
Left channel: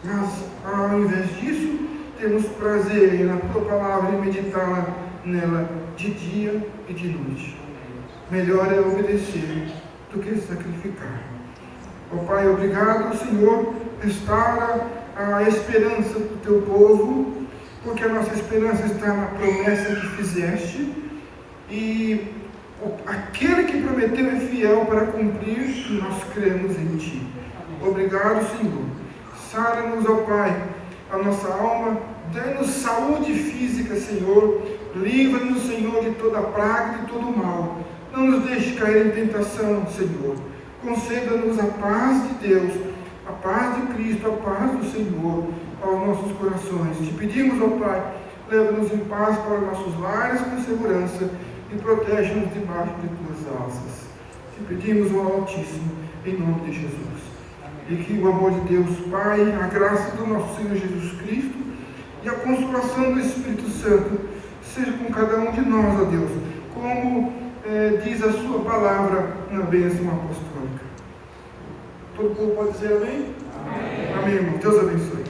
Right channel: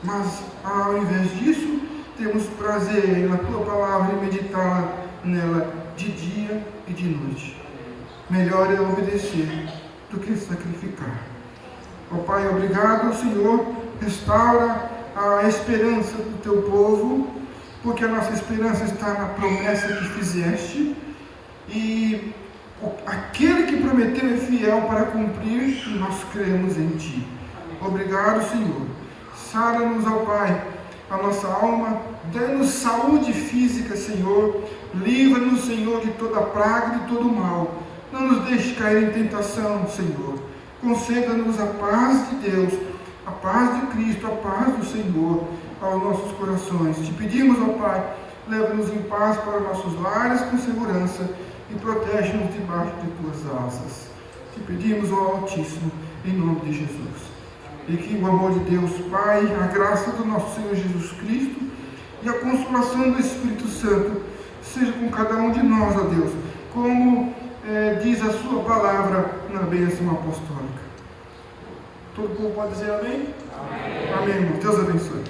Mas, ao invés disso, temos prazer na Tua palavra e meditar nela de dia e de noite. Melhor é obedecer do que sacrificar. Ó Pai, obrigado, Senhor, restaura a esperança do Teu povo, porque a nossa esperança está na promessa que fizeste, e aquele que prometeu é fiel para cumprir, e nós cremos em Ti. Obrigado, Senhor. Sara-nos, ó Pai, a nossa alma, dê-nos saúde física, Senhor. Livra-nos, Senhor, de toda praga e de todo mal. Não nos deixe cair em tentação, Senhor. Conceda-nos a paz de Deus, a paz de Cristo, a paz do Senhor aos nossos corações. Te pedimos, ó Pai, leva-nos em paz para nossos lares com segurança e protege-nos debaixo de Tuas asas. Te pedimos, ó Altíssimo, em nome de Jesus. E que o amor de Deus Pai, a graça do nosso Senhor Jesus Cristo e a consolação do Espírito Santo seja com cada um de nós, ó Deus, como diz a Sua palavra na bênção apostólica. Todo mundo pode dizer amém? Amém. Amém. Deus abençoe.